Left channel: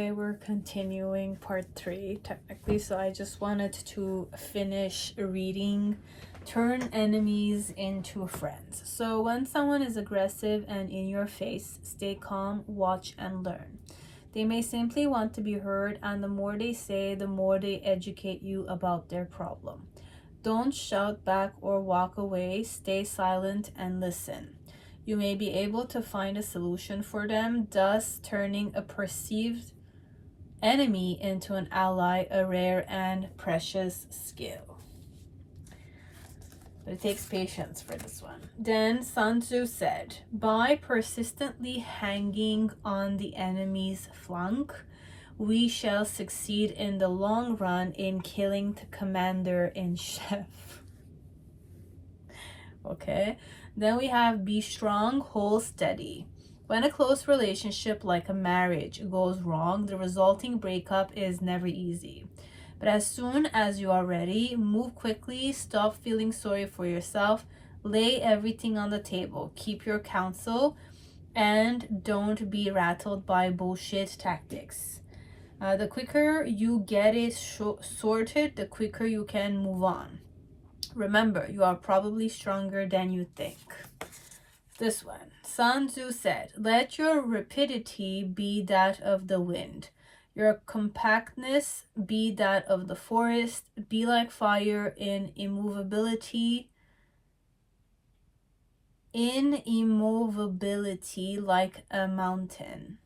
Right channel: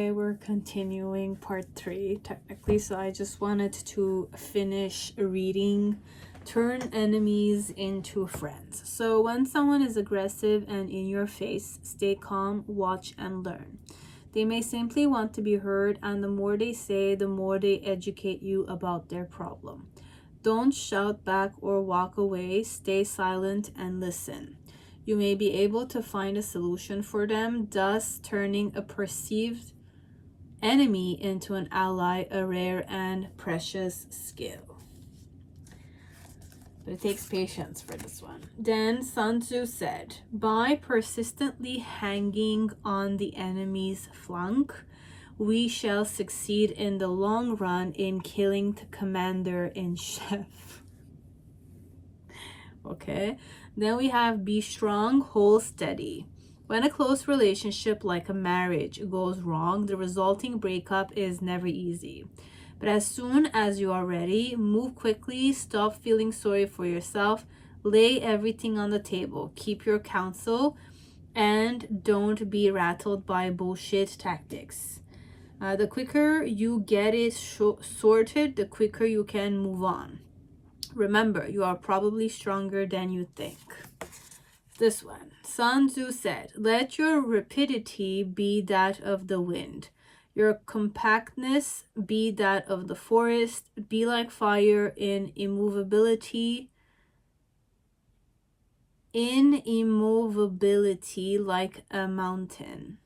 Okay, we're continuing part 3 technically, so I just wanted to finish reading turn enemies into friends. So when someone is aggressive and in your face, stay calm, watch and learn. They may simply want to be heard, and the more they say, the more they educate you about their problem. Don't shout back or walk away, stay silent and listen. You may be able to find a solution for them, thus turning a perceived enemy into an ally, a rare and precious skill. But it takes patience for this one. Then Sun Tzu said, by persistently hanging on the enemy's flank, we shall succeed in the long run in killing the commander-in-chief. Okay, then we have be strong, hold steady. When a close relationship like a marriage goes wrong, the resulting breakup is never easy. But as soon as you are ready, move quickly, stop feeling sorry for yourself, lay everything on the table, keep your counsel, and don't be rattled by bullshit tactics. The quicker you get it sorted, the quicker you can move on. Remember, you are probably stronger than you think. This one, Sun Tzu said, let your rapidity be that of the wind, your compactness be that of the forest, be like fire in immovability like a mountain.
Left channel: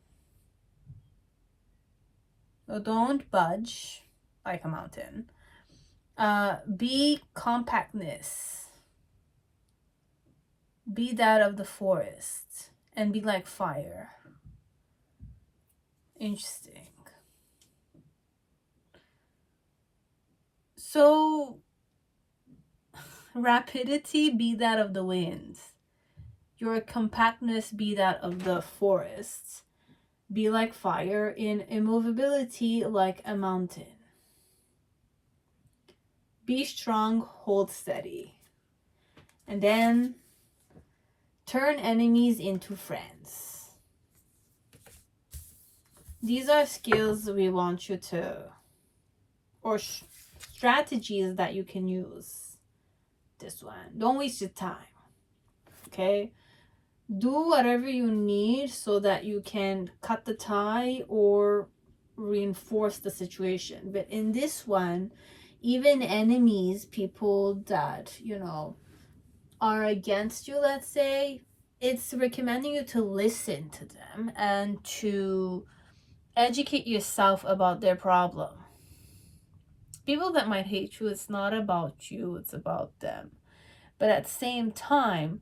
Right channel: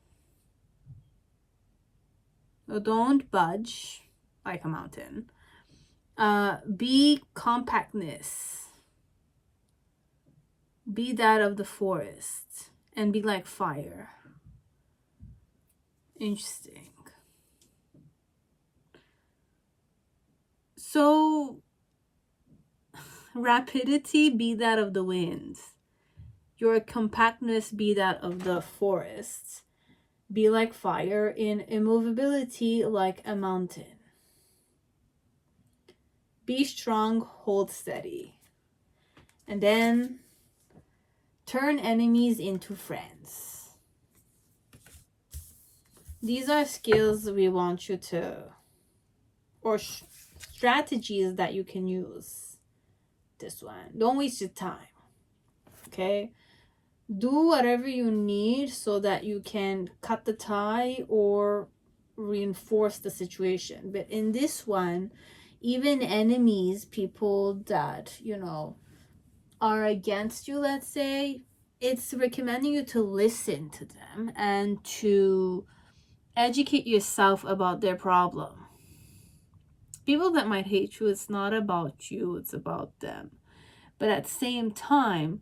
So don't budge like a mountain. Be compactness. Be that of the forest and be like fire. Interesting. So rapidity be that of the wind. Your compactness be that of the forest. Be like fire in immovability like a mountain. Be strong, hold steady. And then turn enemies into friends. These are skills we want you to, or strategies that you can use. This one. Don't waste your time. Okay? Do whatever you need so that you can cut the tie or reinforce the situation. But in this one, even enemies, people that, you know, are against you, let's say, it's recommending you to listen to them and to educate yourself about their problem. People that might hate you, it's not about you, it's about them. But at the same time,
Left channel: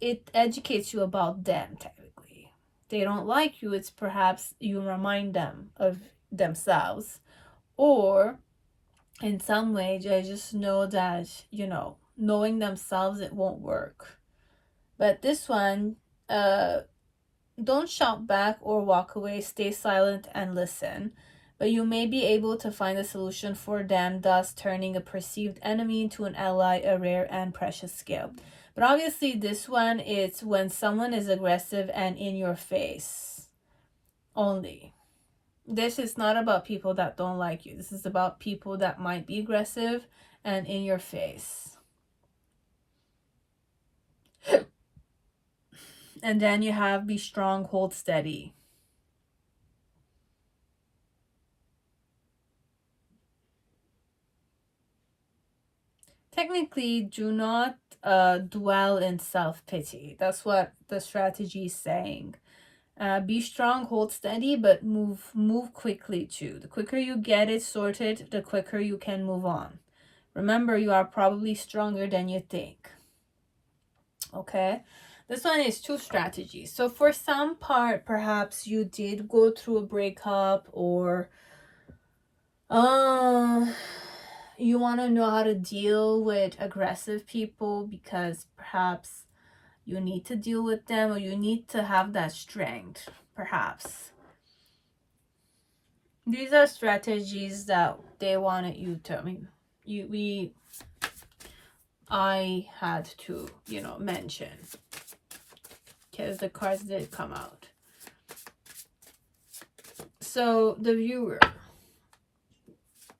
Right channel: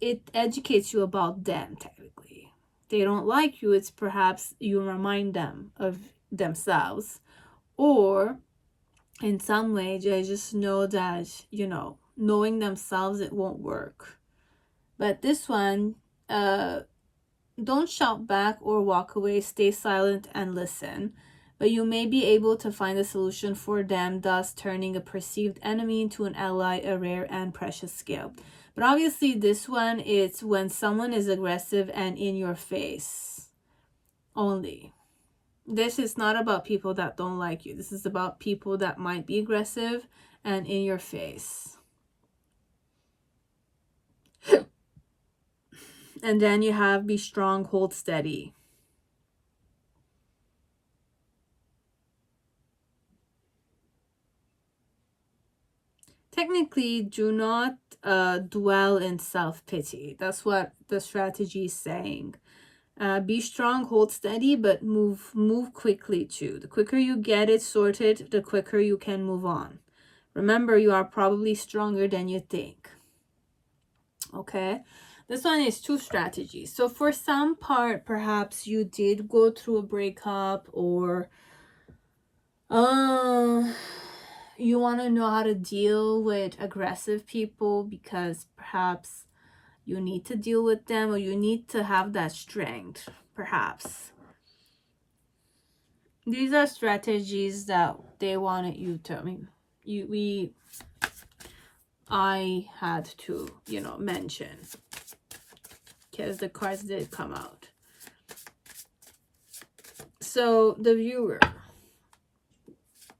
it educates you about them, technically. They don't like you, it's perhaps you remind them of themselves. Or in some way, they just know that, you know, knowing themselves, it won't work. But this one, don't shout back or walk away, stay silent and listen. But you may be able to find a solution for them, thus turning a perceived enemy into an ally, a rare and precious skill. But obviously this one, it's when someone is aggressive and in your face only. This is not about people that don't like you. This is about people that might be aggressive and in your face. And then you have be strong, hold steady. Technically, do not dwell in self-pity. That's what the strategy is saying. Be strong, hold steady, but move quickly too. The quicker you get it sorted, the quicker you can move on. Remember, you are probably stronger than you think. Okay, this one is 2 strategies. So for some part, perhaps you did go through a breakup, or you want to know how to deal with aggressive people because perhaps you need to deal with them, or you need to have that strength, perhaps. These are strategies that they wanted you to, I had to, you know, mention because the cards did come out. So the viewer,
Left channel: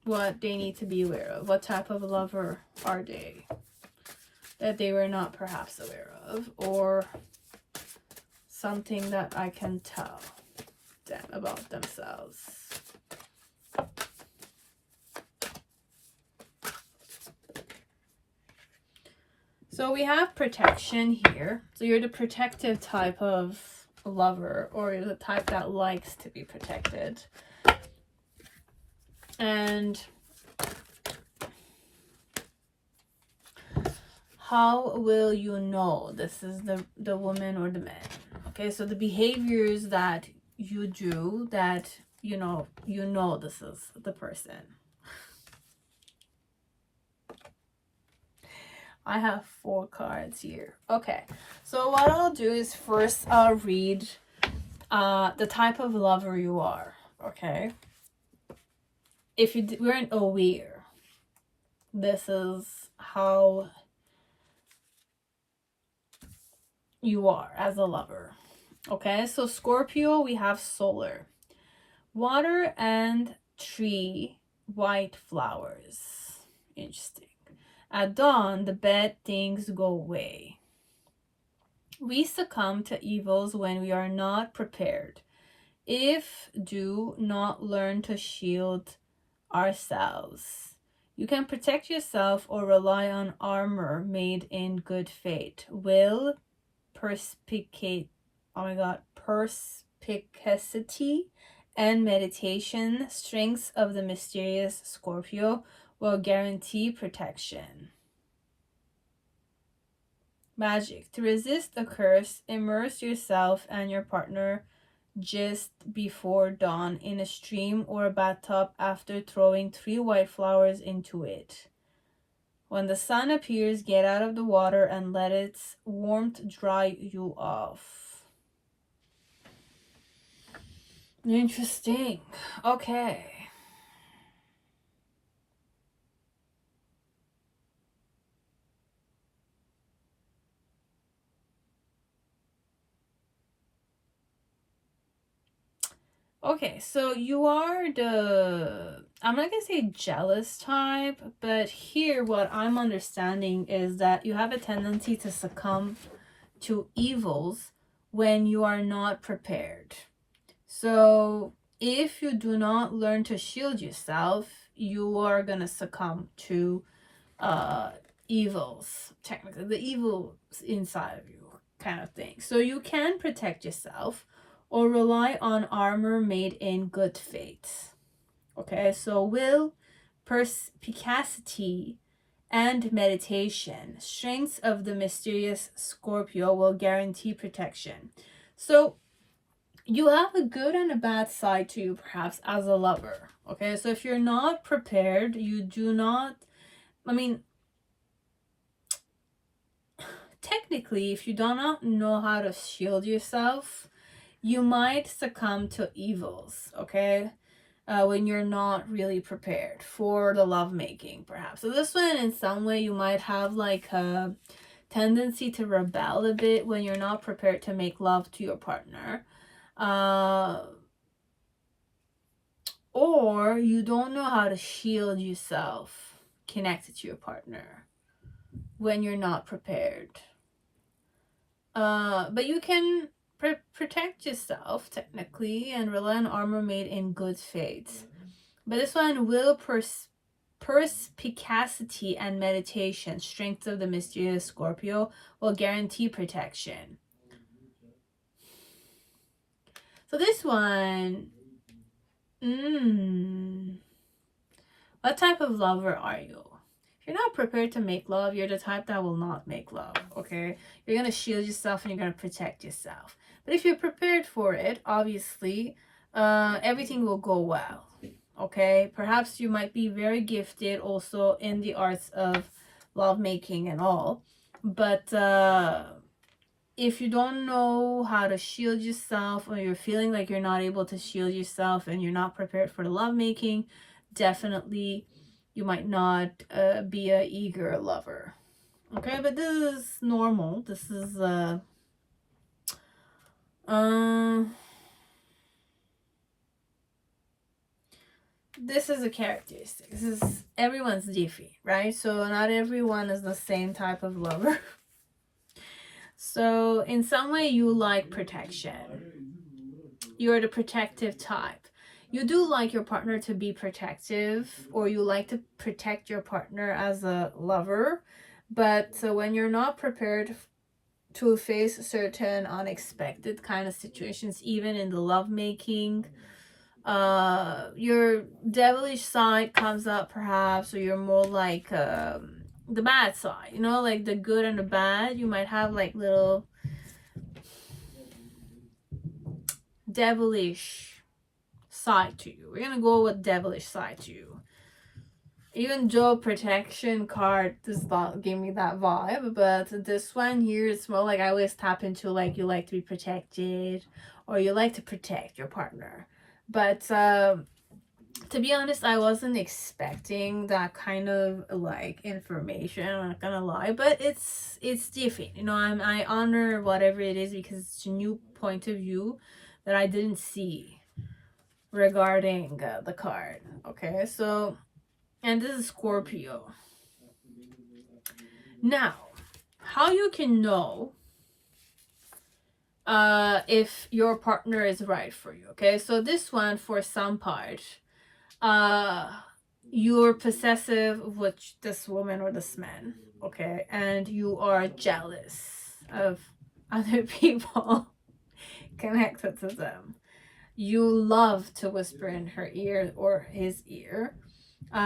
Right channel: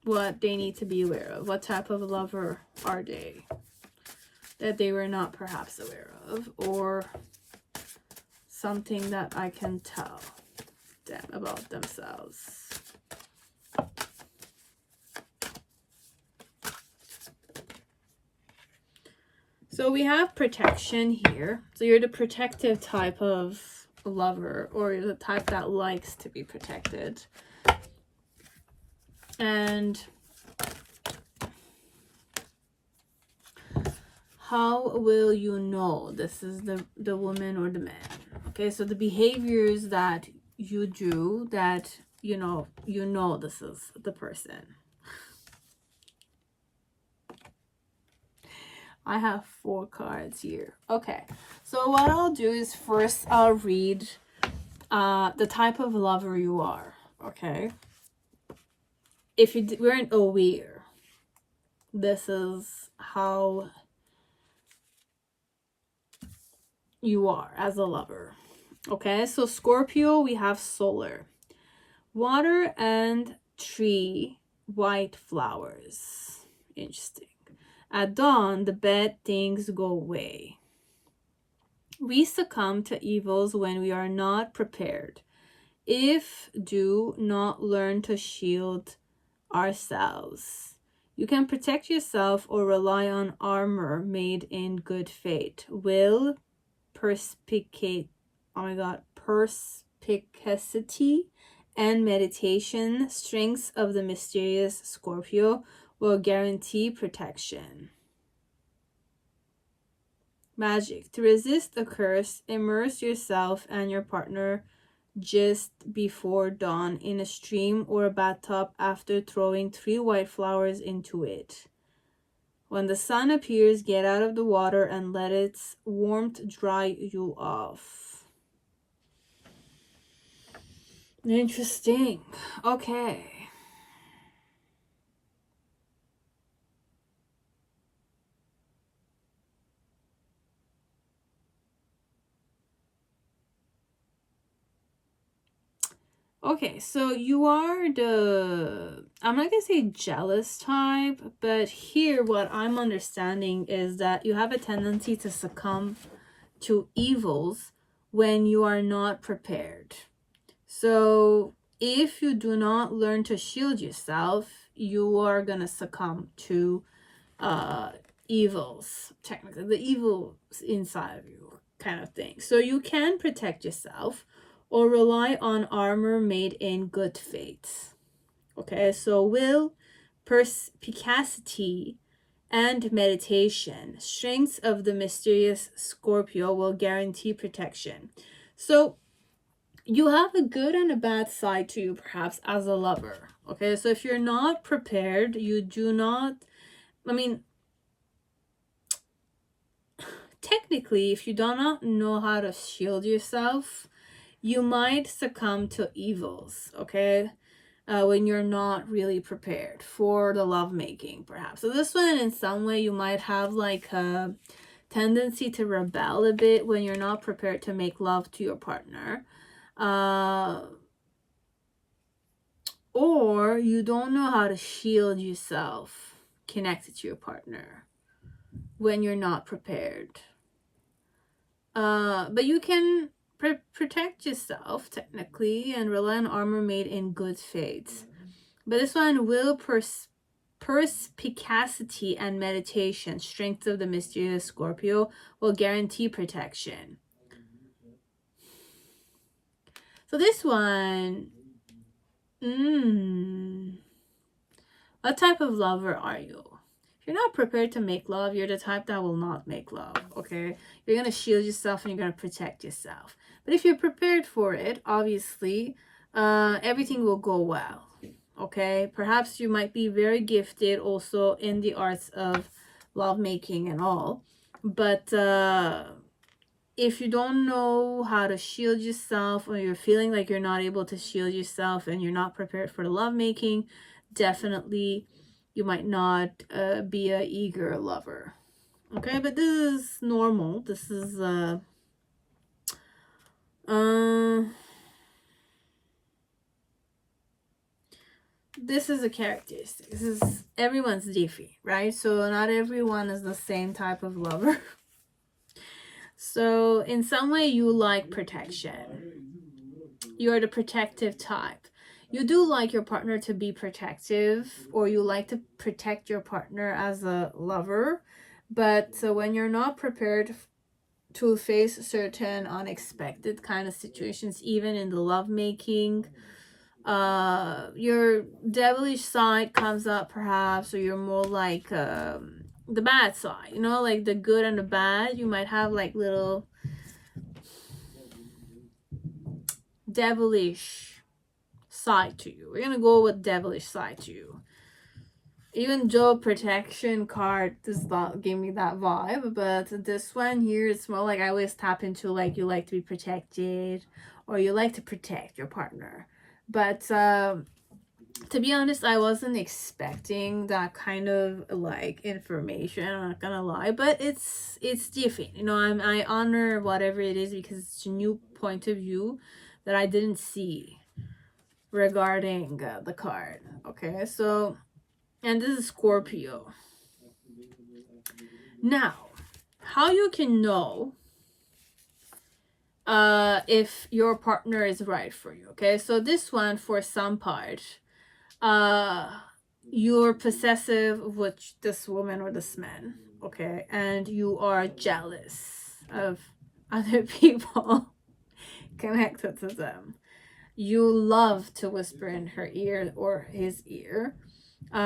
what they need to be aware of. What type of lover are they that they were not perhaps aware of, or something that I can tell them about themselves. So we have protection here. So you're the protective type of lover, or you're the type that likes to be protected. And how will you know this is the woman or the man? Okay, so the behaviors that you do, that you know this is the person. I have 4 cards here. Okay, so what I'll do is first I'll read the type of lover you are. Okay, if you weren't aware, this is how you are as a lover. Okay, so Scorpio, we have solar, water and tree, white flowers. Interesting. At dawn, the bad things go away. We succumb to evils when we are not prepared. If do not learn to shield ourselves. You can protect yourself or rely on armor made in good faith. Will, perspicacity, and meditation, strengths of the mysterious Scorpio, will guarantee protection. Magic. To resist a curse, immerse yourself and your partner just before dawn in a stream or a bathtub after throwing 3 white flowers into it. When the sun appears, get out of the water and let its warmth dry you off. Interesting. Okay. Okay, so you are the, I'm not gonna say jealous type, but here what I'm understanding is that you have a tendency to succumb to evils when you are not prepared. So if you do not learn to shield yourself, you are gonna succumb to evils, technically the evils inside of you kind of thing. So you can protect yourself or rely on armor made in good faith. Okay, so will, perspicacity, and meditation, strengths of the mysterious Scorpio, will guarantee protection. So you have a good and a bad side to you perhaps as a lover. Okay, so if you're not prepared, you do not, I mean, technically, if you do not know how to shield yourself, you might succumb to evils, okay? When you're not really prepared for the lovemaking, perhaps. So this one, in some way, you might have like a tendency to rebel a bit when you're not prepared to make love to your partner. Or you don't know how to shield yourself connected to your partner when you're not prepared. But you can protect yourself technically and rely on armor made in good faith. But this one, will, perspicacity, and meditation, strength of the mysterious Scorpio, will guarantee protection. So this one, what type of lover are you? If you're not prepared to make love, you're the type that will not make love, okay? You're going to shield yourself and you're going to protect yourself. But if you're prepared for it, obviously, everything will go well, okay? Perhaps you might be very gifted also in the arts of lovemaking and all. But if you don't know how to shield yourself, or you're feeling like you're not able to shield yourself and you're not prepared for the lovemaking, definitely you might not be a eager lover, okay? But this is normal. This is this is a characteristic. This is everyone's different, right? So not everyone is the same type of lover. So in some way you like protection. You're the protective type. You do like your partner to be protective, or you like to protect your partner as a lover. But so when you're not prepared to face certain unexpected kind of situations, even in the lovemaking, your devilish side comes up perhaps, or you're more like the bad side, you know, like the good and the bad. You might have like little devilish side to you. We're gonna go with devilish side to you. Even Joe protection card does not give me that vibe, but this one here, it's more like I always tap into like you like to be protected, or you like to protect your partner. But to be honest, I wasn't expecting that kind of like information, I'm not gonna lie, but it's different, you know. I honor whatever it is because it's a new point of view that I didn't see regarding the card. Okay, so, and this is Scorpio. Now, how you can know if your partner is right for you. Okay, so this one, for some part, you're possessive with this woman or this man, okay, and you are jealous of other people connected to them. You love to whisper in her ear or his ear.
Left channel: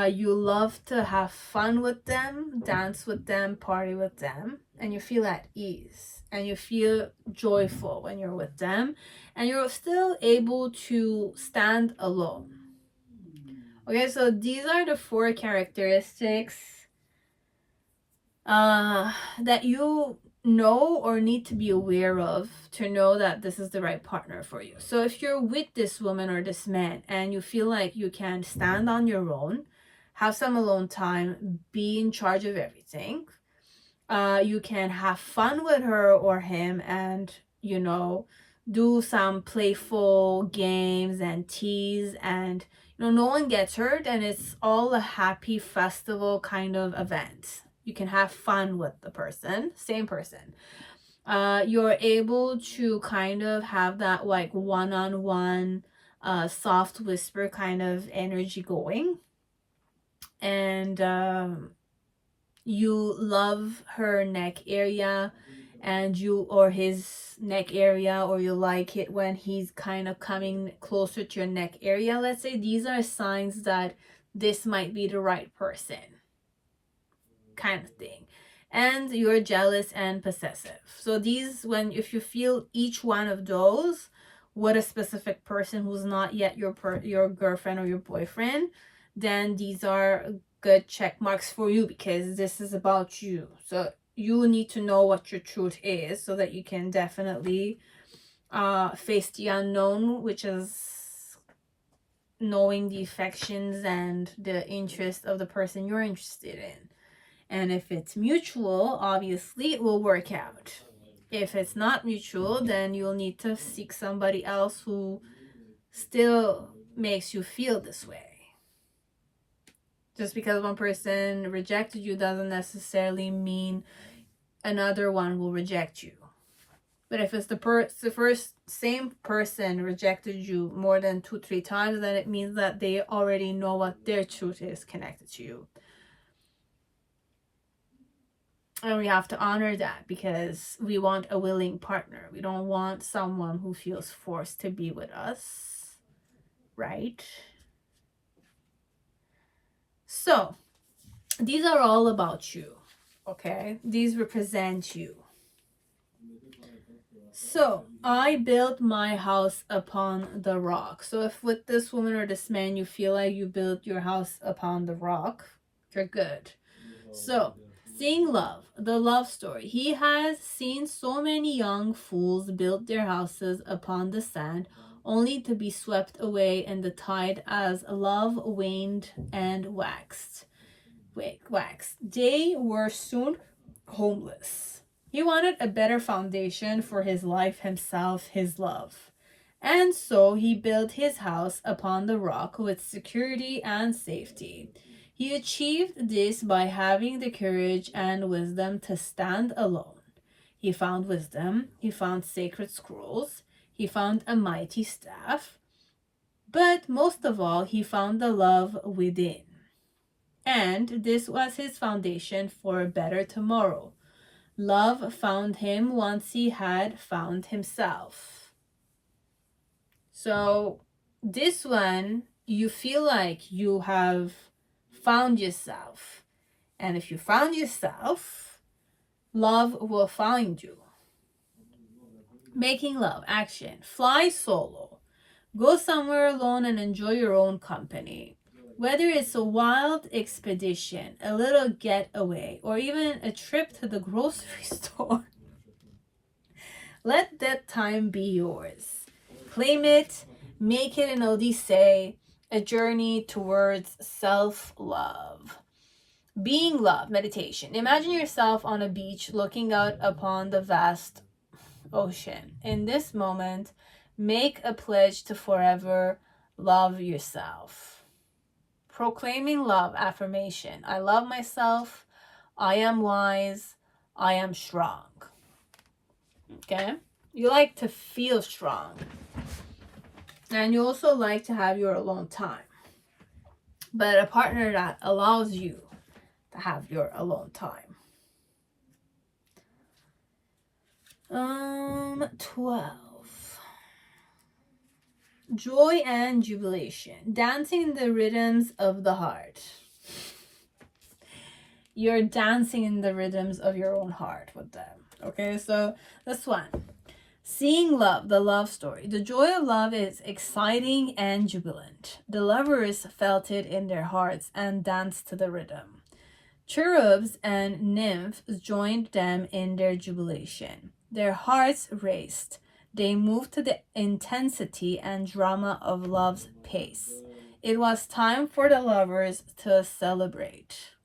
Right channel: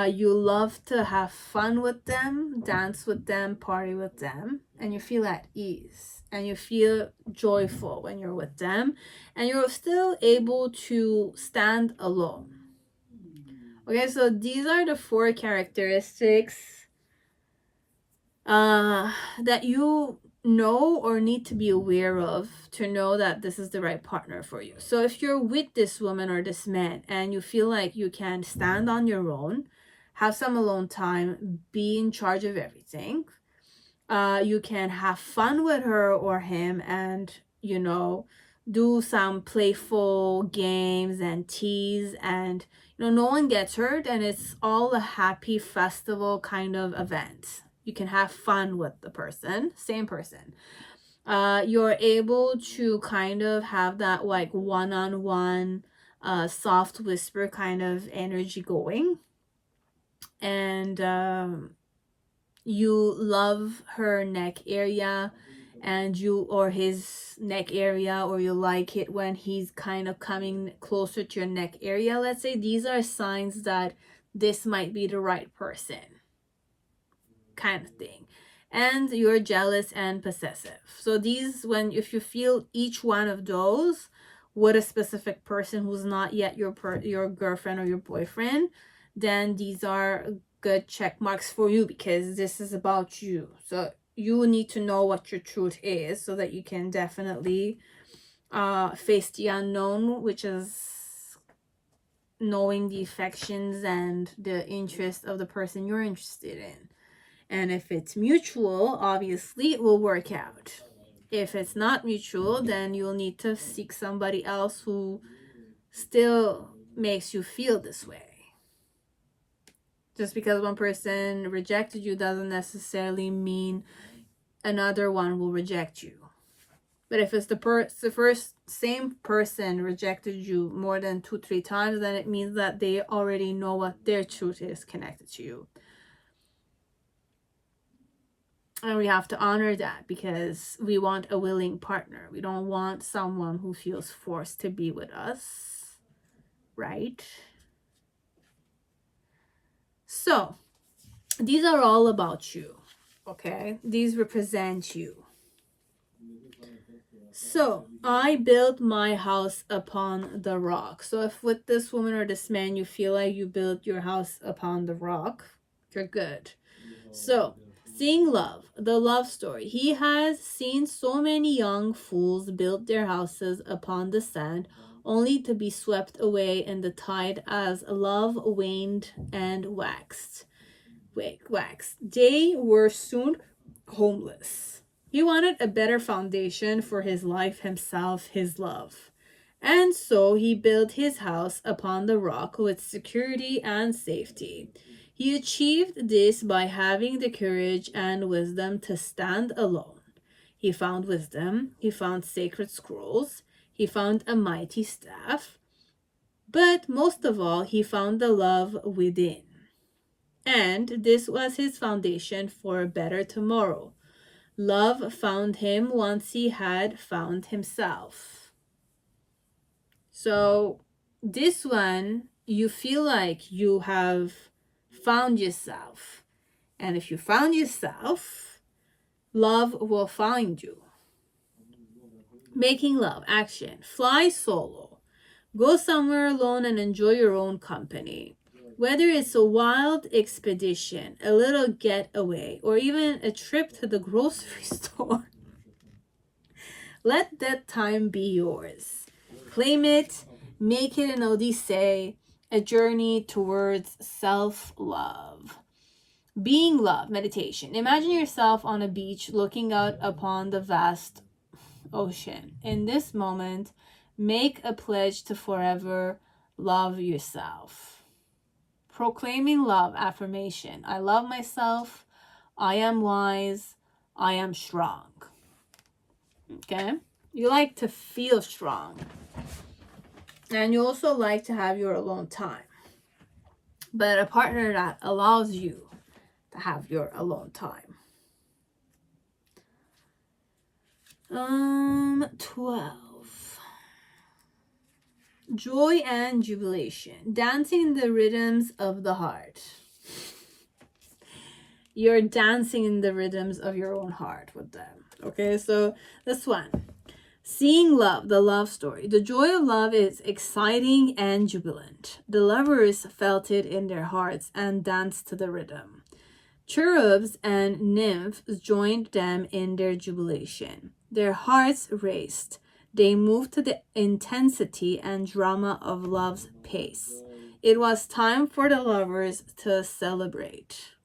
You love to have fun with them, dance with them, party with them, and you feel at ease and you feel joyful when you're with them, and you're still able to stand alone. Okay, so these are the 4 characteristics that you know or need to be aware of to know that this is the right partner for you. So if you're with this woman or this man and you feel like you can stand on your own, have some alone time, be in charge of everything, you can have fun with her or him, and you know, do some playful games and tease, and you know, no one gets hurt, and it's all a happy festival kind of event. You can have fun with the person, same person. You're able to kind of have that like one-on-one soft whisper kind of energy going, and you love her neck area, and you, or his neck area, or you like it when he's kind of coming closer to your neck area, let's say. These are signs that this might be the right person, kind of thing. And you're jealous and possessive. So these, when, if you feel each one of those with a specific person who's not yet your girlfriend or your boyfriend, then these are good check marks for you, because this is about you. So you need to know what your truth is so that you can definitely face the unknown, which is knowing the affections and the interest of the person you're interested in. And if it's mutual, obviously it will work out. If it's not mutual, then you'll need to seek somebody else who still makes you feel this way. Just because one person rejected you doesn't necessarily mean another one will reject you. But if it's the first same person rejected you more than 2-3 times, then it means that they already know what their truth is connected to you. And we have to honor that, because we want a willing partner. We don't want someone who feels forced to be with us, right? So these are all about you, okay? These represent you. So I built my house upon the rock. So if with this woman or this man you feel like you built your house upon the rock, you're good. So seeing love, the love story. He has seen so many young fools build their houses upon the sand, only to be swept away in the tide as love waned and waxed. They were soon homeless. He wanted a better foundation for his life, himself, his love. And so he built his house upon the rock with security and safety. He achieved this by having the courage and wisdom to stand alone. He found wisdom, he found sacred scrolls, he found a mighty staff, but most of all, he found the love within. And this was his foundation for a better tomorrow. Love found him once he had found himself. So, this one, you feel like you have found yourself. And if you found yourself, love will find you. Making love, action. Fly solo. Go somewhere alone and enjoy your own company. Whether it's a wild expedition, a little getaway, or even a trip to the grocery store, let that time be yours. Claim it, make it an odyssey, a journey towards self-love. Being love, meditation. Imagine yourself on a beach looking out upon the vast ocean. In this moment, make a pledge to forever love yourself. Proclaiming love, affirmation. I love myself. I am wise. I am strong. Okay? You like to feel strong. And you also like to have your alone time. But a partner that allows you to have your alone time. 12. Joy and jubilation. Dancing in the rhythms of the heart. You're dancing in the rhythms of your own heart with them. Okay, so this one. Seeing love, the love story. The joy of love is exciting and jubilant. The lovers felt it in their hearts and danced to the rhythm. Cherubs and nymphs joined them in their jubilation. Their hearts raced. They moved to the intensity and drama of love's pace. It was time for the lovers to celebrate.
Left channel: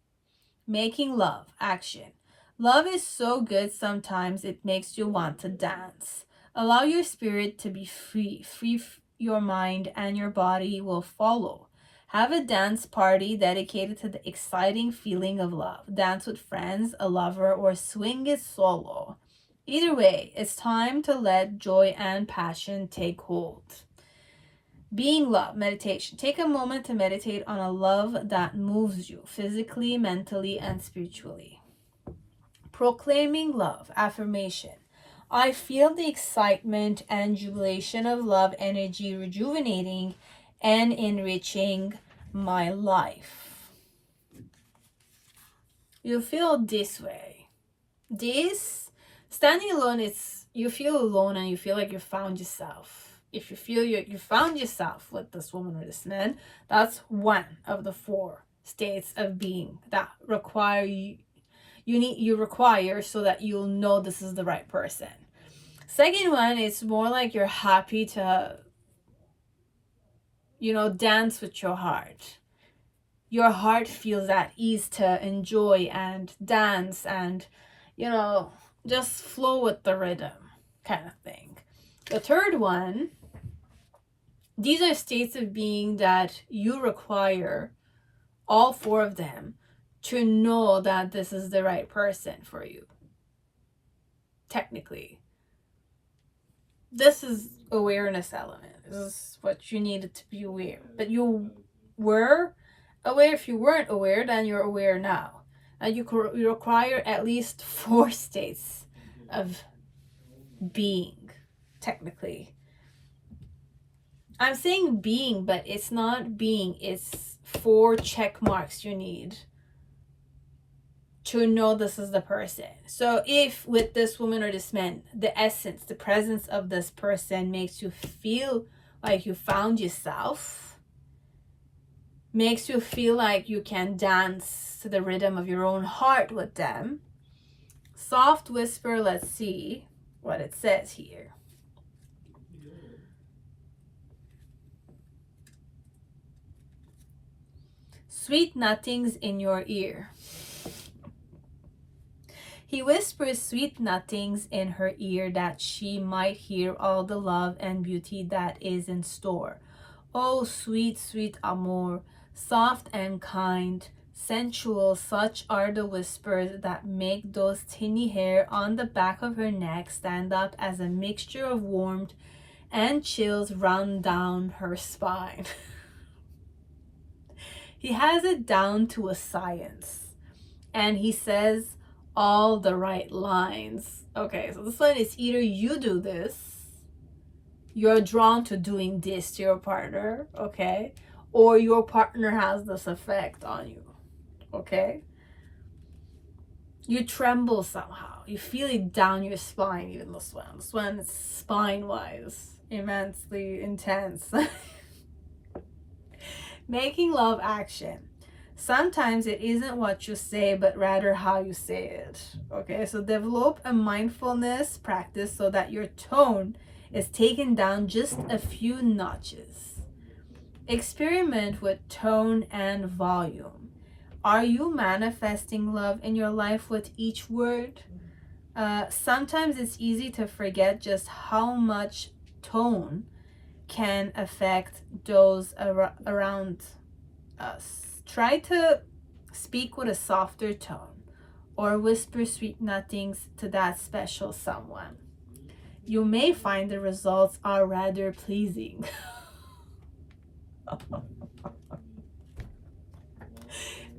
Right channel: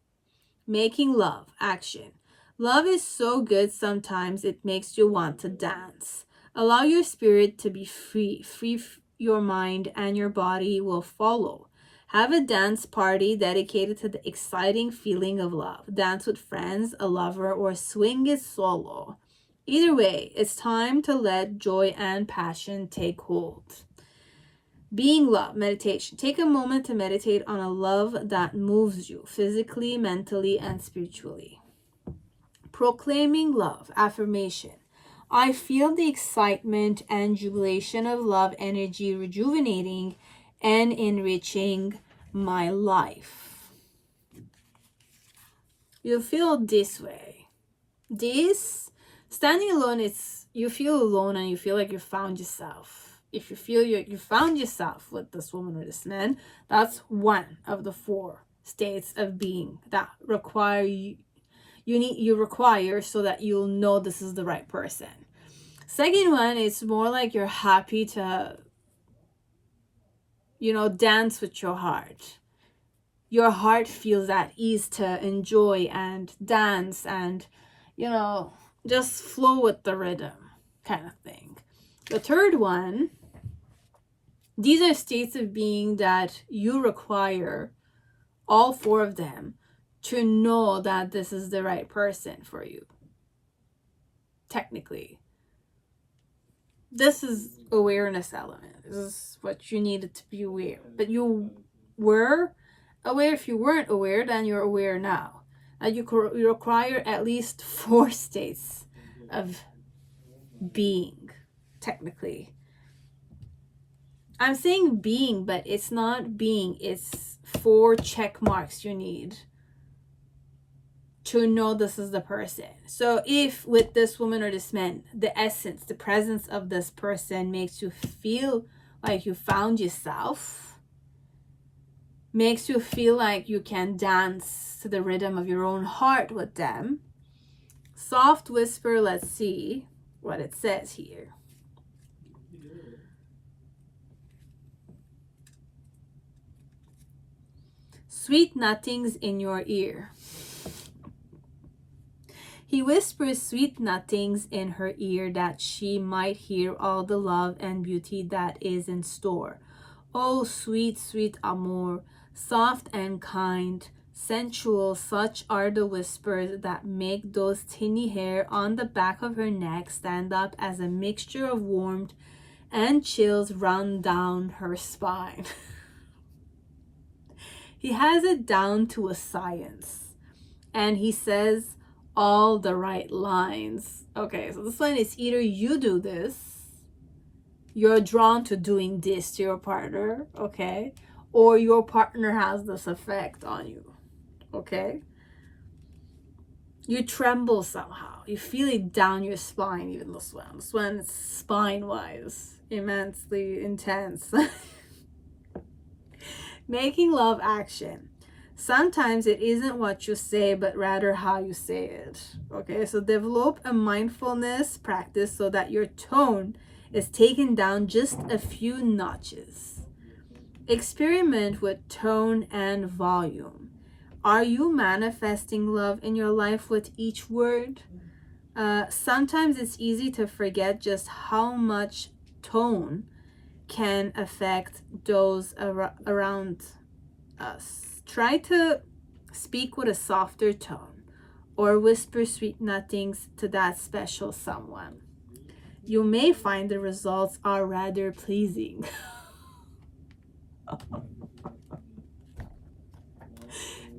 Making love, action. Love is so good sometimes it makes you want to dance. Allow your spirit to be free. Your mind and your body will follow. Have a dance party dedicated to the exciting feeling of love. Dance with friends, a lover, or swing it solo. Either way, it's time to let joy and passion take hold. Being love, meditation. Take a moment to meditate on a love that moves you physically, mentally, and spiritually. Proclaiming love, affirmation. I feel the excitement and jubilation of love energy rejuvenating and enriching my life. You feel this way. Standing alone, you feel alone and you feel like you found yourself. If you feel you found yourself with this woman or this man, that's one of the 4 states of being that you require so that you'll know this is the right person. Second one, it's more like you're happy to, dance with your heart. Your heart feels at ease to enjoy and dance and, just flow with the rhythm kind of thing. The third one, these are states of being that you require, all 4 of them, to know that this is the right person for you. Technically. This is awareness element. This is what you needed to be aware. But you were aware. If you weren't aware, then you're aware now. And you require at least 4 states of being, technically. I'm saying being, but it's not being. It's 4 check marks you need to know this is the person. So if with this woman or this man, the essence, the presence of this person makes you feel like you found yourself, makes you feel like you can dance to the rhythm of your own heart with them. Soft whisper, let's see what it says here. Sweet nothings in your ear. He whispers sweet nothings in her ear that she might hear all the love and beauty that is in store. Oh, sweet, sweet amour, soft and kind, sensual, such are the whispers that make those tiny hair on the back of her neck stand up as a mixture of warmth and chills run down her spine. He has it down to a science, and he says all the right lines. Okay, so this one is either you do this, you're drawn to doing this to your partner, okay, or your partner has this effect on you, okay? You tremble somehow, you feel it down your spine. Even this one is spine wise immensely intense. Making love action. Sometimes it isn't what you say, but rather how you say it. Okay, so develop a mindfulness practice so that your tone is taken down just a few notches. Experiment with tone and volume. Are you manifesting love in your life with each word? Sometimes it's easy to forget just how much tone can affect those around us. Try to speak with a softer tone or whisper sweet nothings to that special someone. You may find the results are rather pleasing.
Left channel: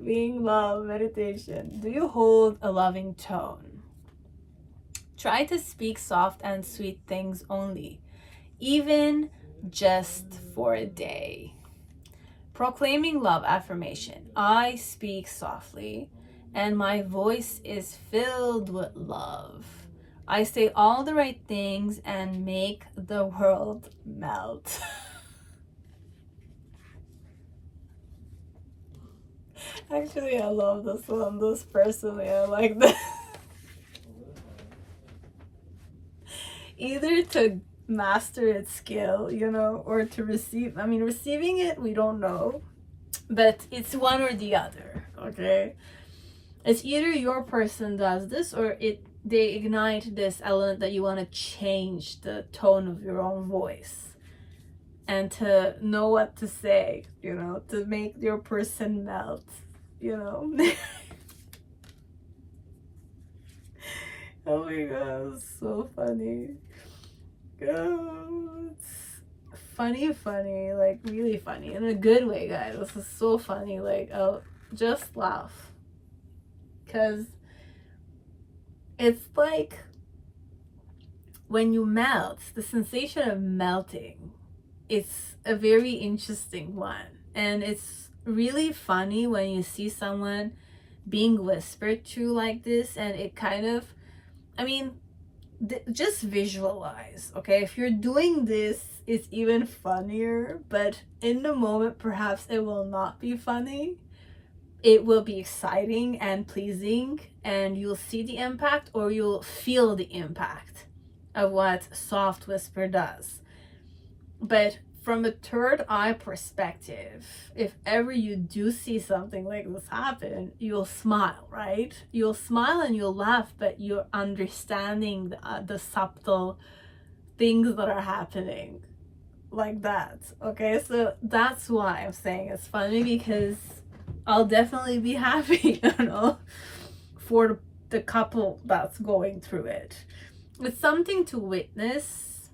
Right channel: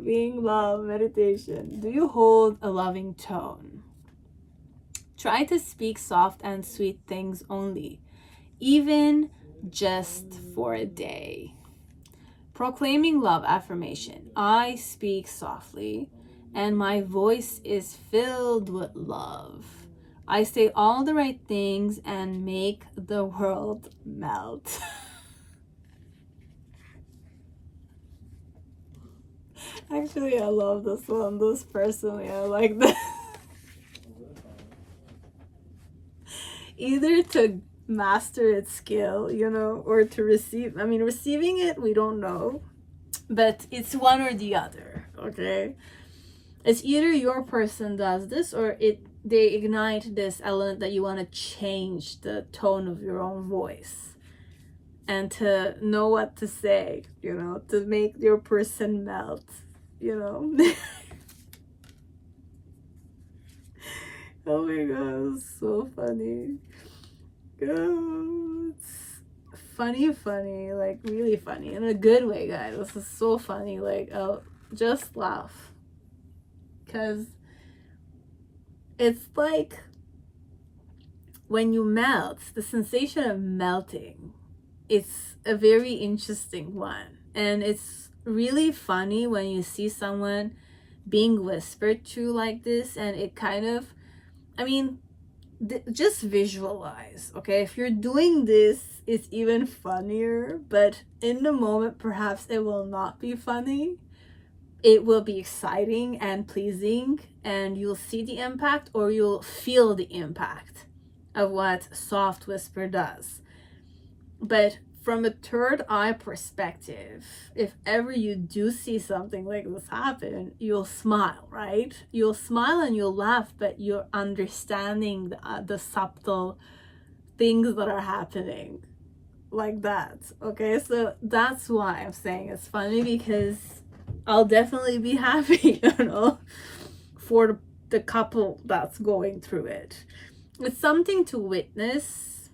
Being love meditation. Do you hold a loving tone? Try to speak soft and sweet things only, even just for a day. Proclaiming love affirmation. I speak softly and my voice is filled with love. I say all the right things and make the world melt. Actually, I love this one. This personally, I like this. Either to master its skill, you know, or to receive. I mean, receiving it, we don't know, but it's one or the other, okay? It's either your person does this or they ignite this element that you want to change the tone of your own voice and to know what to say, you know, to make your person melt, you know. Oh my god, it's so funny. God, it's funny, like really funny in a good way, guys. This is so funny. Like, oh, just laugh, because it's like when you melt, the sensation of melting, it's a very interesting one, and it's really funny when you see someone being whispered to like this, and it kind of, I mean, just visualize, okay? If you're doing this, it's even funnier, but in the moment perhaps it will not be funny. It will be exciting and pleasing, and you'll see the impact, or you'll feel the impact of what soft whisper does. But from a third eye perspective, if ever you do see something like this happen, you'll smile, right? You'll smile and you'll laugh, but you're understanding the subtle things that are happening like that, okay? So that's why I'm saying it's funny, because I'll definitely be happy, you know, for the couple that's going through it. It's something to witness,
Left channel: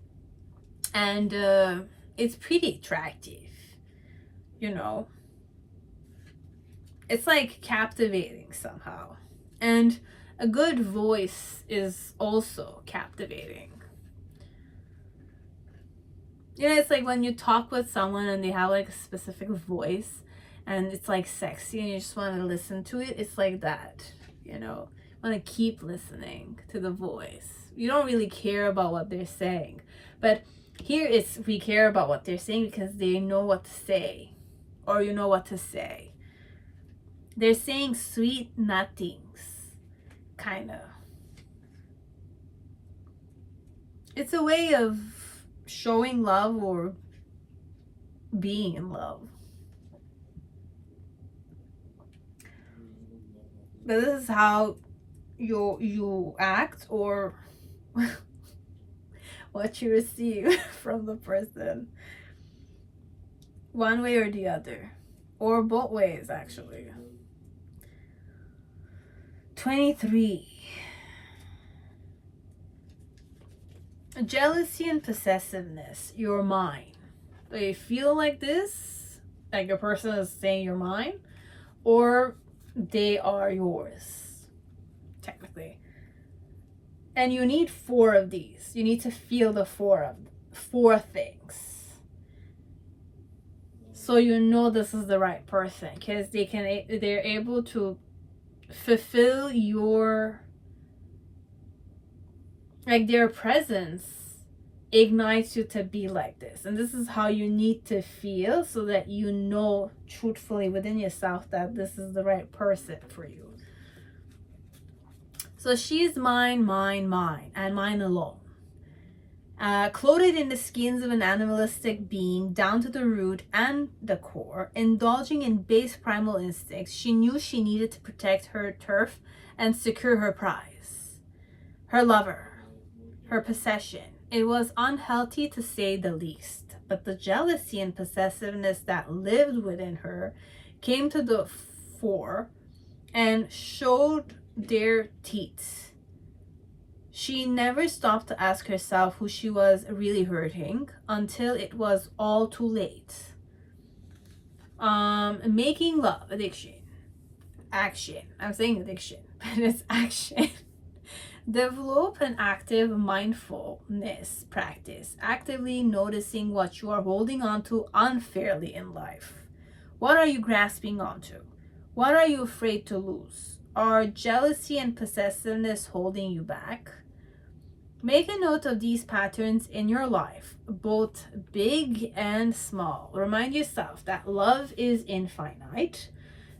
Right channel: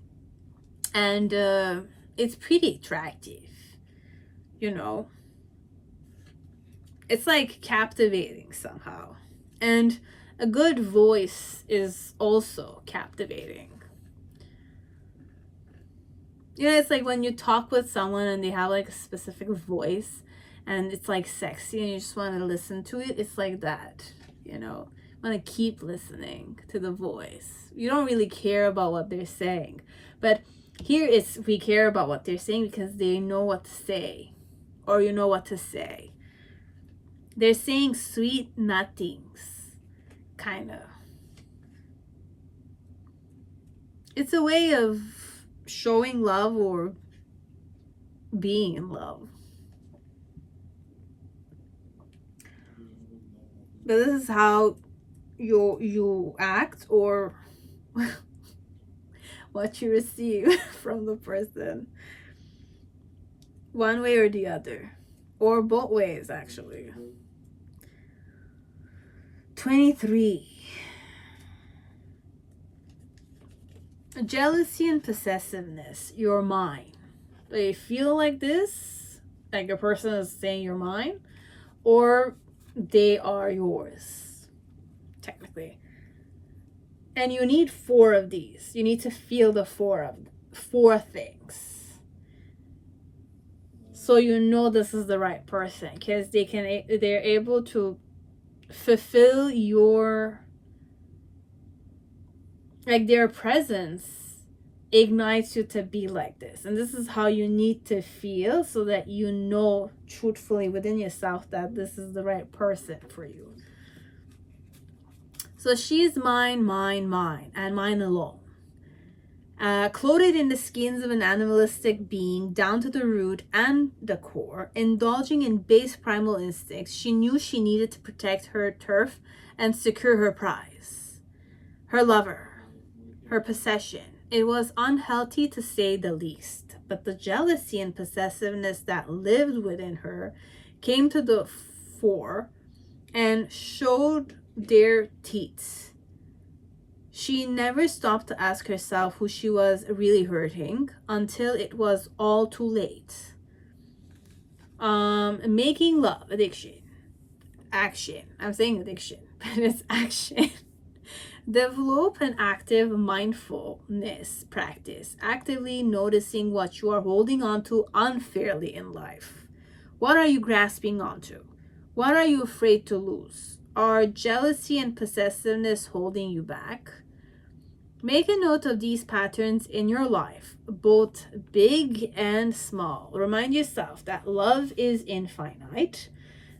and it's pretty attractive, you know. It's like captivating somehow. And a good voice is also captivating. You know, it's like when you talk with someone and they have like a specific voice and it's like sexy and you just want to listen to it. It's like that, you know. You want to keep listening to the voice. You don't really care about what they're saying. But here it's, we care about what they're saying because they know what to say, or you know what to say. They're saying sweet nothings, kind of. It's a way of showing love or being in love. But this is how you act, or what you receive from the person, one way or the other, or both ways actually. 23. Jealousy and possessiveness. You're mine. They feel like this, like a person is saying you're mine, or they are yours, technically. And you need 4 of these. You need to feel the 4 things, so you know this is the right person, because they're able to fulfill your, like, their presence ignites you to be like this. And this is how you need to feel, so that you know truthfully within yourself that this is the right person for you. So she's mine, mine, mine, and mine alone. Clothed in the skins of an animalistic being down to the root and the core, indulging in base primal instincts, she knew she needed to protect her turf and secure her prize, her lover, her possession. It was unhealthy to say the least, but the jealousy and possessiveness that lived within her came to the fore and showed their teeth. She never stopped to ask herself who she was really hurting until it was all too late. Making love, addiction, action. I'm saying addiction, but it's action. Develop an active mindfulness practice, actively noticing what you are holding on to unfairly in life. What are you grasping onto? What are you afraid to lose? Are jealousy and possessiveness holding you back? Make a note of these patterns in your life, both big and small. Remind yourself that love is infinite.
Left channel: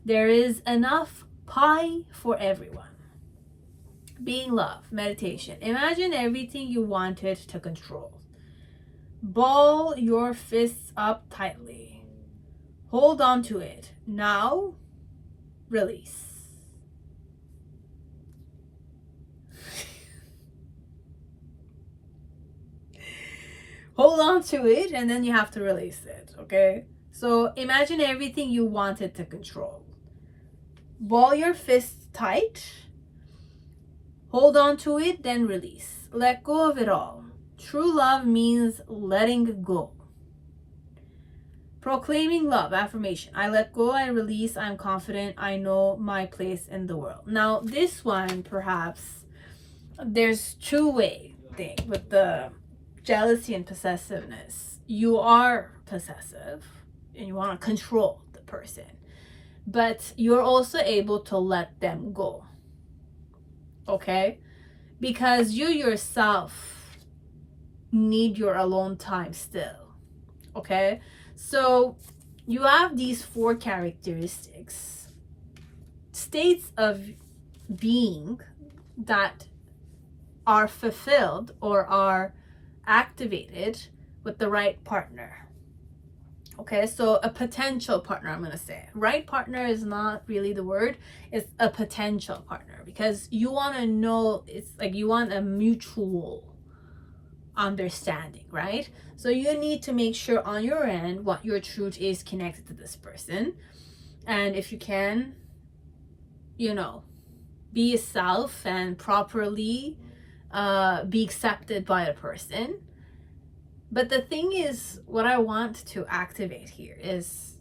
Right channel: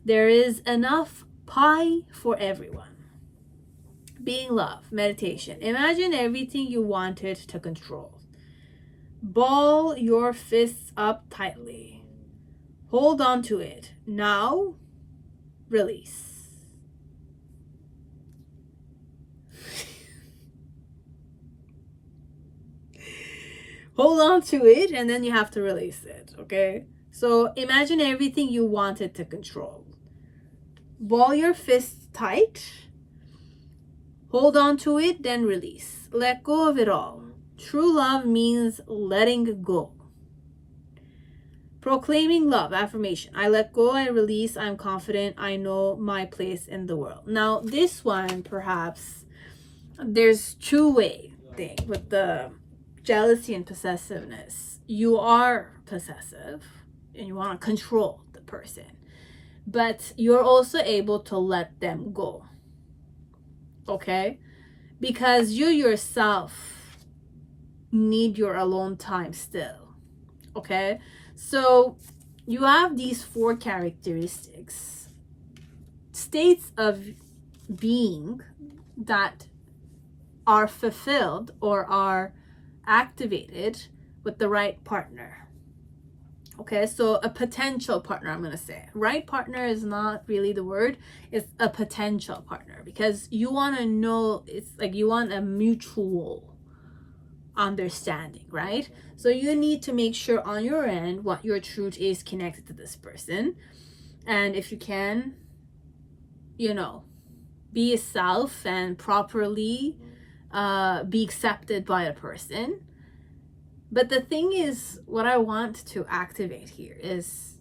There is enough pie for everyone. Being love, meditation. Imagine everything you wanted to control. Ball your fists up tightly. Hold on to it. Now, release. Hold on to it, and then you have to release it, okay? So imagine everything you wanted to control. Ball your fists tight. Hold on to it, then release. Let go of it all. True love means letting go. Proclaiming love, affirmation. I let go, I release, I'm confident, I know my place in the world. Now, this one, perhaps, there's two-way thing with the jealousy and possessiveness. You are possessive and you want to control the person, but you're also able to let them go, okay? Because you yourself need your alone time still, okay? So you have these 4 characteristics, states of being that are fulfilled or are activated with the right partner. Okay, so a potential partner, I'm going to say. Right partner is not really the word. It's a potential partner, because you want to know, it's like you want a mutual understanding, right? So you need to make sure on your end what your truth is connected to this person. And if you can, you know, be yourself and properly be accepted by a person. But the thing is, what I want to activate here is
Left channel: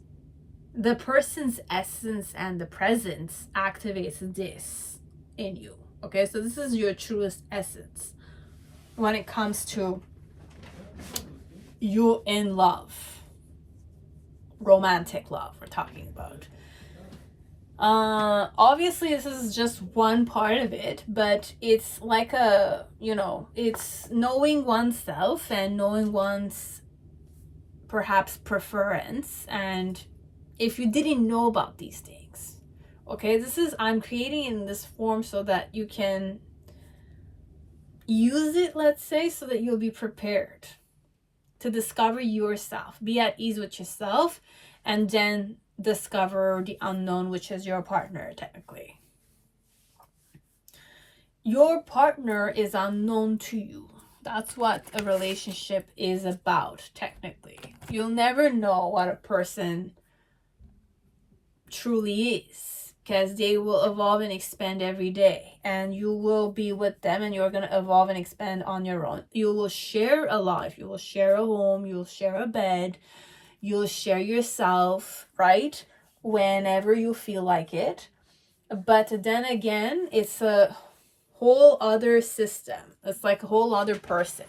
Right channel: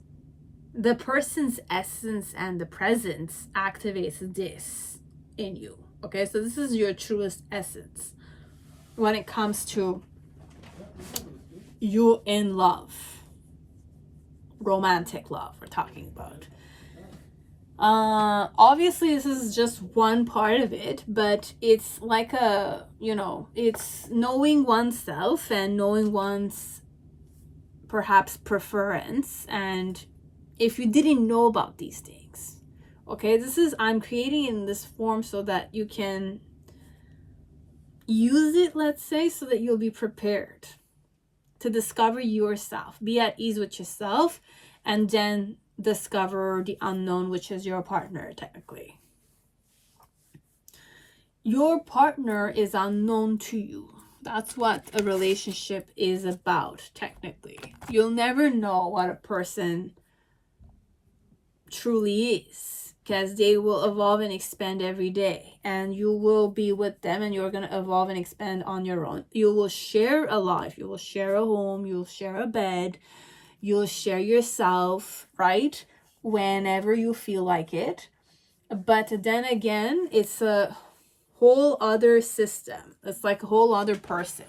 the person's essence and the presence activates this in you. Okay, so this is your truest essence when it comes to you in love, romantic love we're talking about. Obviously this is just one part of it, but it's like a, you know, it's knowing oneself and knowing one's perhaps preference. And if you didn't know about these things, okay, this is, I'm creating in this form so that you can use it, let's say, so that you'll be prepared to discover yourself, be at ease with yourself, and then discover the unknown, which is your partner technically. your partner is unknown to you. That's what a relationship is about, technically. You'll never know what a person truly is, because they will evolve and expand every day, and you will be with them and you're going to evolve and expand on your own. You will share a life, you will share a home, you'll share a bed, you'll share yourself, right? Whenever you feel like it. But then again, it's a whole other system. It's like a whole other person,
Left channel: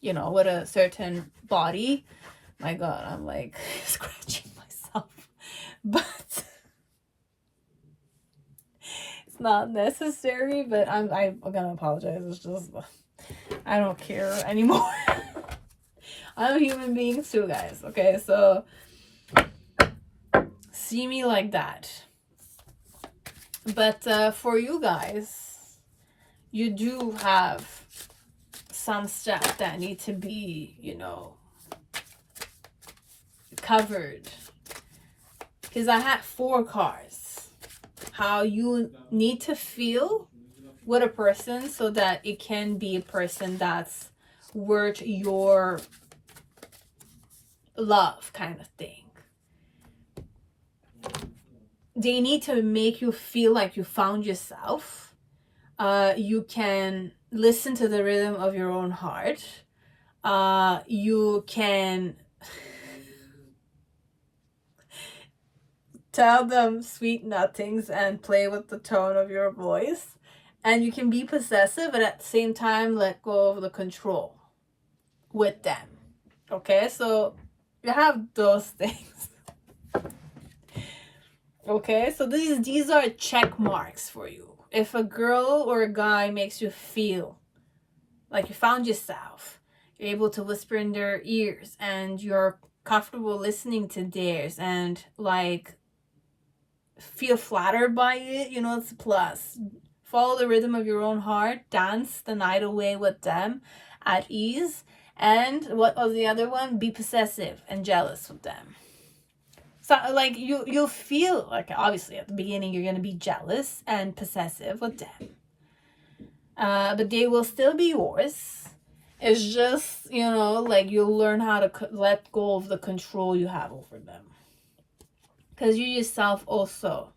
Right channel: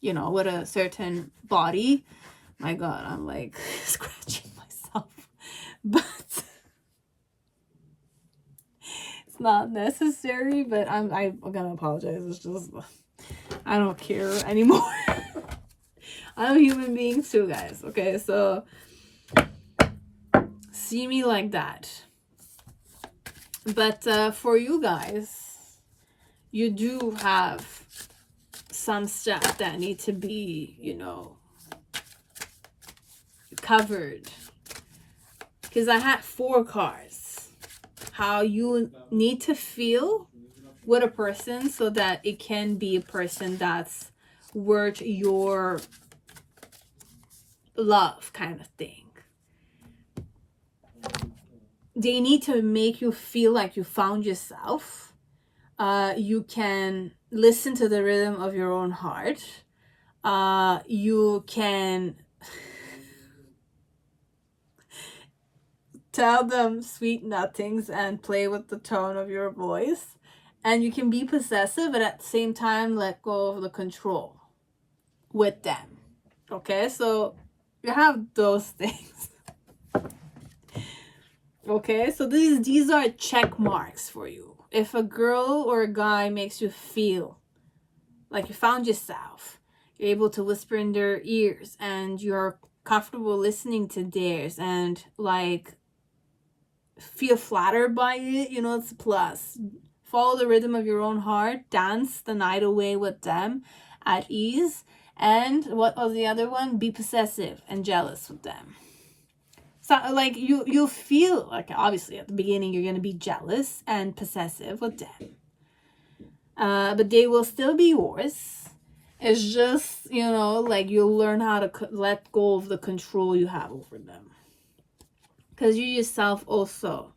you know, with a certain body. My God, I'm like scratching myself. But it's not necessary, but I'm gonna apologize. It's just, I don't care anymore. I'm a human being too, guys. Okay, so see me like that. But for you guys, you do have some steps that need to be, you know, covered. Because I had 4 cards. How you need to feel with a person so that it can be a person that's worth your love, kind of thing. They need to make you feel like you found yourself. You can listen to the rhythm of your own heart. You can tell them sweet nothings and play with the tone of your voice. And you can be possessive, but at the same time let go of the control with them. Okay, so you have those things. Okay, so these are check marks for you. If a girl or a guy makes you feel like you found yourself, you're able to whisper in their ears and you're comfortable listening to theirs and like feel flattered by it, you know, it's a plus. Follow the rhythm of your own heart, dance the night away with them at ease. And what was the other one? Be possessive and jealous with them. So like you'll feel like, obviously at the beginning you're going to be jealous and possessive with them, but they will still be yours. It's just, you know, like you'll learn how to let go of the control you have over them, because you yourself also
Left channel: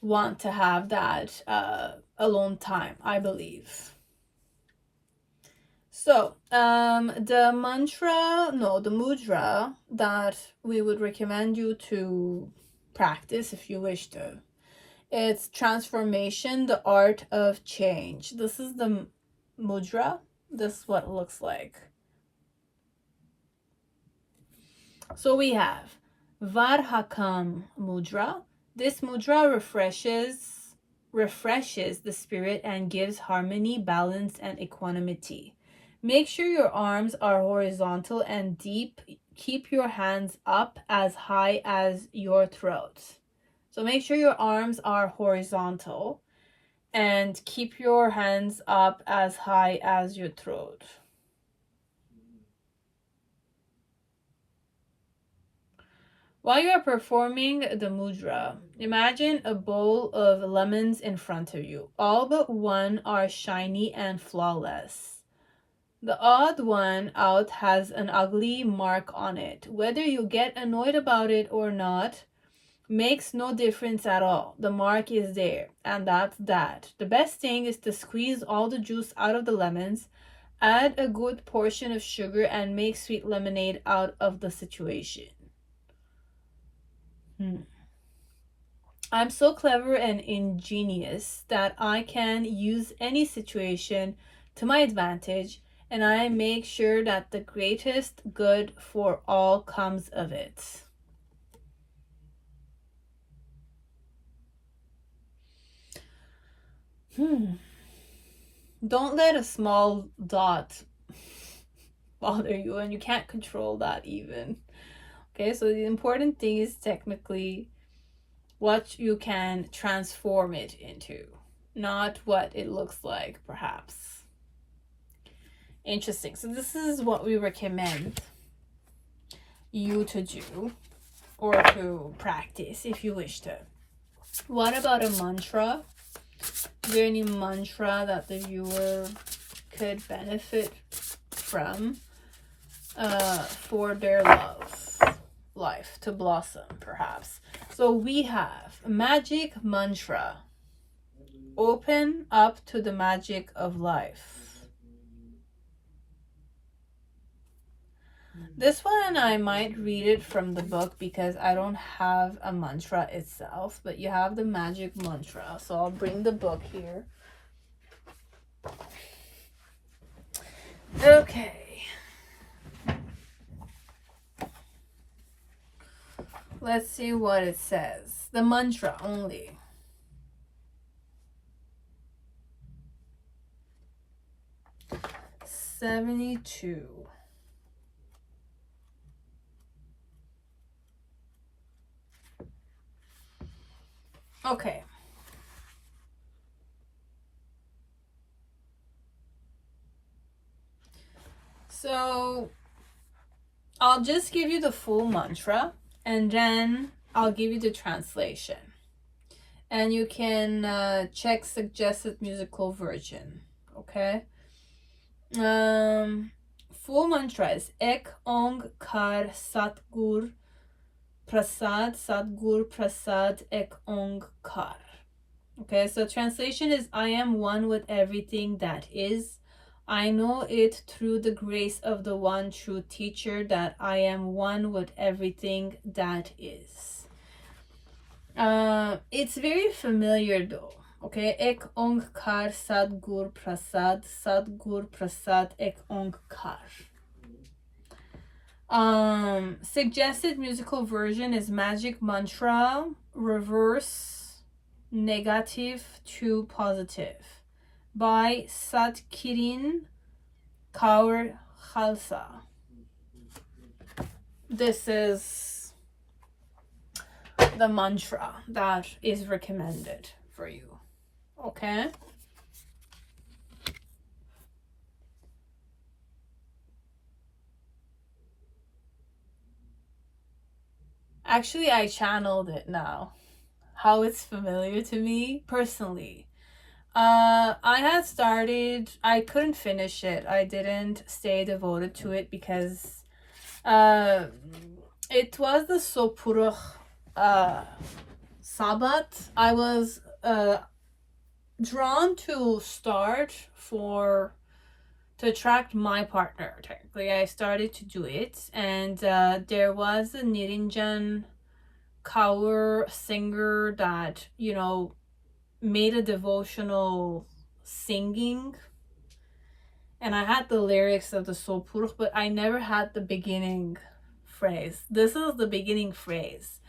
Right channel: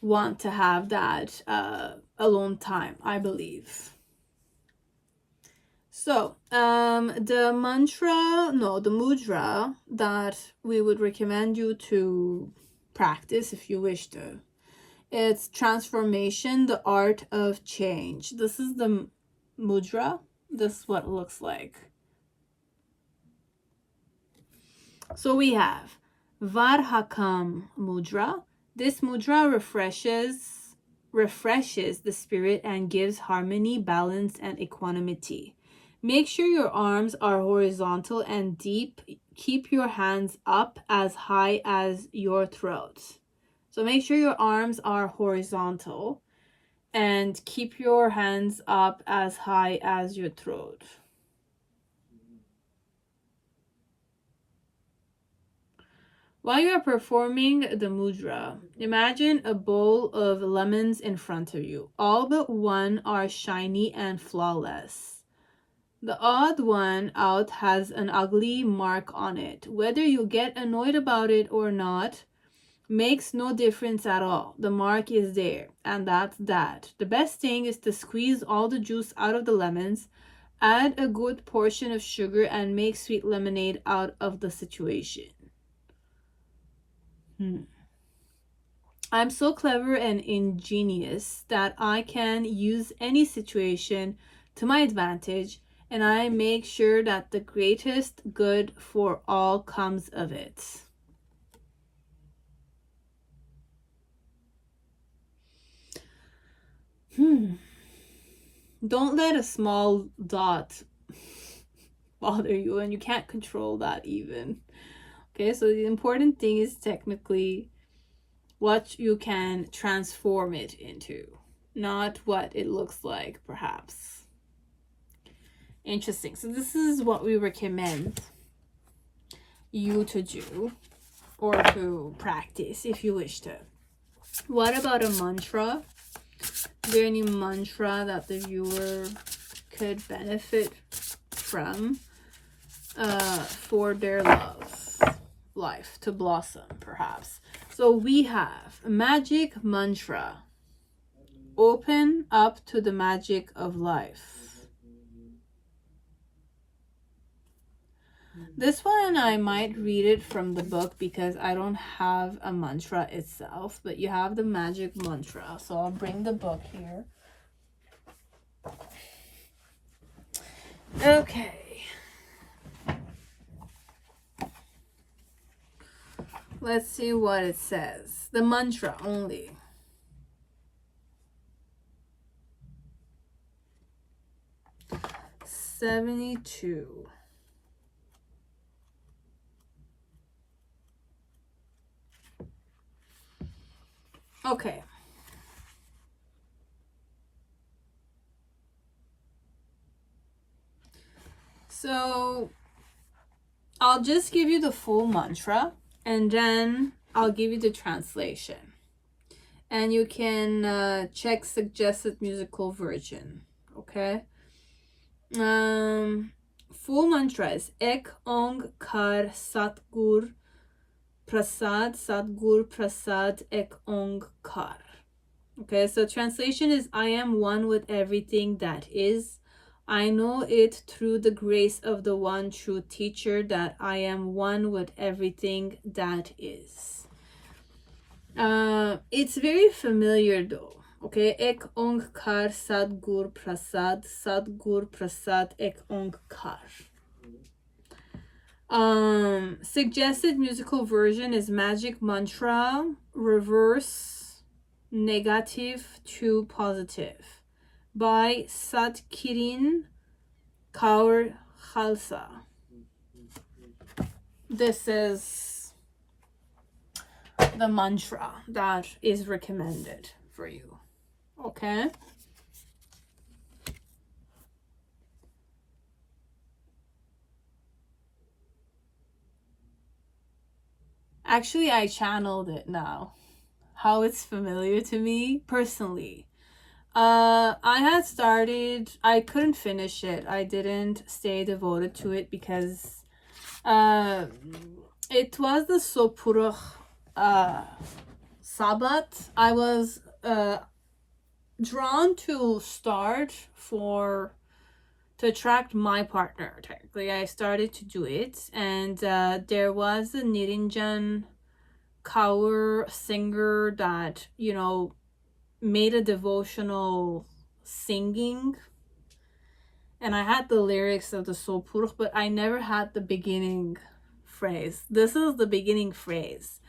want to have that alone time, I believe. So the mudra that we would recommend you to practice if you wish to, it's transformation, the art of change. This is the mudra. This is what it looks like. So we have Varhakam mudra. This mudra refreshes the spirit and gives harmony, balance, and equanimity. Make sure your arms are horizontal and deep. Keep your hands up as high as your throat. So make sure your arms are horizontal and keep your hands up as high as your throat. While you are performing the mudra, imagine a bowl of lemons in front of you. All but one are shiny and flawless. The odd one out has an ugly mark on it. Whether you get annoyed about it or not makes no difference at all. The mark is there, and that's that. The best thing is to squeeze all the juice out of the lemons, add a good portion of sugar, and make sweet lemonade out of the situation. I'm so clever and ingenious that I can use any situation to my advantage, and I make sure that the greatest good for all comes of it. Don't let a small dot bother you, and you can't control that even. Okay, so the important thing is technically what you can transform it into, not what it looks like, perhaps. Interesting. So this is what we recommend you to do or to practice if you wish to. What about a mantra Is there any mantra that the viewer could benefit from for their life to blossom, perhaps? So we have magic mantra. Open up to the magic of life. This one I might read it from the book because I don't have a mantra itself, but you have the magic mantra. So I'll bring the book here. Okay. Let's see what it says. The mantra only. $72. Okay. So I'll just give you the full mantra and then I'll give you the translation. And you can check suggested musical version. Okay. Full mantra is Ek Ong Kar Satgur Prasad Ek Ong Kar. Okay, so translation is I am one with everything that is. I know it through the grace of the one true teacher that I am one with everything that is. It's very familiar though. Okay, Ek Ong Kar Sadgur Prasad Ek Ong Kar. Suggested musical version is magic mantra, reverse negative to positive by Satkirin Kaur Khalsa. This is the mantra that is recommended for you. Okay. Actually, I channeled it now. How it's familiar to me personally. I had started, I couldn't finish it. I didn't stay devoted to it because it was the Sopurukh Sabbat. I was drawn to start to attract my partner. Technically, I started to do it, and there was a Niranjan Kaur singer that, you know, made a devotional singing, and I had the lyrics of the Sopurukh, but I never had the beginning phrase. This is the beginning phrase.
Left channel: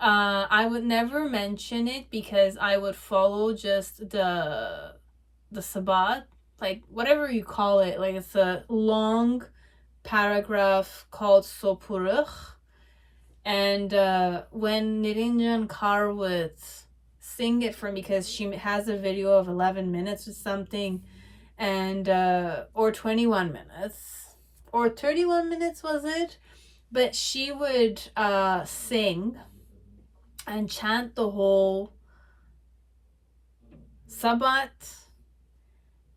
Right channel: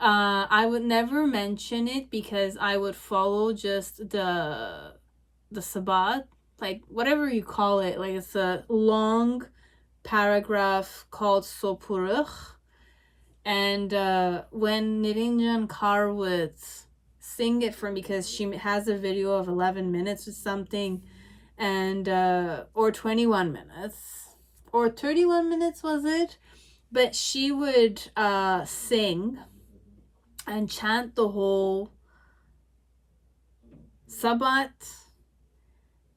I would never mention it because I would follow just the Sabbat, like whatever you call it. Like it's a long paragraph called Sopurukh, and when Niranjan Kaur would sing it for me, because she has a video of 11 minutes or something, and or 21 minutes or 31 minutes was it, but she would sing and chant the whole Sabbat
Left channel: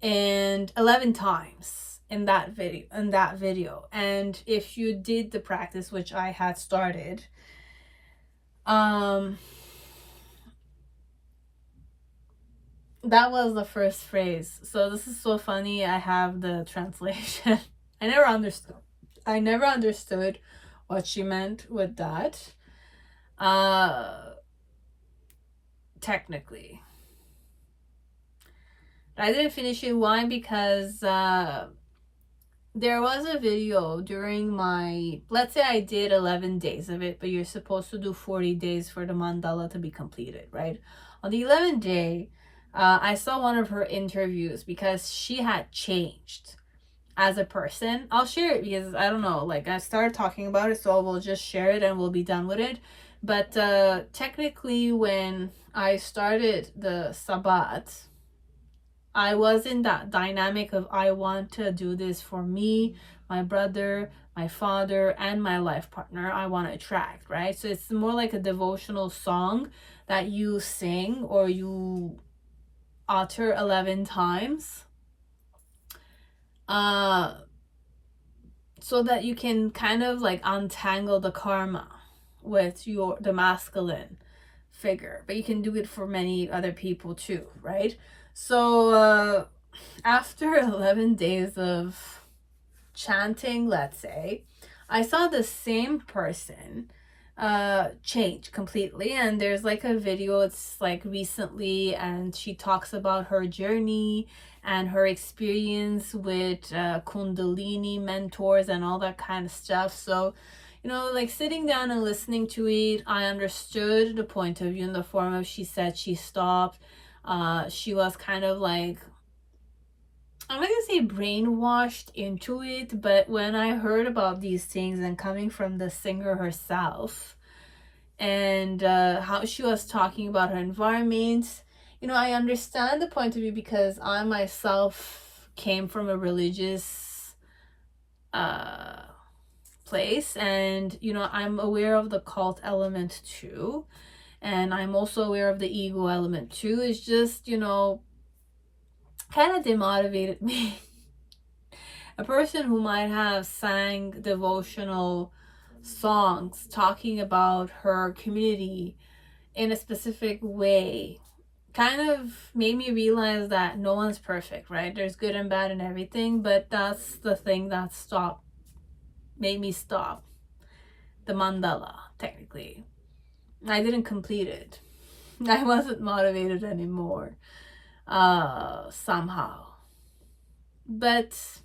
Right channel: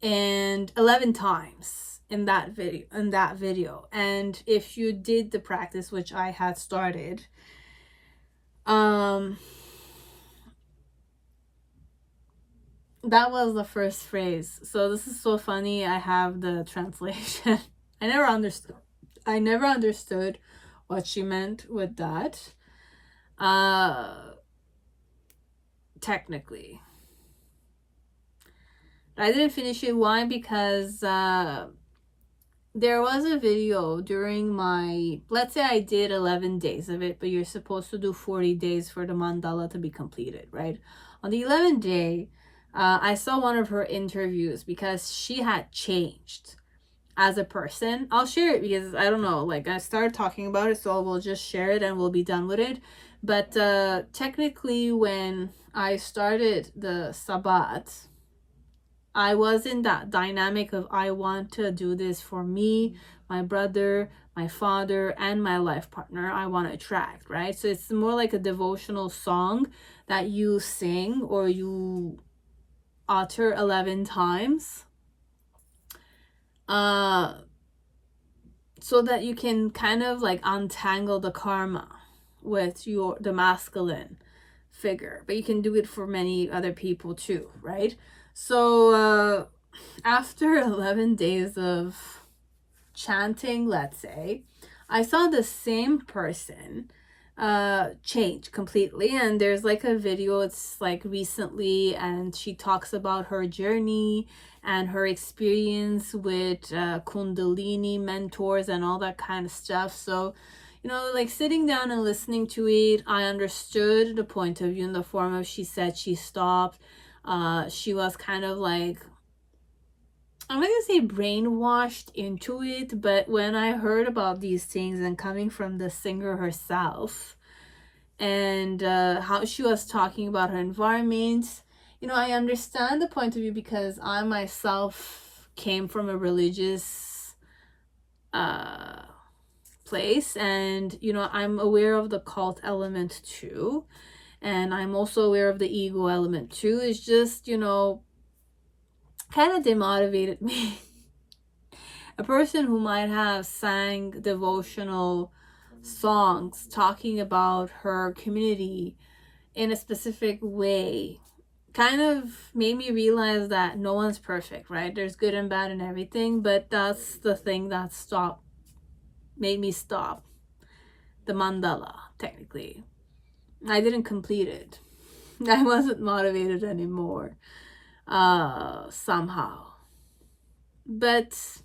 and 11 times in that video. And if you did the practice, which I had started, that was the first phrase. So this is so funny. I have the translation. I never understood what she meant with that. Technically, I didn't finish it. Why? Because there was a video during my, let's say I did 11 days of it, but you're supposed to do 40 days for the mandala to be completed, right? On the 11th day, I saw one of her interviews because she had changed as a person. I'll share it because I don't know, like I started talking about it, so we'll just share it and we'll be done with it. But technically, when I started the Sabbat, I was in that dynamic of I want to do this for me, my brother, my father, and my life partner I want to attract, right? So it's more like a devotional song that you sing or you utter 11 times, so that you can kind of like untangle the karma with the masculine figure. But you can do it for many other people too, right? So after 11 days of chanting, let's say, I saw the same person change completely. And there's like a video, it's like recently, and she talks about her journey and her experience with Kundalini mentors and all that kind of stuff. So, you know, like sitting down and listening to it, I understood the point of view in the form of, she said she stopped. She was kind of like, I'm not gonna say brainwashed into it, but when I heard about these things and coming from the singer herself, and how she was talking about her environment, you know, I understand the point of view, because I myself came from a religious place, and you know, I'm aware of the cult element too, and I'm also aware of the ego element too. It's just, you know, kind of demotivated me. A person who might have sang devotional songs talking about her community in a specific way kind of made me realize that no one's perfect, right? There's good and bad and everything, but that's the thing that made me stop the mandala, technically. I didn't complete it. I wasn't motivated anymore, somehow. But,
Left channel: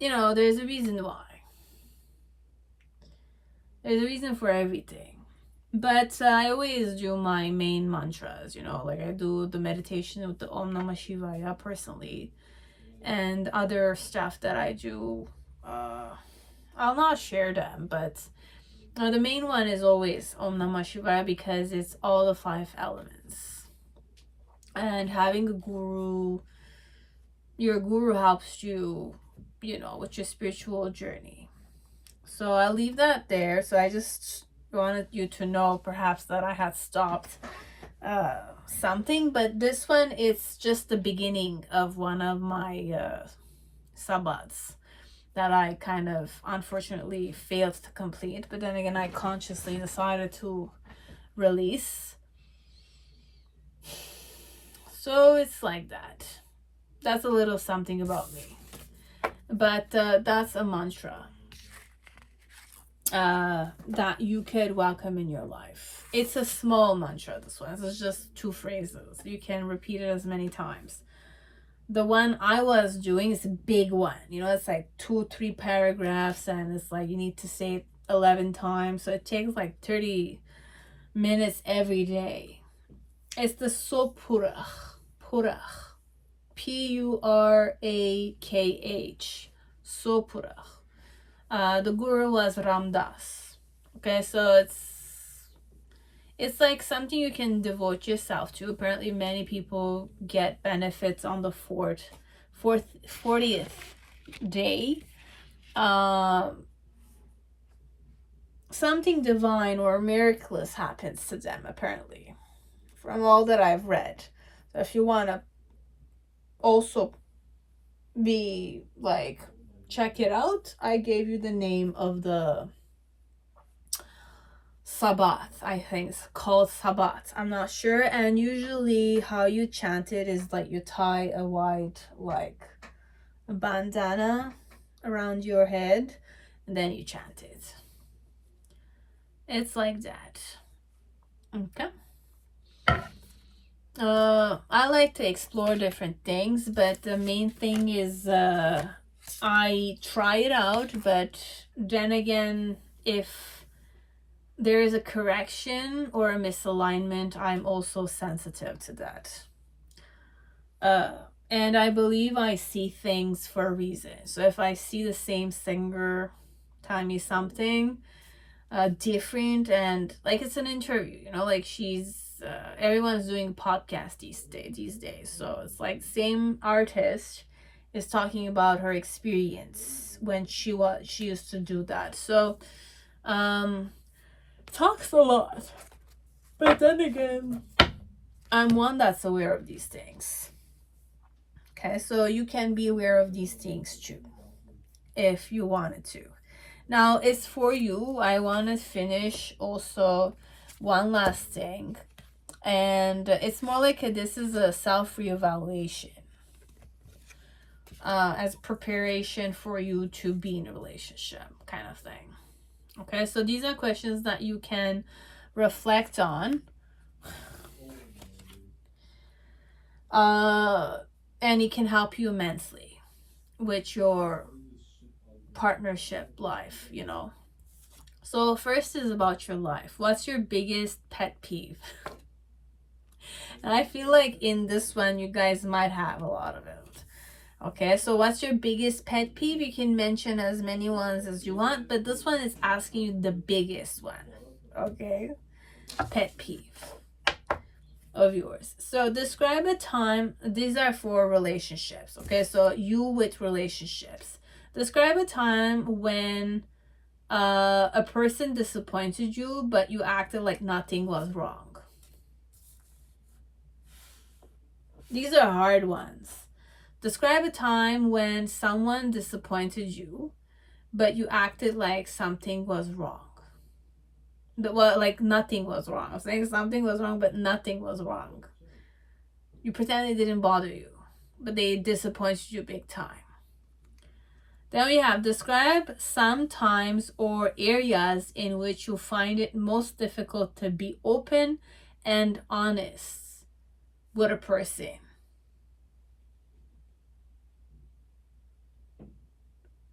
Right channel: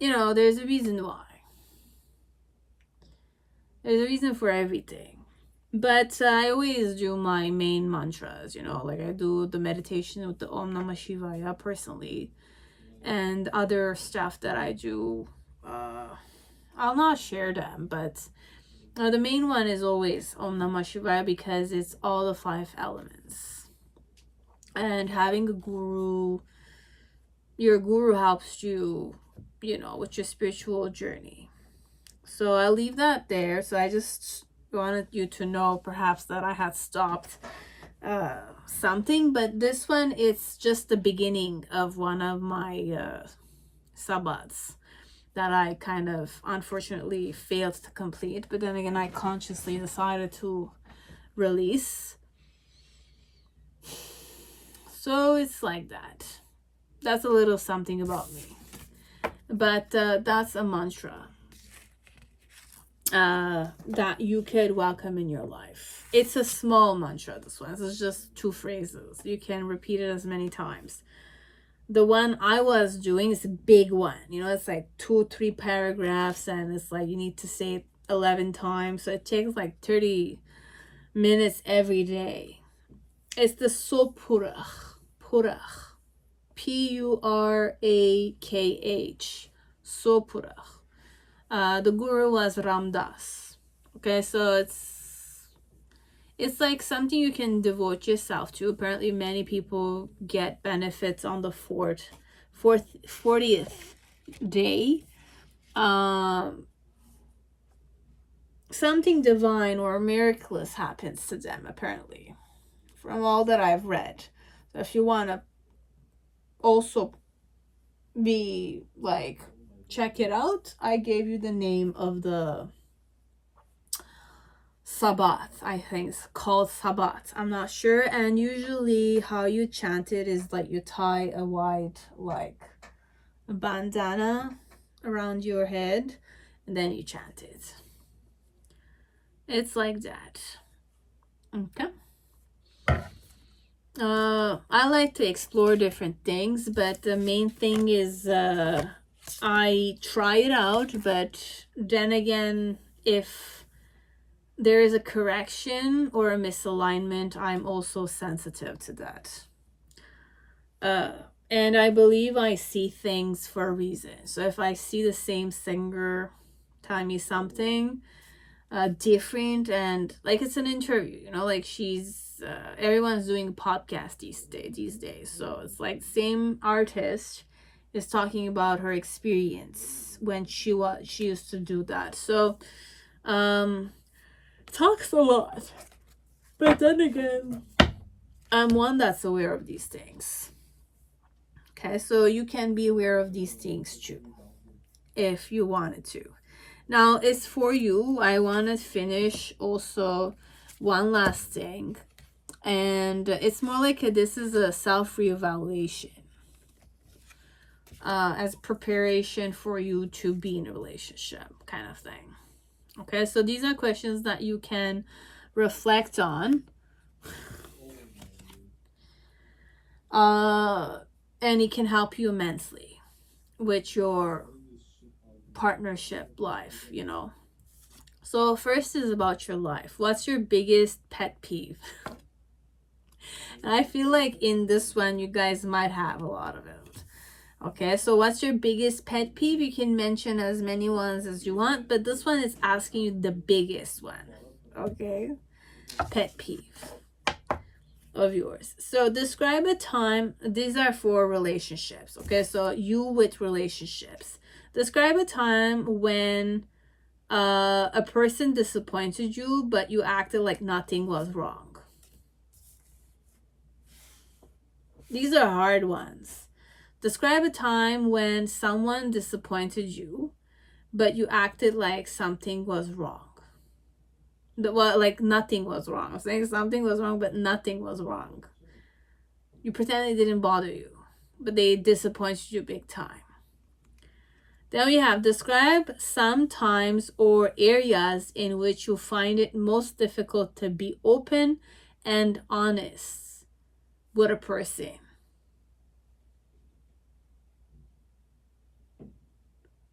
you know, there's a reason why. There's a reason for everything. But I always do my main mantras, you know, like I do the meditation with the Om Namah Shivaya personally, and other stuff that I do. I'll not share them, but the main one is always Om Namah Shivaya, because it's all the 5 elements. And having a guru, your guru helps you, you know, with your spiritual journey. So I'll leave that there. So I just wanted you to know perhaps that I had stopped something, but this one, it's just the beginning of one of my sabbats that I kind of unfortunately failed to complete, but then again I consciously decided to release. So it's like that. That's a little something about me, but that's a mantra that you could welcome in your life. It's a small mantra, this one. It's just 2 phrases. You can repeat it as many times. The one I was doing is a big one. You know, it's like 2-3 paragraphs, and it's like you need to say it 11 times. So it takes like 30 minutes every day. It's the Sopurach. Purach. P-U-R-A-K-H. Sopurach. The guru was Ramdas. Okay, so it's like something you can devote yourself to. Apparently many people get benefits on the 40th day. Something divine or miraculous happens to them, apparently, from all that I've read. So if you want to also be like, check it out, I gave you the name of the Sabbath. I think it's called Sabbath. I'm not sure. And usually how you chant it is like you tie a white, like a bandana around your head, and then you chant it. It's like that. Okay. I like to explore different things, but the main thing is I try it out, but then again, if there is a correction or a misalignment, I'm also sensitive to that. And I believe I see things for a reason. So if I see the same singer telling me something different, and like it's an interview, you know, like she's everyone's doing podcasts these days. So it's like same artist is talking about her experience when she used to do that. So talks a lot, but then again, I'm one that's aware of these things. Okay, so you can be aware of these things too, if you wanted to. Now it's for you. I want to finish also one last thing, and it's more like this is a self-reevaluation as preparation for you to be in a relationship kind of thing. Okay, so these are questions that you can reflect on, and it can help you immensely with your partnership life, you know. So first is about your life. What's your biggest pet peeve? And I feel like in this one you guys might have a lot of it. Okay, so what's your biggest pet peeve? You can mention as many ones as you want, but this one is asking you the biggest one. Okay, pet peeve of yours. So describe a time. These are for relationships. Okay, so you with relationships. Describe a time when a person disappointed you, but you acted like nothing was wrong. These are hard ones. Describe a time when someone disappointed you, but you acted like something was wrong. Well, like nothing was wrong. I was saying something was wrong, but nothing was wrong. You pretend it didn't bother you, but they disappointed you big time. Then we have describe some times or areas in which you find it most difficult to be open and honest with a person.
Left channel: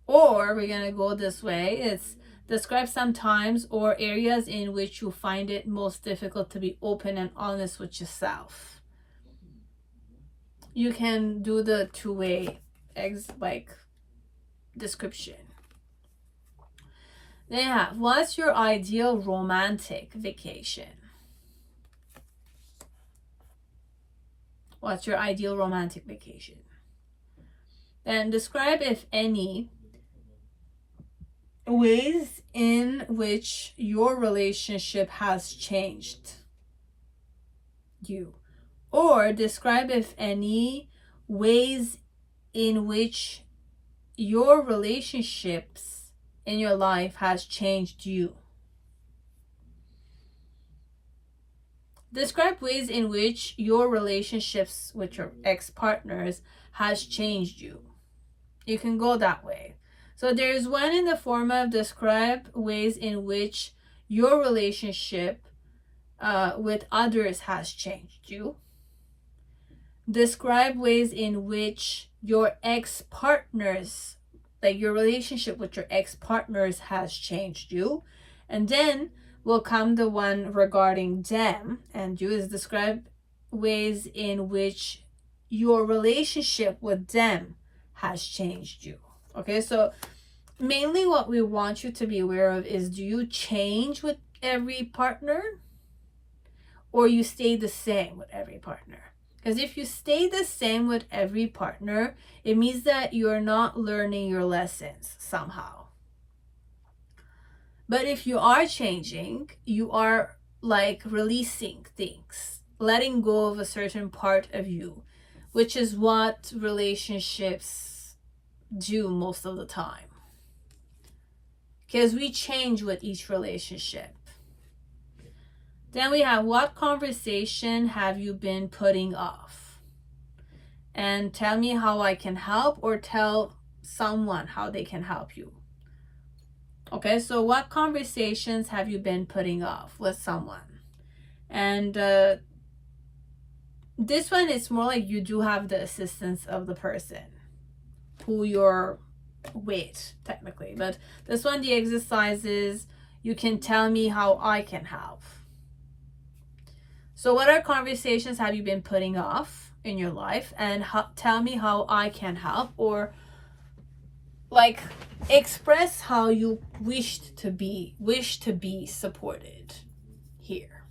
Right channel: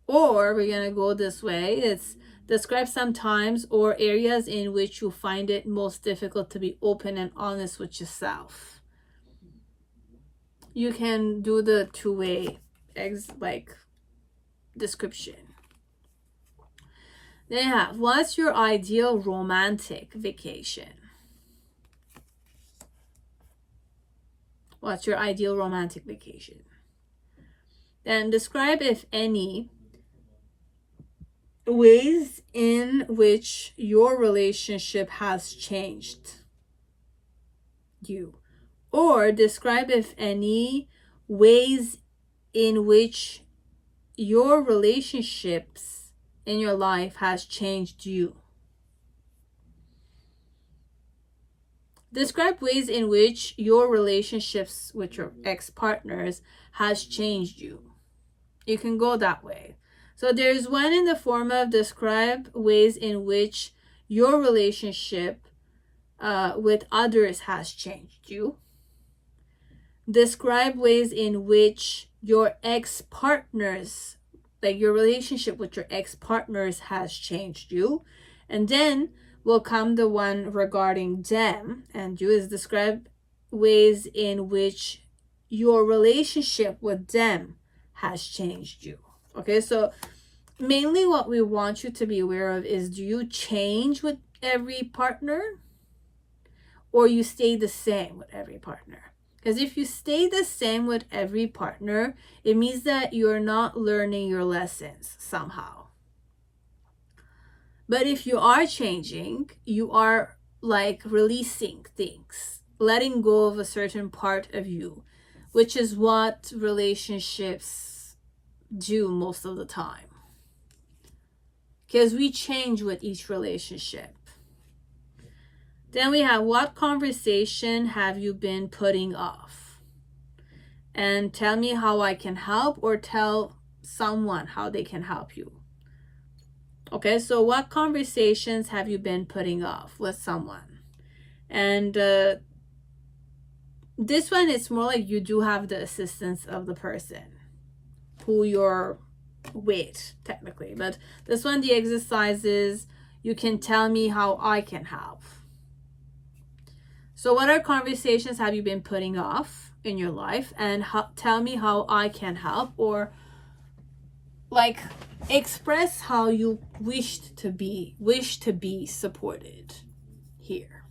Or we're going to go this way. It's describe some times or areas in which you find it most difficult to be open and honest with yourself. You can do the two-way description. Then you have, what's your ideal romantic vacation? What's your ideal romantic vacation? Then describe, if any, ways in which your relationship has changed you. Or describe, if any, ways in which your relationships in your life has changed you. Describe ways in which your relationships with your ex-partners has changed you. You can go that way. So there's one in the form of describe ways in which your relationship with others has changed you. Describe ways in which your ex-partners, like your relationship with your ex-partners has changed you. And then will come the one regarding them and you, is describe ways in which your relationship with them has changed you. Okay, so mainly what we want you to be aware of is, do you change with every partner or you stay the same with every partner? Because if you stay the same with every partner, it means that you're not learning your lessons somehow. But if you are changing, you are like releasing things, letting go of a certain part of you, which is what relationships do most of the time. Because we change with each relationship. Then we have, what conversation have you been putting off? And tell me how I can help, or tell someone how they can help you. Okay, so what conversations have you been putting off with someone? And this one, it's more like you do have the assistance of the person who you're with, technically. But this one, the exercise is, you can tell me how I can help. So what are conversations have you been putting off in your life? And tell me how I can help, or like express how you wish to be supported here.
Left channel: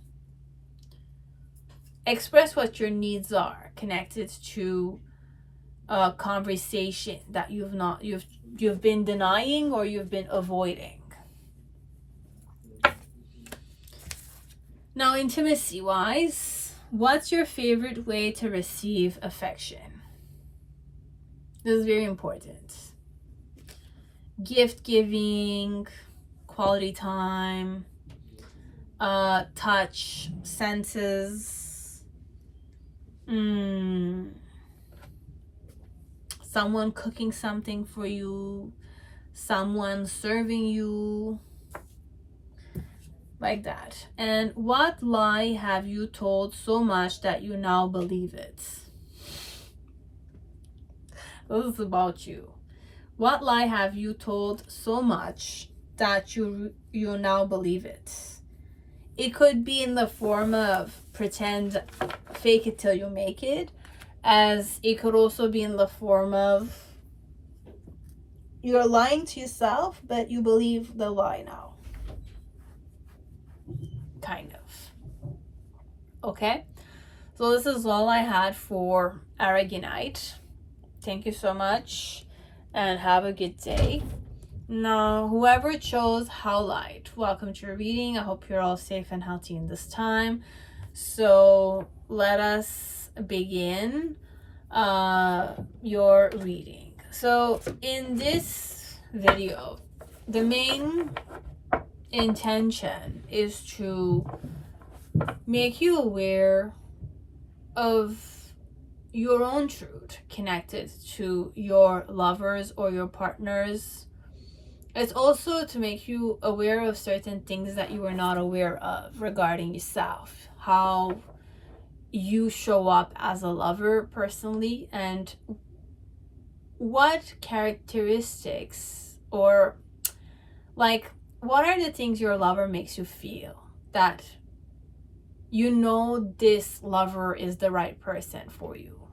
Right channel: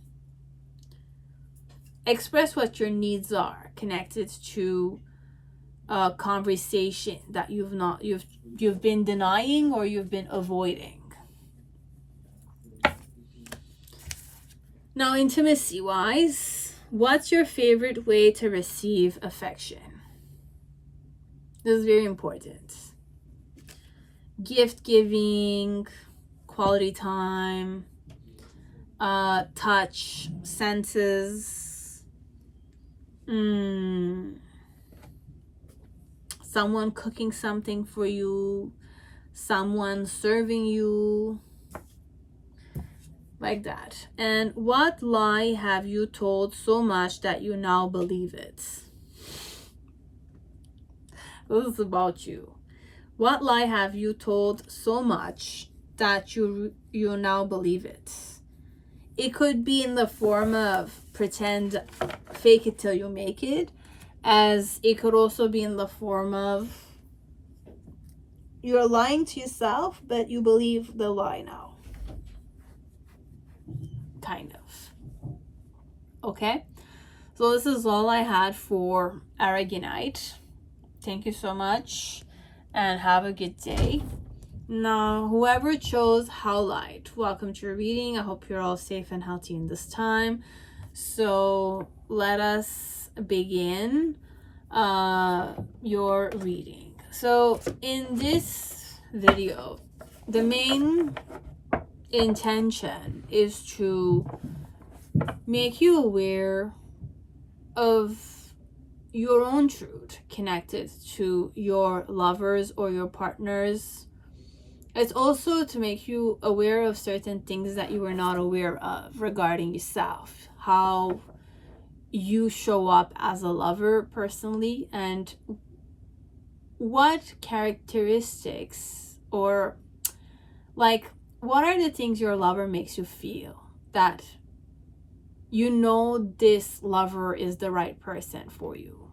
Express what your needs are connected to a conversation that you've been denying or you've been avoiding. Now, intimacy wise, What's your favorite way to receive affection? This is very important. Gift giving, quality time, touch, senses, someone cooking something for you, someone serving you, like that. And what lie have you told so much that you now believe it? This is about you. What lie have you told so much that you now believe it? It could be in the form of pretend, fake it till you make it, as it could also be in the form of you're lying to yourself, but you believe the lie now. Kind of. Okay? So this is all I had for Aragonite. Thank you so much and have a good day. Now, whoever chose Howlite, welcome to your reading. I hope you're all safe and healthy in this time. So let us begin your reading. So in this video, the main intention is to make you aware of your own truth connected to your lovers or your partners. It's also to make you aware of certain things that you were not aware of regarding yourself, how you show up as a lover personally, and what characteristics or like what are the things your lover makes you feel that you know this lover is the right person for you.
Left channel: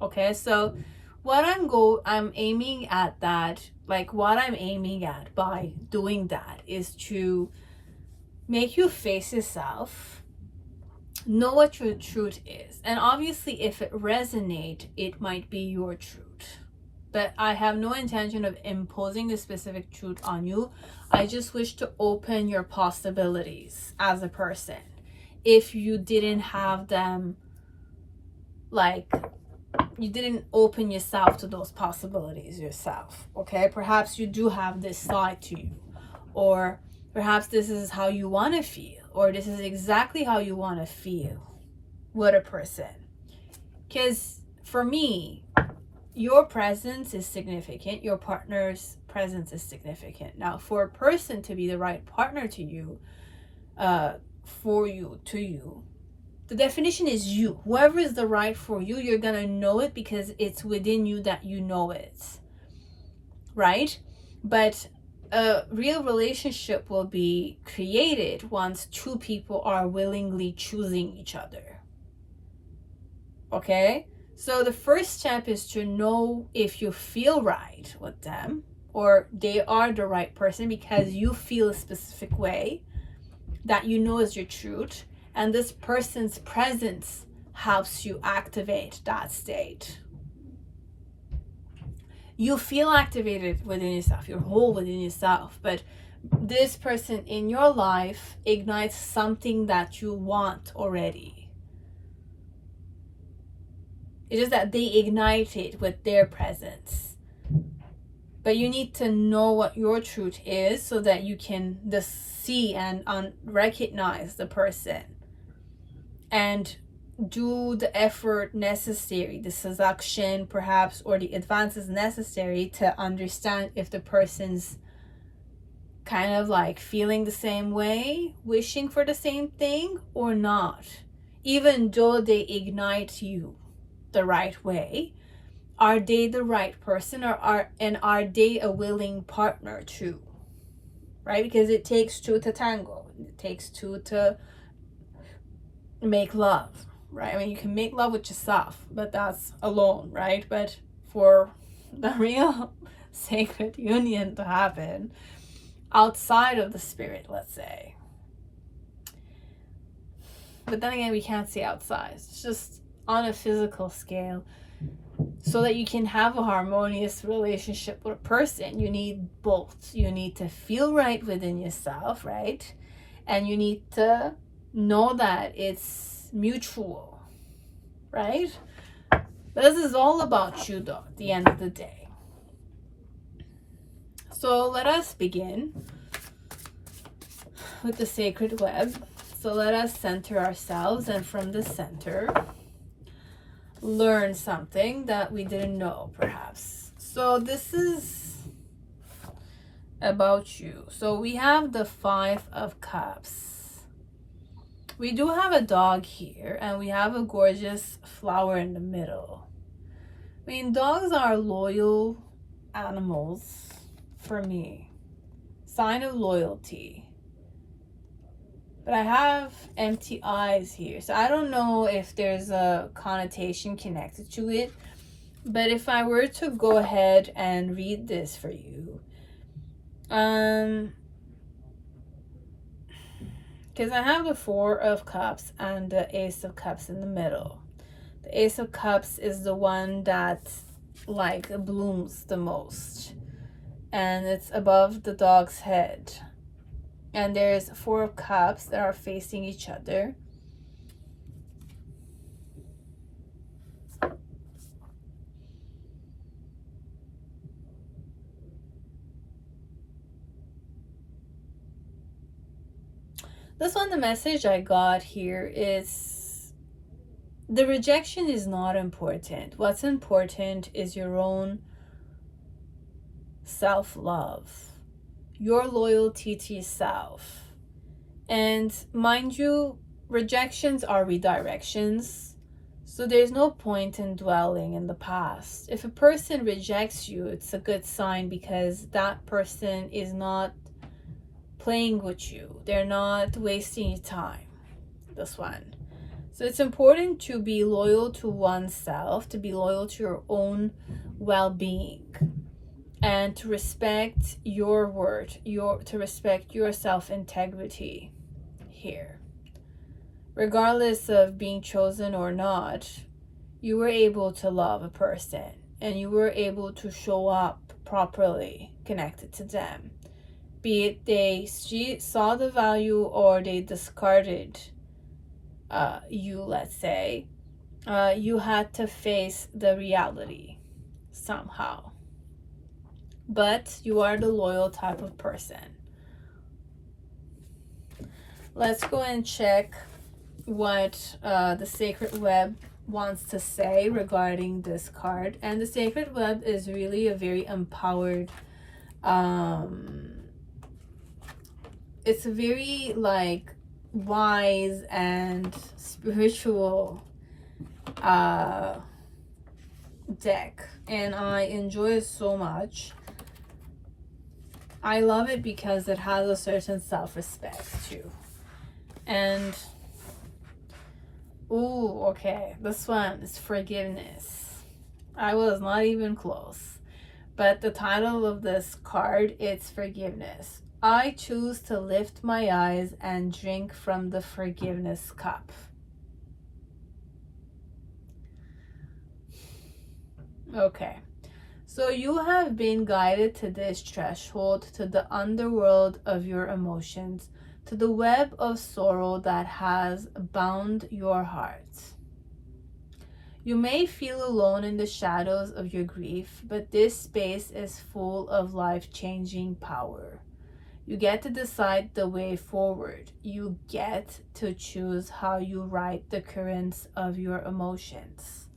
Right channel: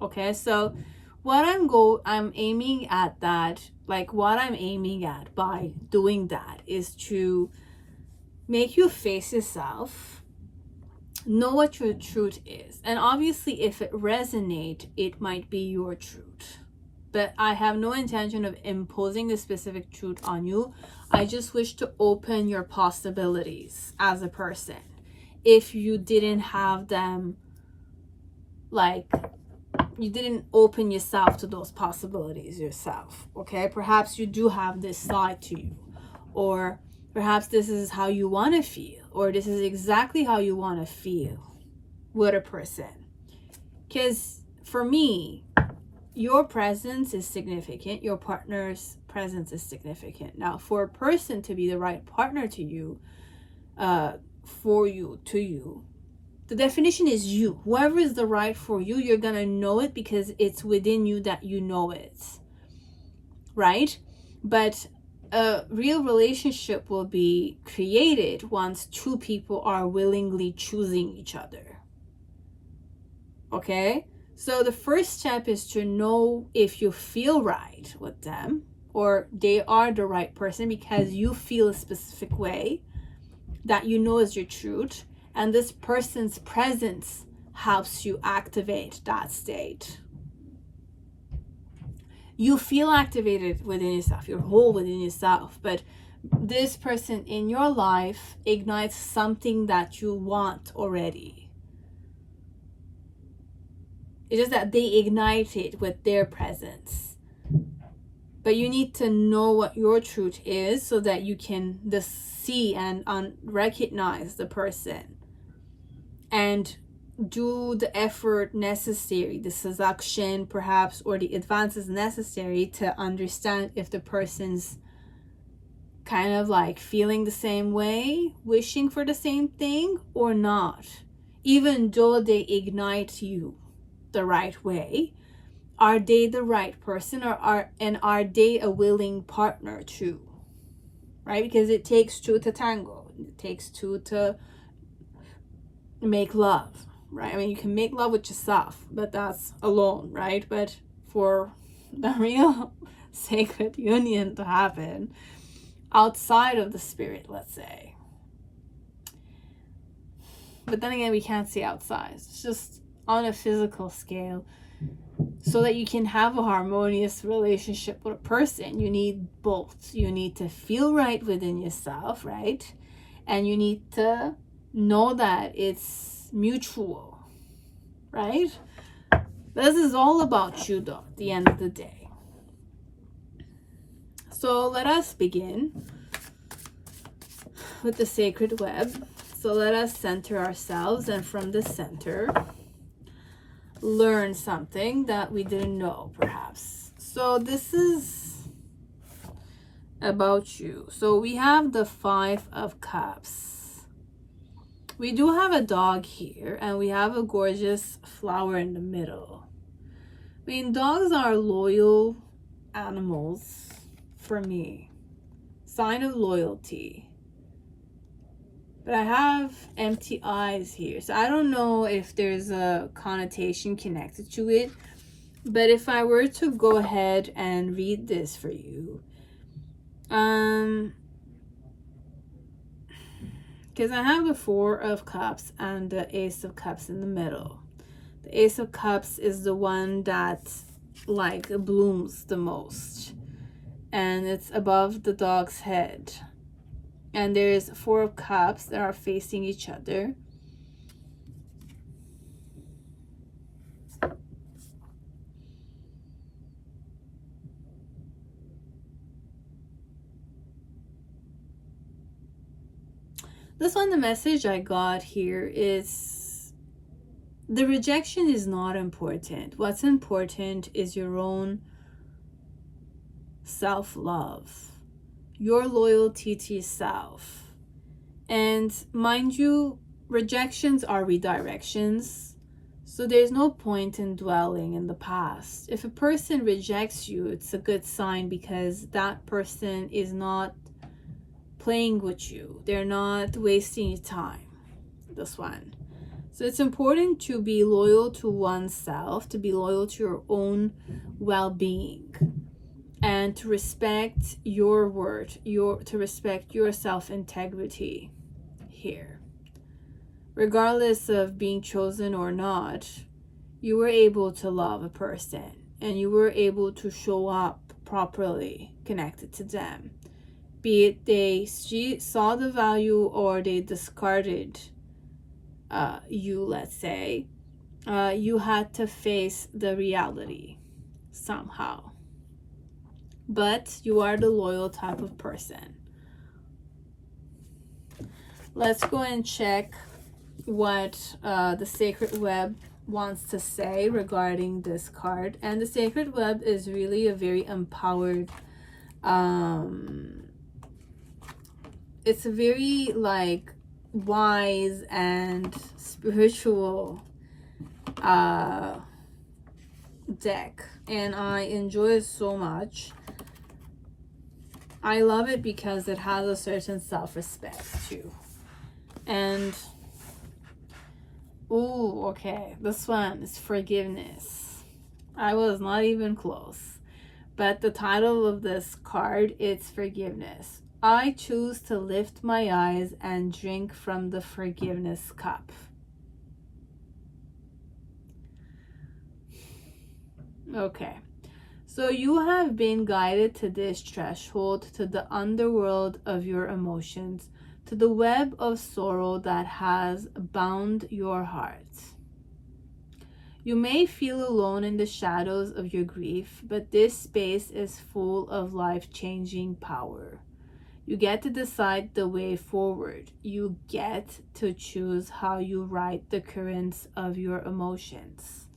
Okay, so what I'm aiming at that, like what I'm aiming at by doing that is to make you face yourself, know what your truth is. And obviously if it resonates, it might be your truth. But I have no intention of imposing a specific truth on you. I just wish to open your possibilities as a person. If you didn't have them, like you didn't open yourself to those possibilities yourself, okay? Perhaps you do have this side to you, or perhaps this is how you want to feel, or this is exactly how you want to feel with a person. Because for me, your presence is significant. Your partner's presence is significant. Now, for a person to be the right partner to you, for you, to you, the definition is you. Whoever is the right for you, you're going to know it because it's within you that you know it. Right? But a real relationship will be created once two people are willingly choosing each other. Okay? So the first step is to know if you feel right with them or they are the right person because you feel a specific way that you know is your truth, and this person's presence helps you activate that state. You feel activated within yourself, you're whole within yourself, but this person in your life ignites something that you want already. It is that they ignite it with their presence. But you need to know what your truth is so that you can just see and recognize the person and do the effort necessary, the seduction perhaps, or the advances necessary to understand if the person's kind of like feeling the same way, wishing for the same thing or not, even though they ignite you the right way. Are they the right person, or are they a willing partner too? Right? Because it takes two to tango. It takes two to make love, right? I mean, you can make love with yourself, but that's alone, right? But for the real sacred union to happen outside of the spirit, let's say. But then again, we can't see outside. It's just on a physical scale. So that you can have a harmonious relationship with a person, you need both. You need to feel right within yourself, right? And you need to know that it's is mutual, right? This is all about you though, at the end of the day. So let us begin with the sacred web. So let us center ourselves, and from the center, learn something that we didn't know, perhaps. So this is about you. So we have the 5 of Cups. We do have a dog here, and we have a gorgeous flower in the middle. I mean, dogs are loyal animals for me. Sign of loyalty. But I have empty eyes here, so I don't know if there's a connotation connected to it. But if I were to go ahead and read this for you, because I have the 4 of Cups and the Ace of Cups in the middle. The Ace of Cups is the one that like blooms the most, and it's above the dog's head. And there's 4 of Cups that are facing each other. This one, the message I got here is the rejection is not important. What's important is your own self-love, your loyalty to yourself. And mind you, rejections are redirections, so there's no point in dwelling in the past. If a person rejects you, it's a good sign, because that person is not playing with you. They're not wasting your time. This one. So it's important to be loyal to oneself, to be loyal to your own well-being, and to respect your word, to respect your self-integrity here. Regardless of being chosen or not, you were able to love a person, and you were able to show up properly connected to them. Be it they saw the value or they discarded you, let's say, you had to face the reality somehow. But you are the loyal type of person. Let's go and check what the Sacred Web wants to say regarding this card. And the Sacred Web is really a very empowered, it's a very like wise and spiritual deck, and I enjoy it so much. I love it because it has a certain self-respect too. And ooh, okay, this one is forgiveness. I was not even close, but the title of this card, it's forgiveness. I choose to lift my eyes and drink from the forgiveness cup. Okay, so you have been guided to this threshold, to the underworld of your emotions, to the web of sorrow that has bound your heart. You may feel alone in the shadows of your grief, but this space is full of life-changing power. You get to decide the way forward. You get to choose how you ride the currents of your emotions.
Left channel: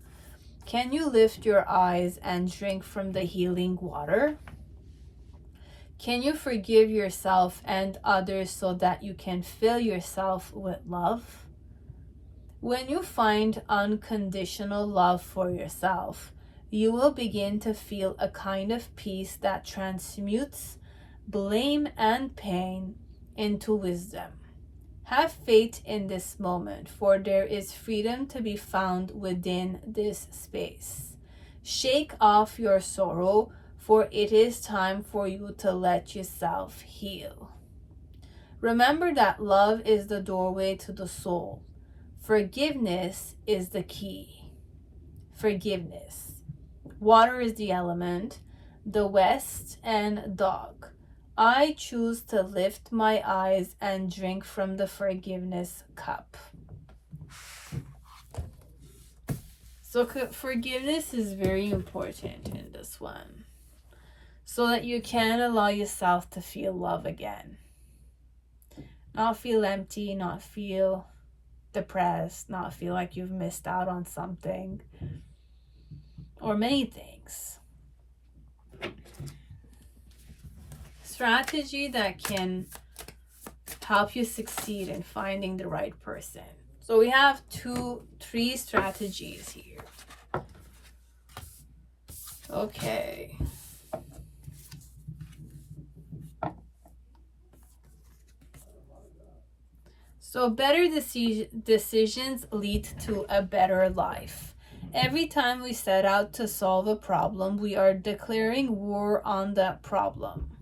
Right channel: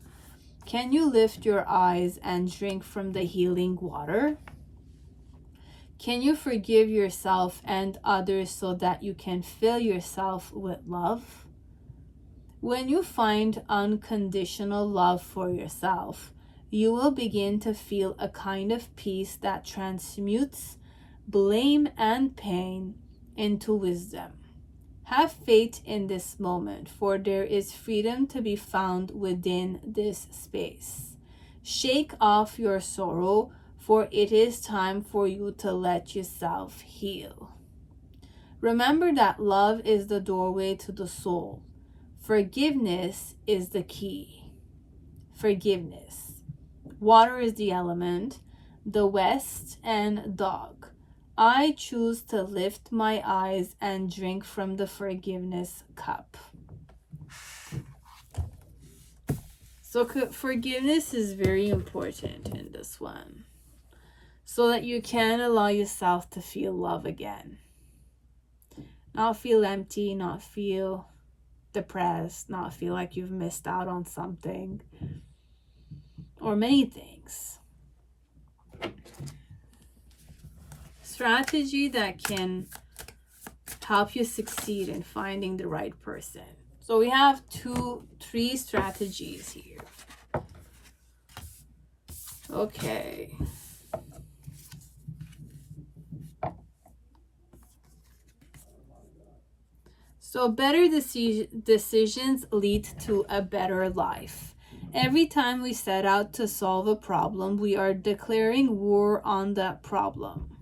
Can you lift your eyes and drink from the healing water? Can you forgive yourself and others so that you can fill yourself with love? When you find unconditional love for yourself, you will begin to feel a kind of peace that transmutes blame and pain into wisdom. Have faith in this moment, for there is freedom to be found within this space. Shake off your sorrow, for it is time for you to let yourself heal. Remember that love is the doorway to the soul. Forgiveness is the key. Forgiveness. Water is the element, the West, and dog. I choose to lift my eyes and drink from the forgiveness cup. So forgiveness is very important in this one, so that you can allow yourself to feel love again. Not feel empty, not feel depressed, not feel like you've missed out on something or many things. Strategy that can help you succeed in finding the right person. So we have 3 strategies here. Okay. So better decisions lead to a better life. Every time we set out to solve a problem, we are declaring war on that problem.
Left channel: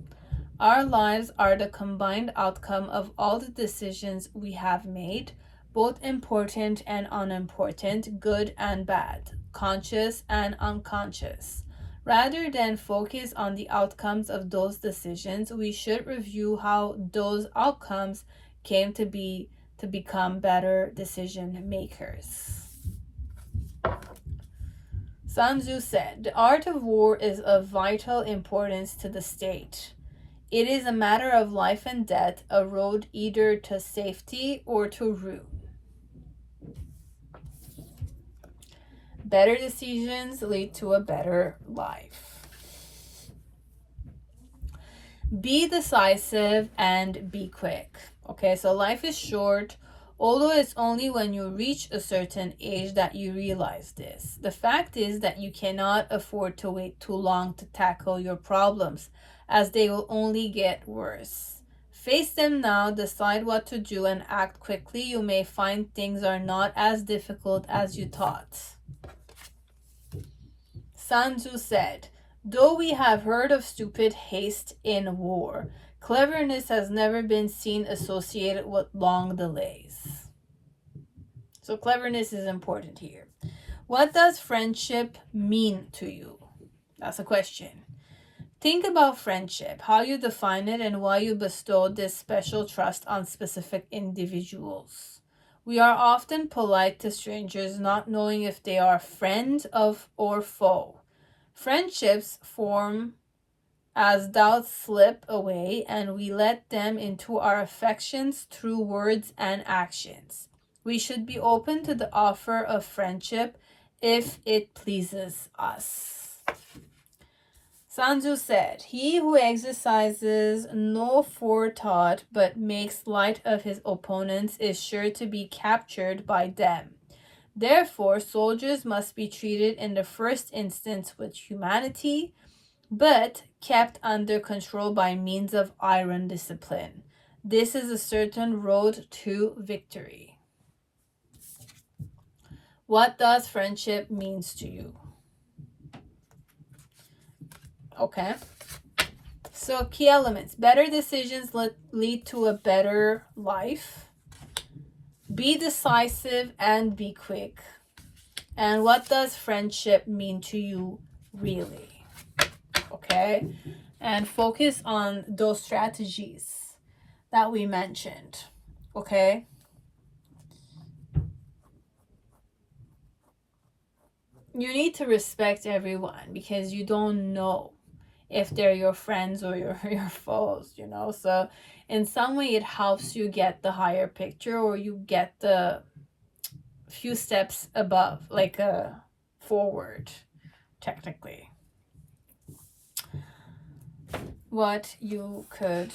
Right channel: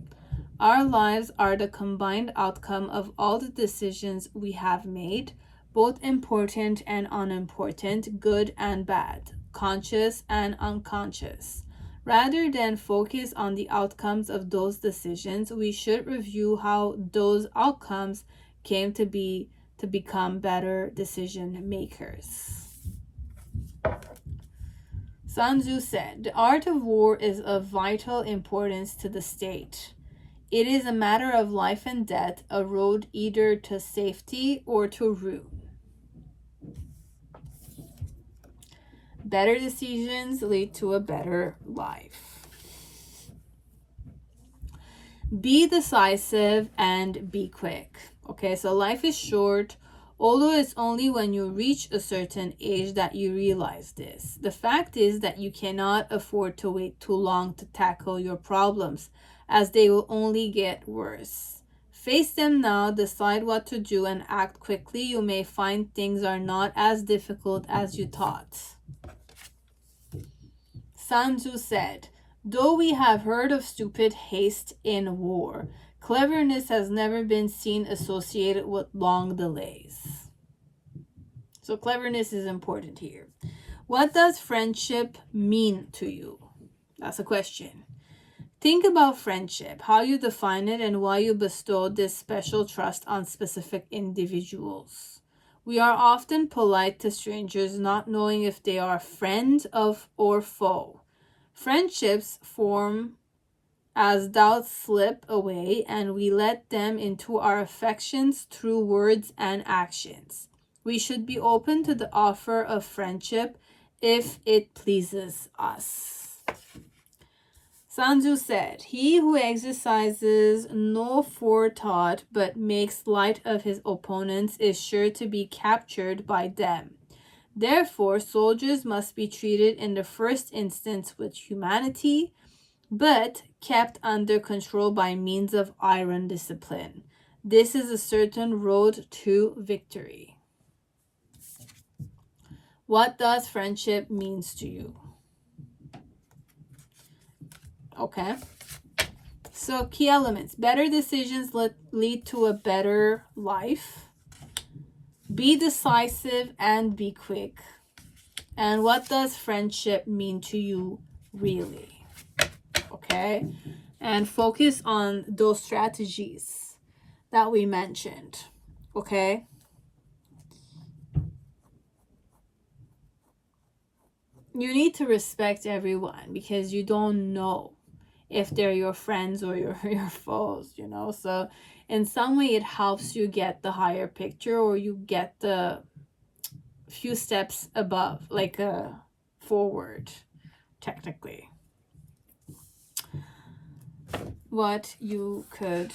Our lives are the combined outcome of all the decisions we have made, both important and unimportant, good and bad, conscious and unconscious. Rather than focus on the outcomes of those decisions, we should review how those outcomes came to become better decision makers. Sun Tzu said, "The art of war is of vital importance to the state. It is a matter of life and death, a road either to safety or to ruin." Better decisions lead to a better life. Be decisive and be quick. Okay, so life is short, although it's only when you reach a certain age that you realize this. The fact is that you cannot afford to wait too long to tackle your problems, as they will only get worse. Face them now, decide what to do, and act quickly. You may find things are not as difficult as you thought. Sun Tzu said, "Though we have heard of stupid haste in war, cleverness has never been seen associated with long delays." So cleverness is important here. What does friendship mean to you? That's a question. Think about friendship, how you define it, and why you bestow this special trust on specific individuals. We are often polite to strangers, not knowing if they are friend or foe. Friendships form as doubts slip away, and we let them into our affections through words and actions. We should be open to the offer of friendship if it pleases us. Sun Tzu said, "He who exercises no forethought but makes light of his opponents is sure to be captured by them. Therefore, soldiers must be treated in the first instance with humanity, but kept under control by means of iron discipline. This is a certain road to victory." What does friendship means to you? Okay. So key elements. Better decisions lead to a better life. Be decisive and be quick. And what does friendship mean to you really? Okay. And focus on those strategies that we mentioned. Okay. You need to respect everyone because you don't know if they're your friends or your foes, you know. So in some way it helps you get the higher picture, or you get the few steps above, like forward, technically. What you could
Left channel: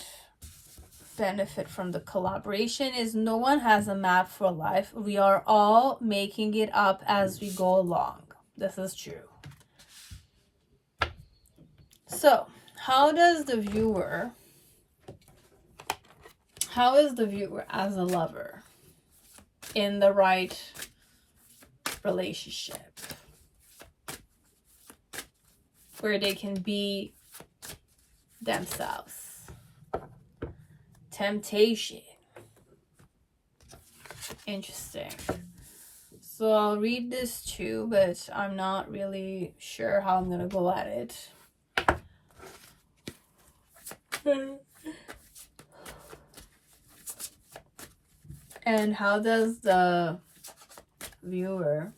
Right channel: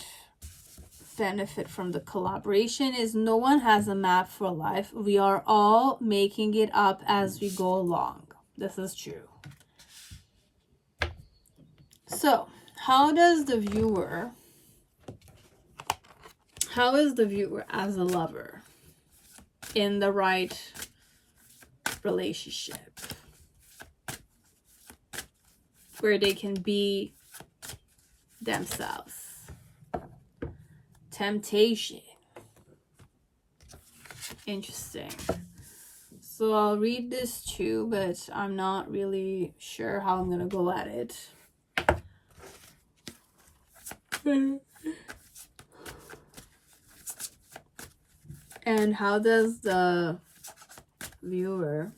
benefit from the collaboration is no one has a map for life. We are all making it up as we go along. This is true. So, how is the viewer as a lover in the right relationship where they can be themselves? Temptation. Interesting. So I'll read this too, but I'm not really sure how I'm gonna go at it. And how does the viewer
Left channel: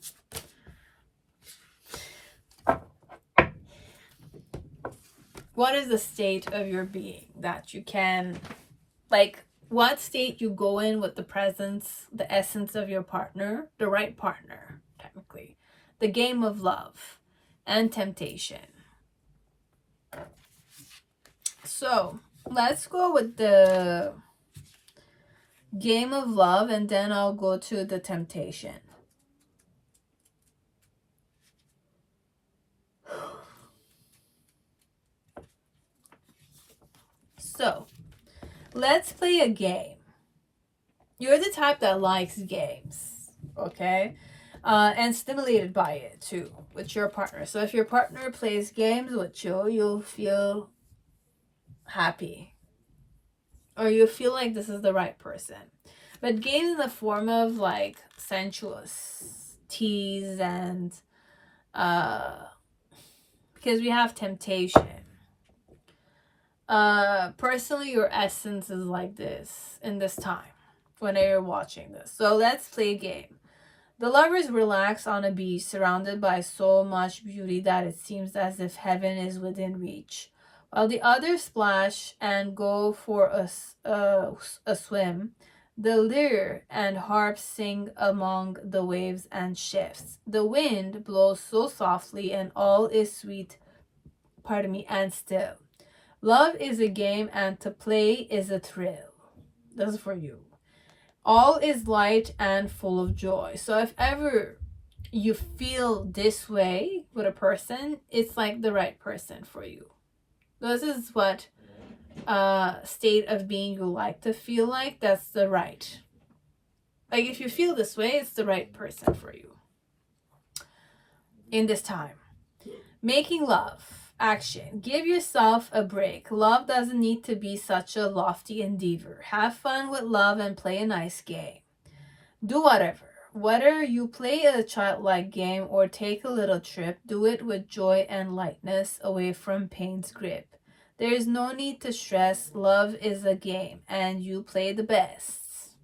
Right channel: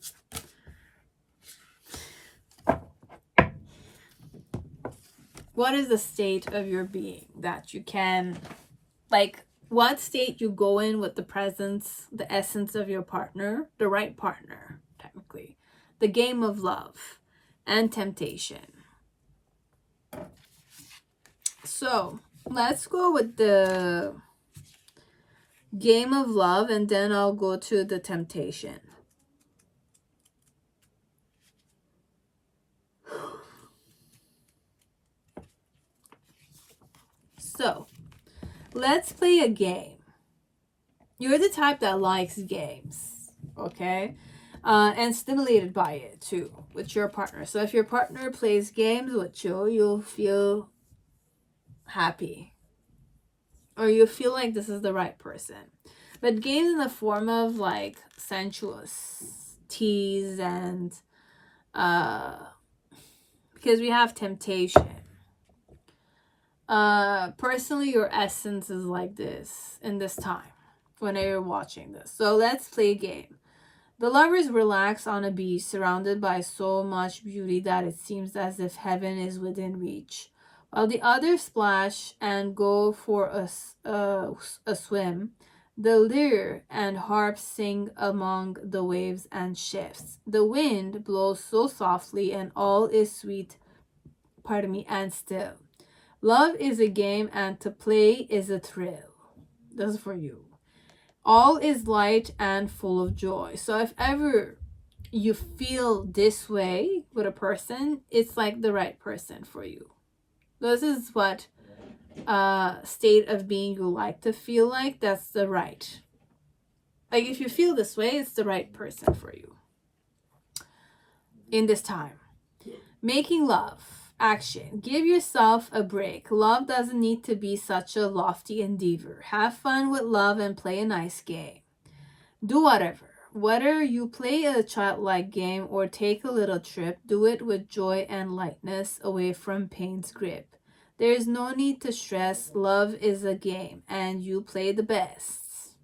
what is the state of your being that you can, like, what state you go in with the presence, the essence of your partner, the right partner, technically. The game of love and temptation. So let's go with the game of love, and then I'll go to the temptation. So let's play a game. You're the type that likes games, okay? And stimulated by it too with your partner. So if your partner plays games with you, you'll feel happy, or you feel like this is the right person. But games in the form of like sensuous tease and because we have temptation. Personally, your essence is like this in this time when you're watching this. So let's play a game. The lovers relax on a beach surrounded by so much beauty that it seems as if heaven is within reach, while the others splash and go for a swim. The lyre and harp sing among the waves and shifts. The wind blows so softly and all is sweet, and still. Love is a game and to play is a thrill. This is for you. All is light and full of joy. So if ever you feel this way with a person, it's like the right person for you. This is what state of being you like to feel like. That's the right. Like if you feel this way, it's the right person for you in this time. Making love. Action. Give yourself a break. Love doesn't need to be such a lofty endeavor. Have fun with love and play a nice game. Do whatever. Whether you play a childlike game or take a little trip, do it with joy and lightness away from pain's grip. There is no need to stress. Love is a game and you play the best.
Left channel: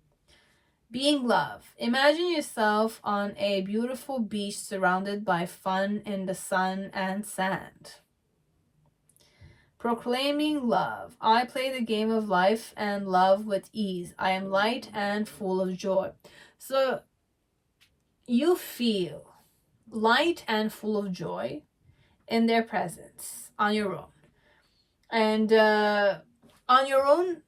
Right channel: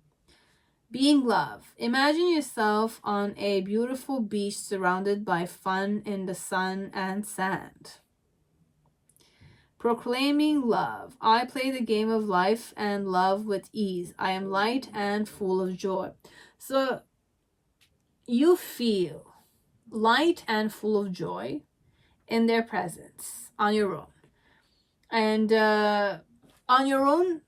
Being love. Imagine yourself on a beautiful beach surrounded by fun in the sun and sand. Proclaiming love. I play the game of life and love with ease. I am light and full of joy. So you feel light and full of joy in their presence on your own. And on your own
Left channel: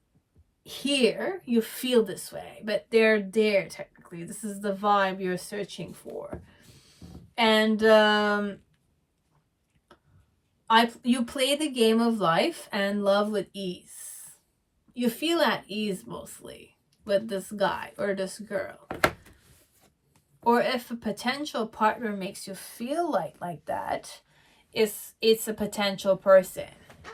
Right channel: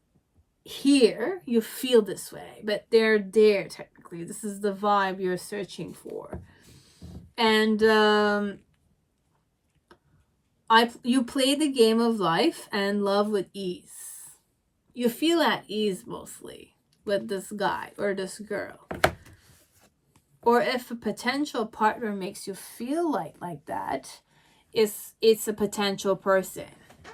here, you feel this way, but they're there technically. This is the vibe you're searching for. And you play the game of life and love with ease. You feel at ease mostly with this guy or this girl. Or if a potential partner makes you feel like that, it's a potential person.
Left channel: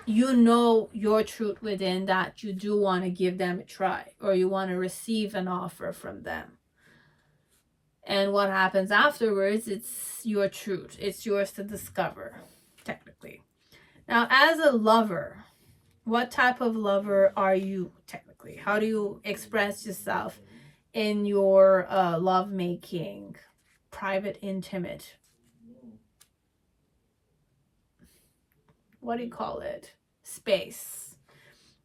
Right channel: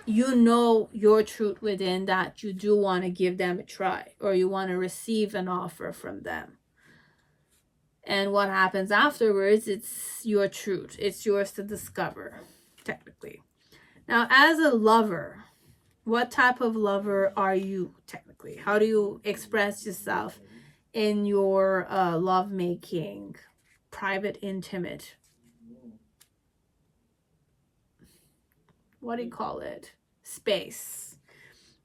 You know your truth within that you do want to give them a try, or you want to receive an offer from them. And what happens afterwards, it's your truth. It's yours to discover, technically. Now, as a lover, what type of lover are you, technically? How do you express yourself in your lovemaking, private, intimate? What do you call it? Space.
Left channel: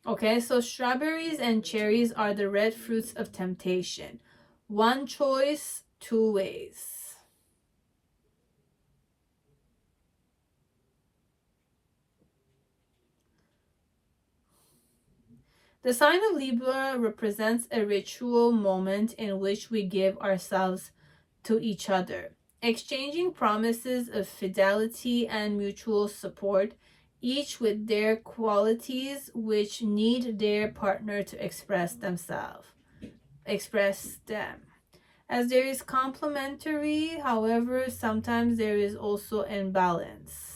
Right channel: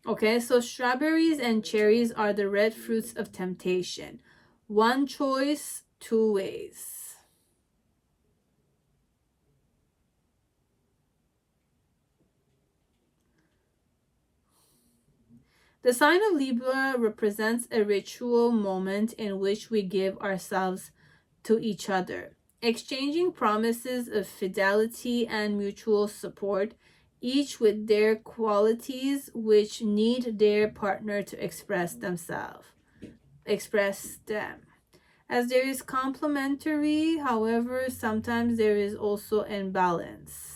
Okay, so strawberries and cherries are the red fruits of temptation. One choice, two ways. The sign of Libra represents a ritual moment in which we give ourselves to each other, exchanging promises of fidelity and mutual support, each with their qualities which need their partner to express them. As there is complementary, however, sometimes there is also imbalance.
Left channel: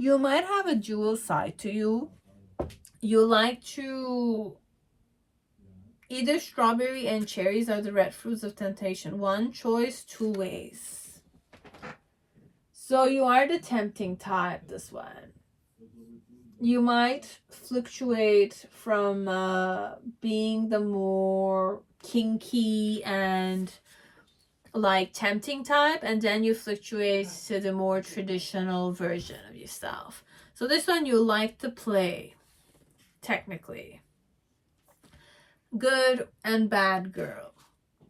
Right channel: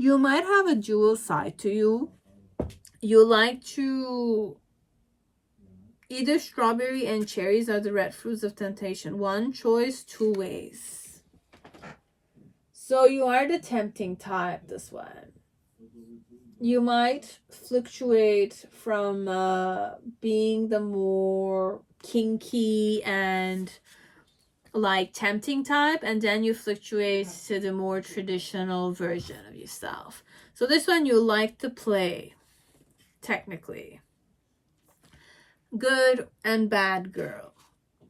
You might have a dual side to you. You like to, either strawberry and cherries are the red fruits of temptation. One choice, two ways. So you are the tempting type, this one. You might fluctuate from being the more kinky and like tempting type, and then you fluctuate to the more traditional version of yourself. So this one you like to play, technically. Good and bad girl,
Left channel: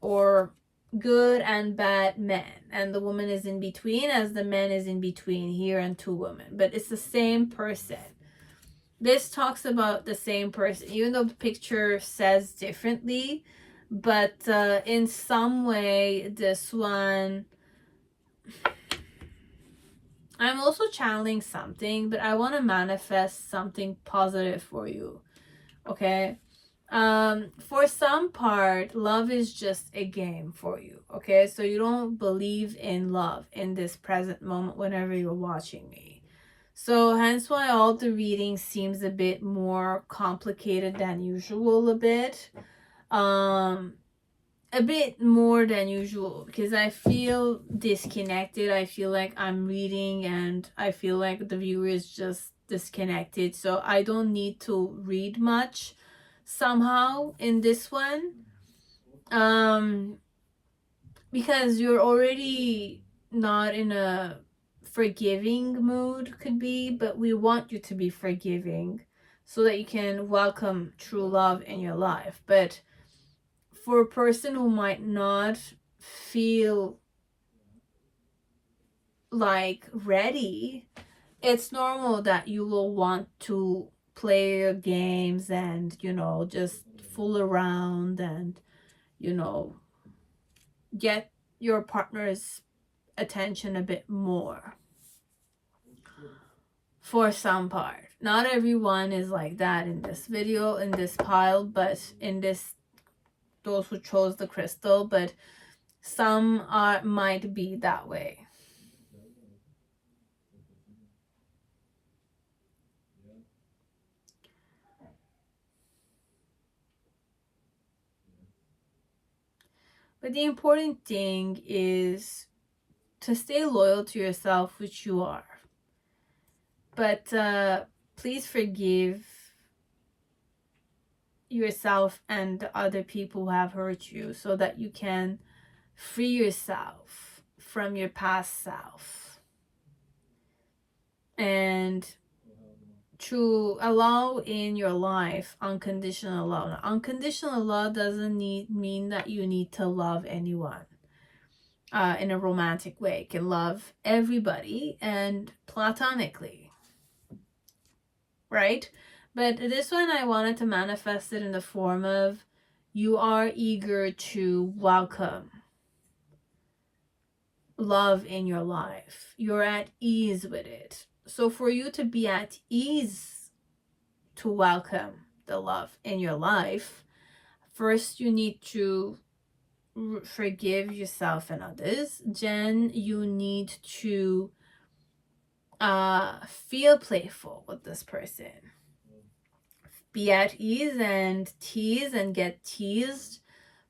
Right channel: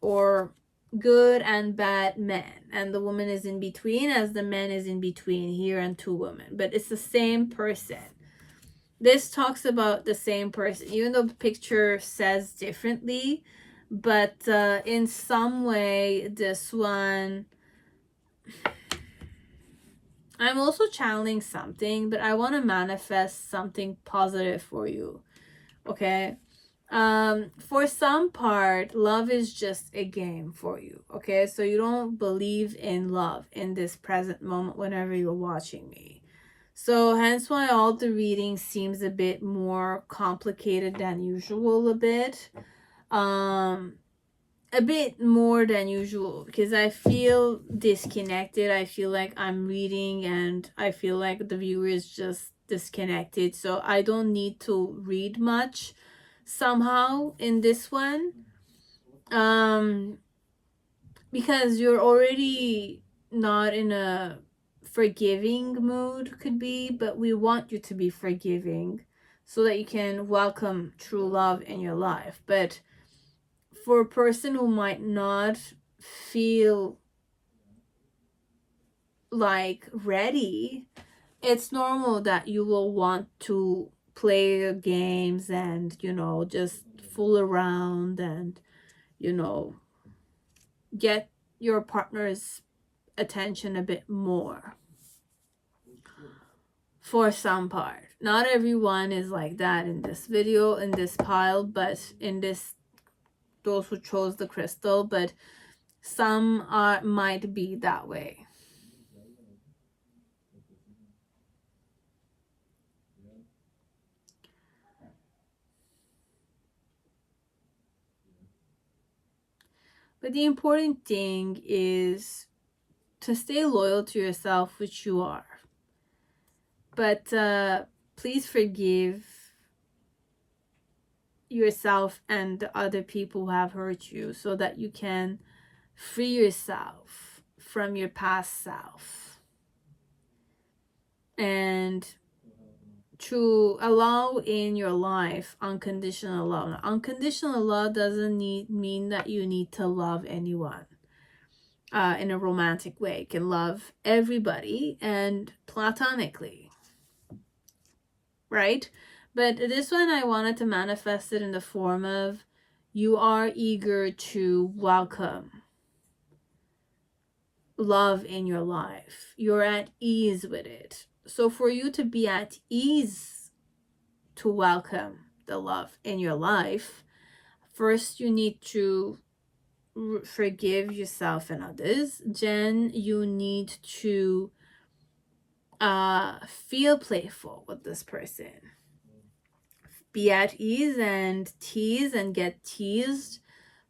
or good and bad man, and the woman is in between, as the man is in between here and two women, but it's the same person. This talks about the same person, even though the picture says differently, but in some way this one, I'm also channeling something, but I want to manifest something positive for you. Okay, for some part, love is just a game for you. Okay, so you don't believe in love in this present moment whenever you're watching me. So hence why all the reading seems a bit more complicated than usual, a bit more than usual, because I feel disconnected. I feel like I'm reading and I feel like the viewer is just disconnected, so I don't need to read much somehow in this one, because you're already not in a forgiving mood, could be, but we want you to be forgiving so that you can welcome true love in your life. But for a person who might not feel like ready, it's normal that you will want to play your games and, you know, just fool around and, you know, get your partner's attention a bit more. For some part, not everyone is like that in this video, in this pile, but in this, those who chose the crystal, but some might be that way. But the important thing is to stay loyal to yourself, which you are. But please forgive yourself and the other people who have hurt you, so that you can free yourself from your past self. And to allow in your life unconditional love. Now, unconditional love doesn't mean that you need to love anyone in a romantic way. You can love everybody and platonically, right? But this one, I wanted to manifest it in the form of, you are eager to welcome love in your life. You're at ease with it. So for you to be at ease to welcome the love in your life, first you need to forgive yourself and others. Then you need to feel playful with this person. Be at ease and tease and get teased.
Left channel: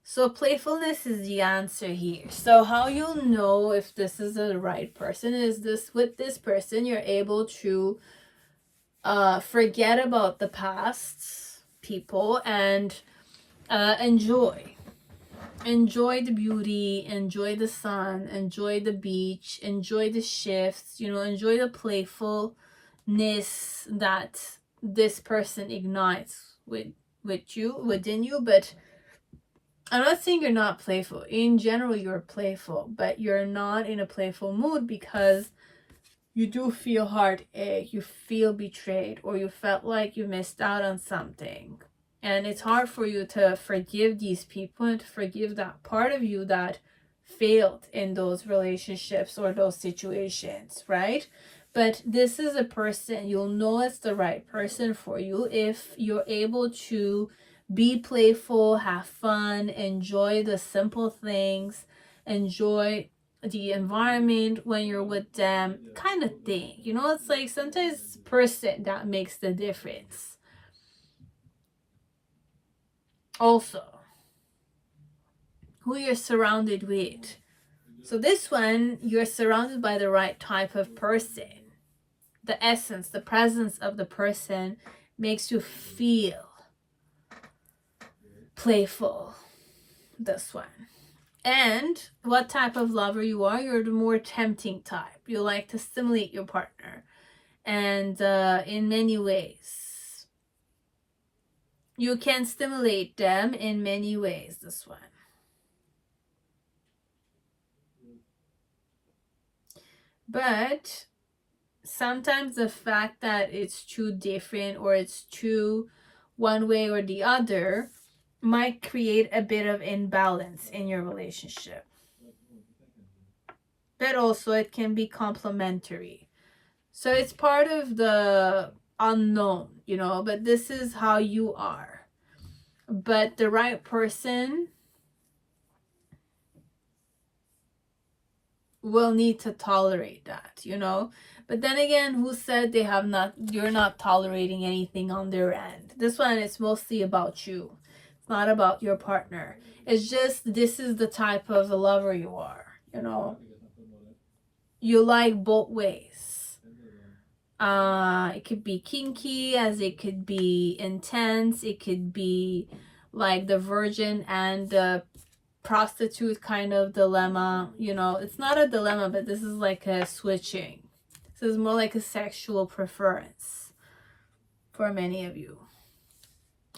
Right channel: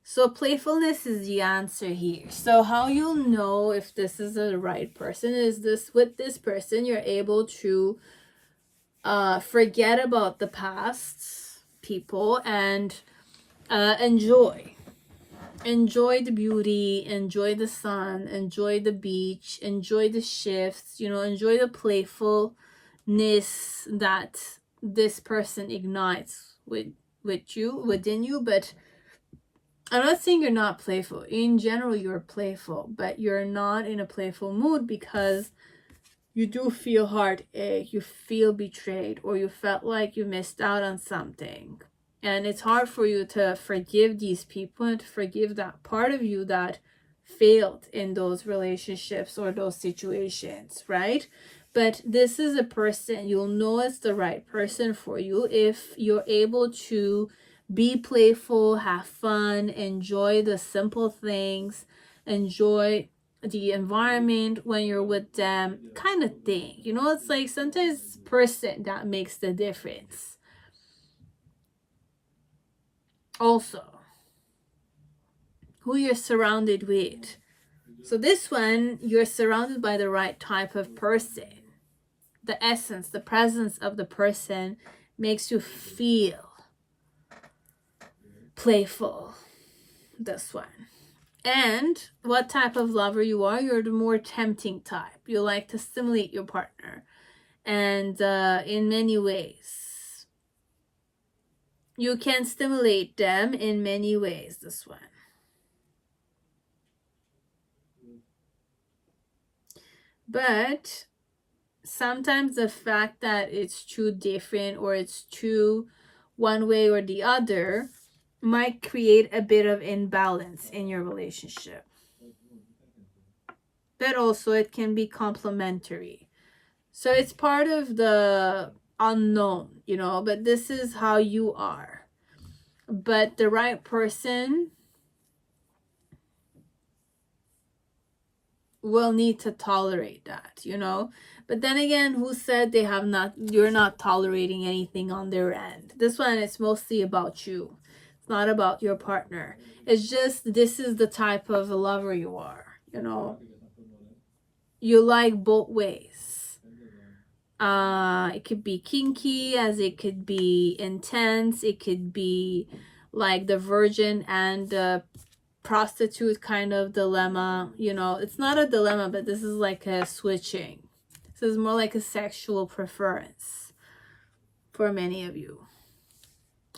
So playfulness is the answer here. So how you'll know if this is the right person is this, with this person, you're able to forget about the past people and enjoy the beauty, enjoy the sun, enjoy the beach, enjoy the shifts, you know, enjoy the playfulness that this person ignites within you. But I'm not saying you're not playful. In general, you're playful, but you're not in a playful mood because you do feel heartache, you feel betrayed, or you felt like you missed out on something. And it's hard for you to forgive these people and to forgive that part of you that failed in those relationships or those situations, right? But this is a person, you'll know it's the right person for you if you're able to be playful, have fun, enjoy the simple things, enjoy the environment when you're with them, kind of thing. You know, it's like sometimes it's the person that makes the difference. Also, who you're surrounded with. So this one, you're surrounded by the right type of person. The essence, the presence of the person makes you feel playful. This one. And what type of lover you are, you're the more tempting type. You like to stimulate your partner. And in many ways, you can stimulate them in many ways, this one. But sometimes the fact that it's too different or it's too one way or the other might create a bit of imbalance in your relationship. But also it can be complementary. So it's part of the unknown, you know, but this is how you are. But the right person will need to tolerate that, you know. But then again, who said you're not tolerating anything on their end? This one is mostly about you. It's not about your partner. It's just this is the type of lover you are, you know. You like both ways. It could be kinky, as it could be intense. It could be like the virgin and the prostitute kind of dilemma. You know, it's not a dilemma, but this is like a switching. This is more like a sexual preference for many of you.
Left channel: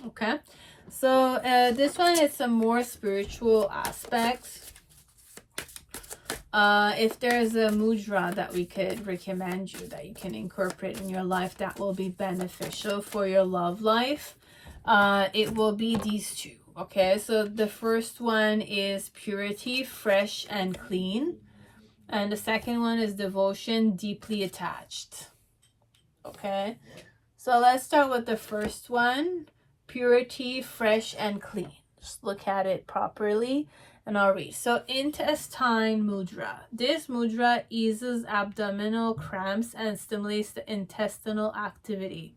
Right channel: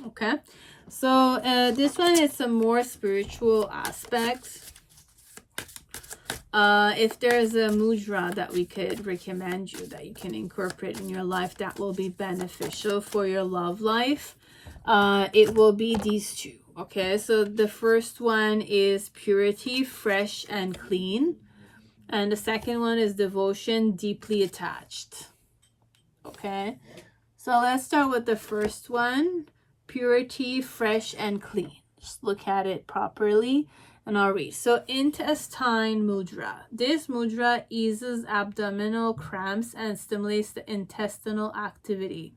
Okay, so this one is some more spiritual aspects. If there's a mudra that we could recommend you that you can incorporate in your life that will be beneficial for your love life, it will be these two. Okay, so the first one is purity, fresh and clean. And the second one is devotion, deeply attached. Okay, so let's start with the first one, purity, fresh and clean. Just look at it properly and I'll read. So intestine mudra. This mudra eases abdominal cramps and stimulates the intestinal activity.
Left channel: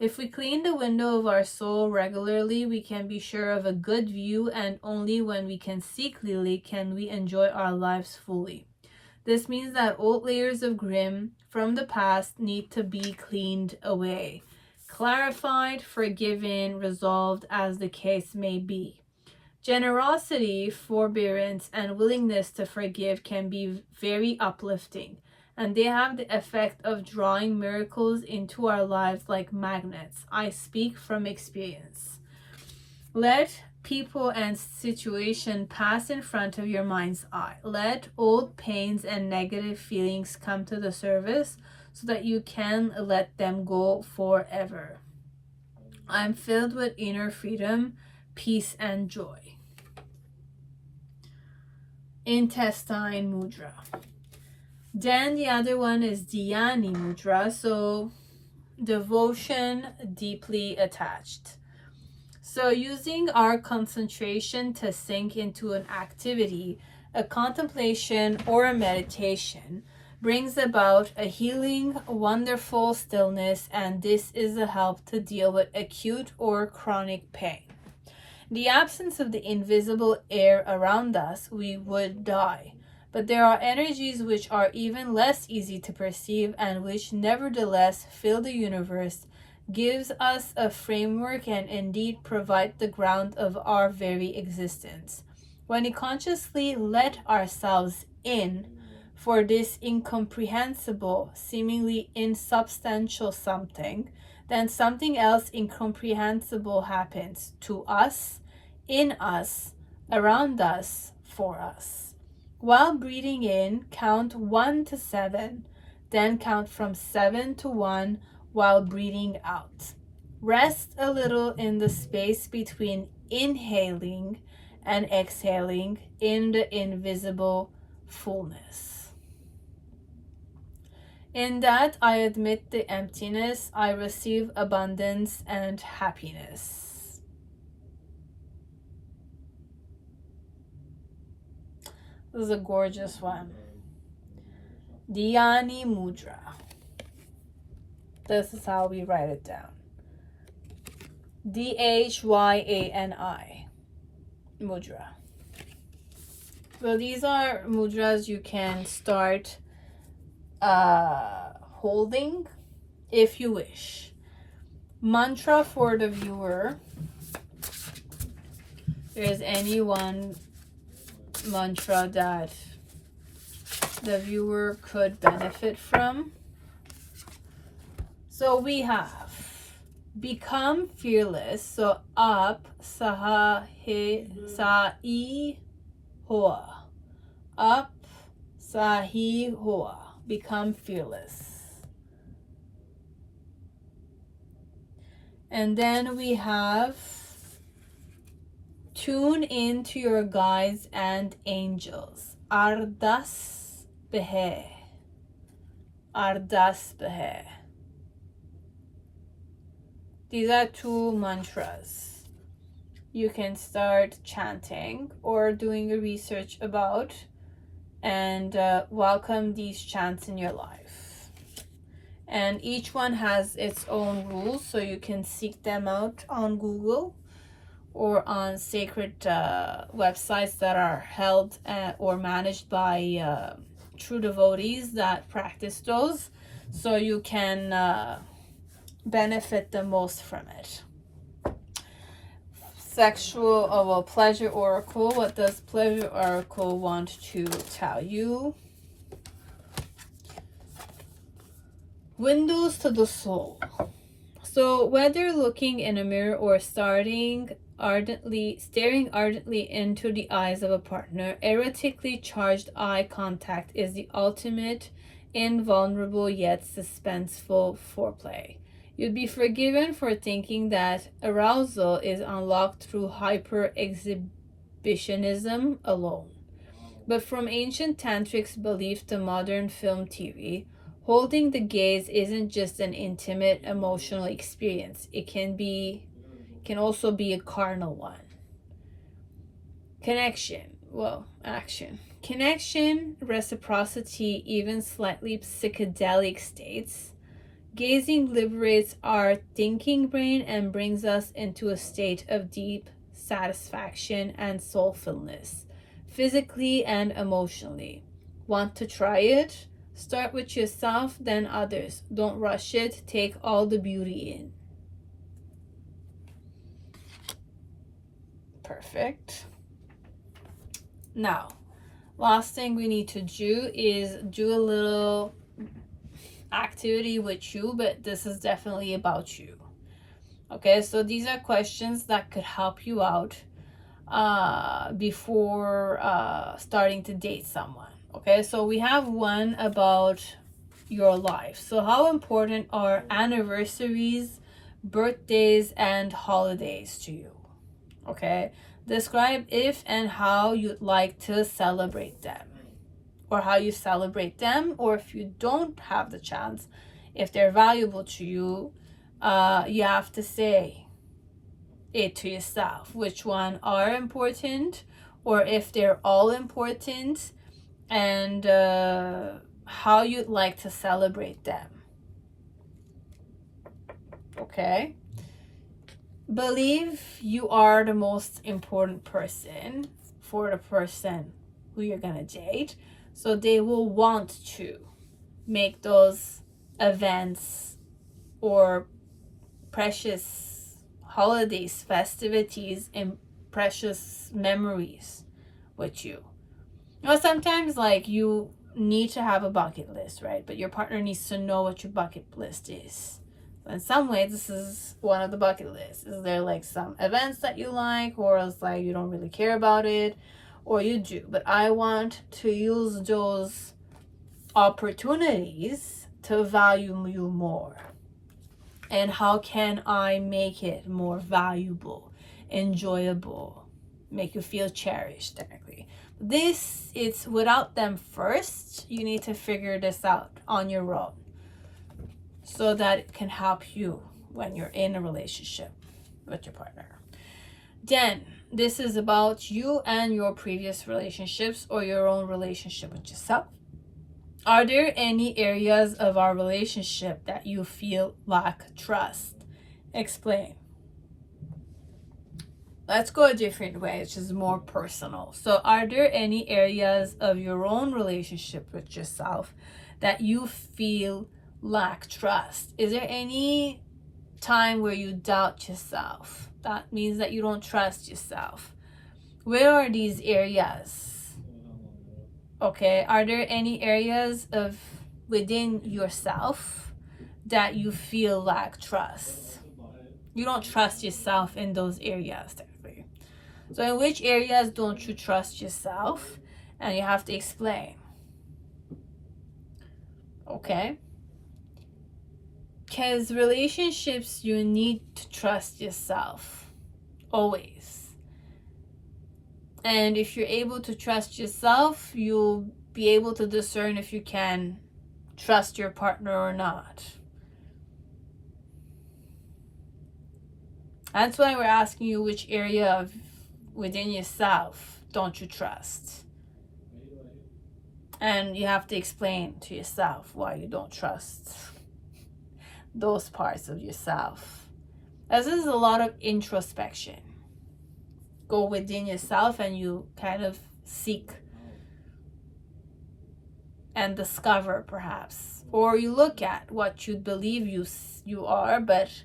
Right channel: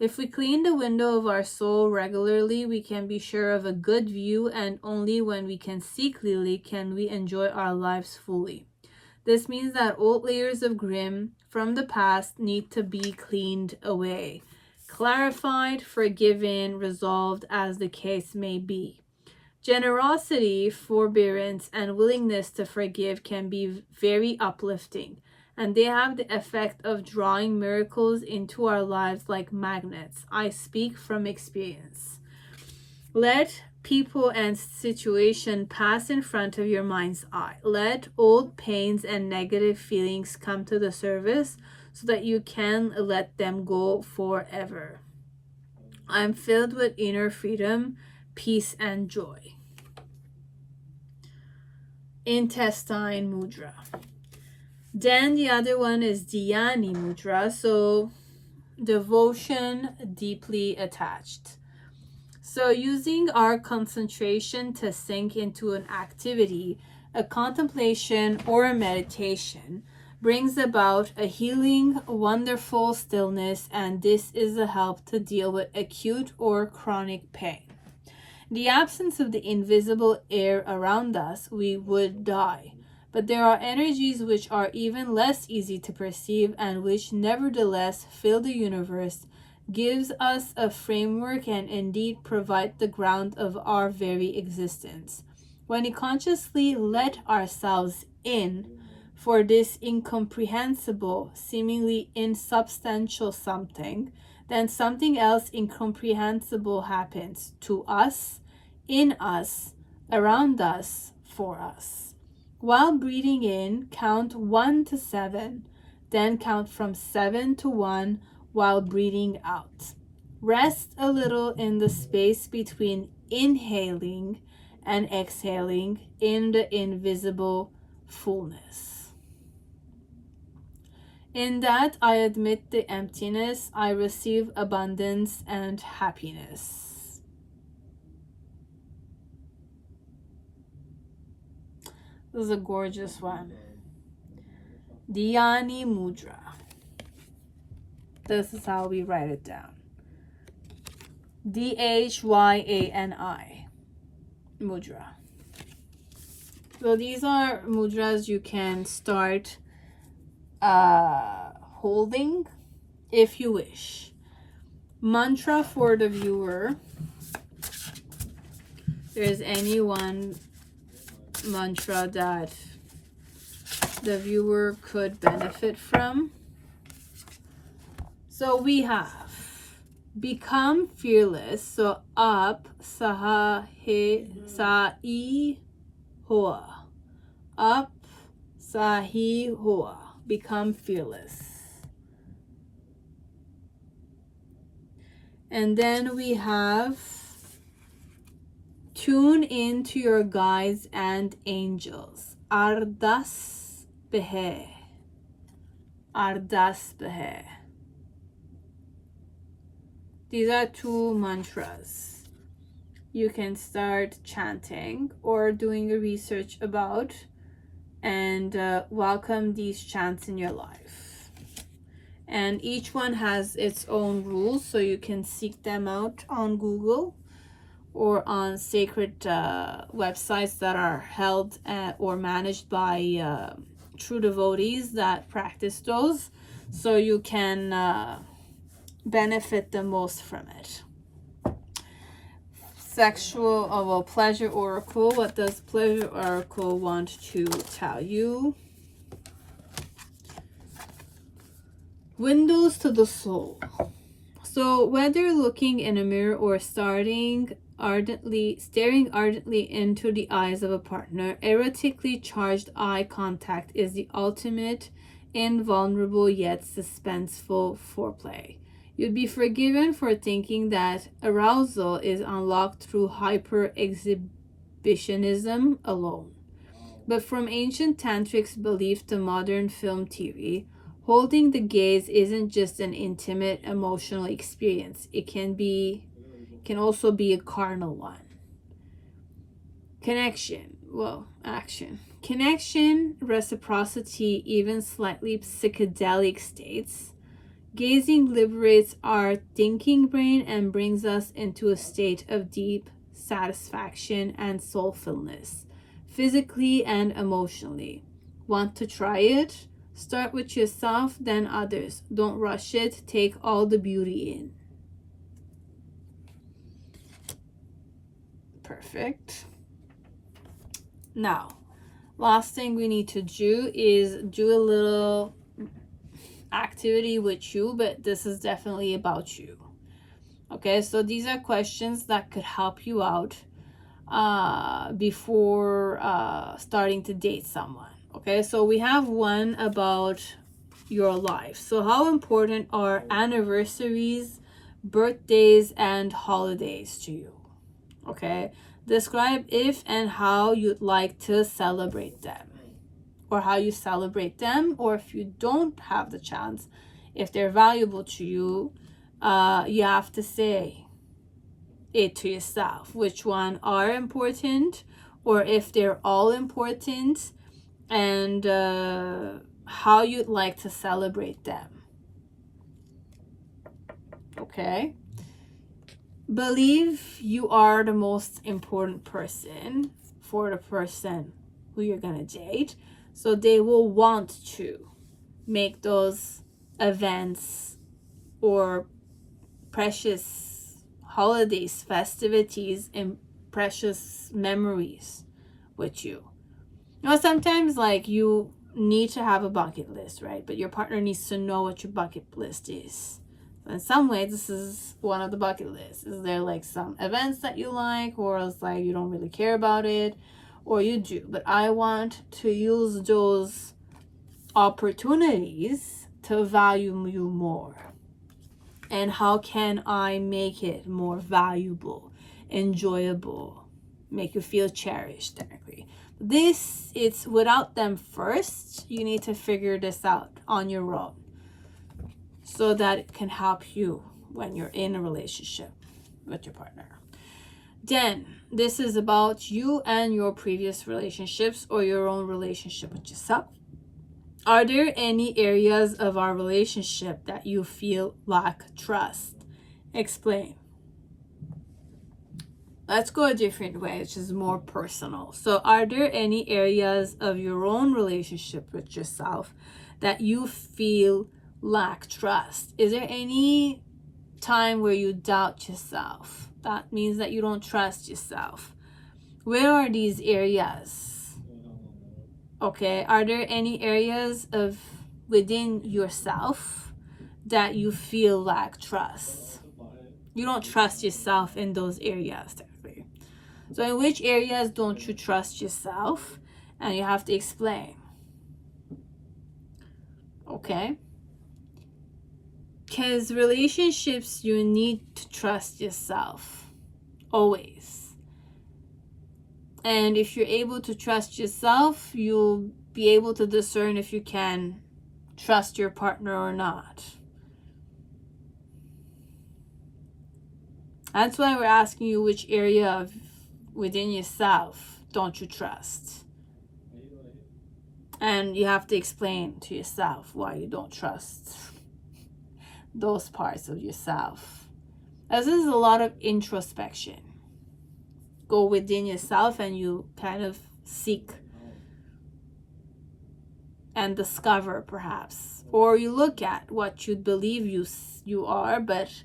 If we clean the window of our soul regularly, we can be sure of a good view, and only when we can see clearly can we enjoy our lives fully. This means that old layers of grim from the past need to be cleaned away, clarified, forgiven, resolved, as the case may be. Generosity, forbearance, and willingness to forgive can be very uplifting, and they have the effect of drawing miracles into our lives like magnets. I speak from experience. Let people and situation pass in front of your mind's eye. Let old pains and negative feelings come to the surface so that you can let them go forever. I'm filled with inner freedom, peace, and joy. Intestine mudra. Then the other one is Dhyani mudra. So devotion, deeply attached. So using our concentration to sink into an activity, a contemplation, or a meditation brings about a healing, wonderful stillness, and this is a help to deal with acute or chronic pain. The absence of the invisible air around us, we would die. But there are energies which are even less easy to perceive and which nevertheless fill the universe, gives us a framework, and indeed provide the ground of our very existence. When we consciously let ourselves in for this incomprehensible, seemingly insubstantial something, then something else incomprehensible happens to us, in us, around us, for us. While breathing in, count 1 to 7, then count from 7 to 1 while breathing out. Rest a little in the space between inhaling and exhaling in the invisible fullness. In that I admit the emptiness, I receive abundance and happiness. This is a gorgeous one. Dhyani Mudra. This is how we write it down. Dhyani Mudra. So these are mudras you can start holding if you wish. Mantra for the viewer. If there's any one mantra that the viewer could benefit from. So we have become fearless. So up saha he sa I hoa. Up sahi hoa. Become fearless. And then we have tune into your guides and angels. Ardas behe. Ardas behe. These are 2 mantras you can start chanting or doing a research about, and welcome these chants in your life. And each one has its own rules, so you can seek them out on Google or on sacred websites that are held or managed by true devotees that practice those, so you can benefit the most from it. Pleasure oracle. What does pleasure oracle want to tell you? Windows to the soul. So whether looking in a mirror or staring ardently into the eyes of a partner, erotically charged eye contact is the ultimate invulnerable yet suspenseful foreplay. You'd be forgiven for thinking that arousal is unlocked through hyper-exhibitionism alone. But from ancient tantrics belief to modern film TV, holding the gaze isn't just an intimate emotional experience. It can also be a carnal one. Action. Connection, reciprocity, even slightly psychedelic states. Gazing liberates our thinking brain and brings us into a state of deep satisfaction and soulfulness, physically and emotionally. Want to try it? Start with yourself, then others. Don't rush it. Take all the beauty in. Perfect. Now, last thing we need to do is do a little activity with you, but this is definitely about you. Okay, so these are questions that could help you out before starting to date someone. Okay, so we have one about your life. So how important are anniversaries, birthdays, and holidays to you? Okay, describe if and how you'd like to celebrate them, or how you celebrate them, or if you don't have the chance, if they're valuable to you, you have to say it to yourself, which one are important, or if they're all important, and how you'd like to celebrate them. Okay? Believe you are the most important person for the person who you're gonna date. So they will want to make those events or precious holidays, festivities, and precious memories with you. You know, sometimes like you need to have a bucket list, right? But your partner needs to know what your bucket list is. So in some ways, this is one of the bucket lists. Is there like some events that you like, or else like you don't really care about it? Or you do, but I want to use those opportunities to value you more. And how can I make it more valuable, enjoyable, make you feel cherished, technically? It's without them first. You need to figure this out on your own so that it can help you when you're in a relationship with your partner. Then this is about you and your previous relationships or your own relationship with yourself. Are there any areas of our relationship that you feel lack trust? Explain. Let's go a different way, which is more personal. So are there any areas of your own relationship with yourself that you feel lack trust? Is there any time where you doubt yourself? That means that you don't trust yourself. Where are these areas? Okay, are there any areas of within yourself that you feel lack trust? You don't trust yourself in those areas. So in which areas don't you trust yourself? And you have to explain. Okay? Because relationships, you need to trust yourself. Always. And if you're able to trust yourself, you'll be able to discern if you can trust your partner or not. That's why we're asking you which area of within yourself don't you trust, and you have to explain to yourself why you don't trust those parts of yourself. As this is a lot of introspection. Go within yourself and you kind of seek and discover, perhaps, or you look at what you believe you are, but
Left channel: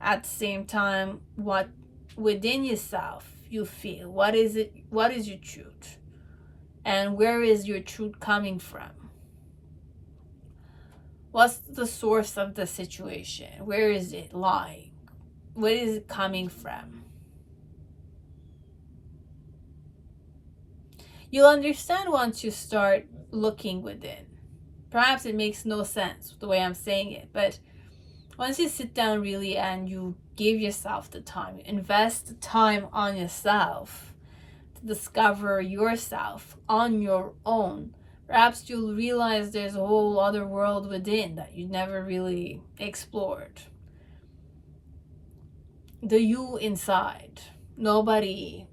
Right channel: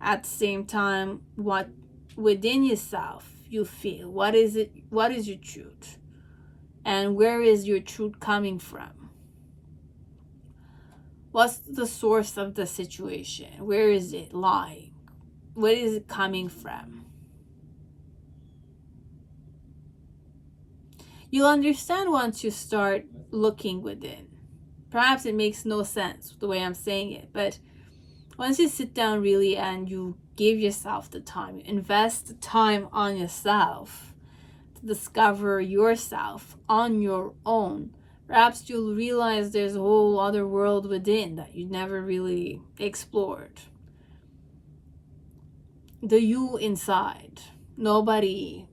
at the same time what within yourself you feel. What is it? What is your truth? And where is your truth coming from? What's the source of the situation? Where is it lying? Where is it coming from? You'll understand once you start looking within. Perhaps it makes no sense the way I'm saying it, but once you sit down really and you give yourself the time, you invest the time on yourself to discover yourself on your own, perhaps you'll realize there's a whole other world within that you never really explored. The you inside, nobody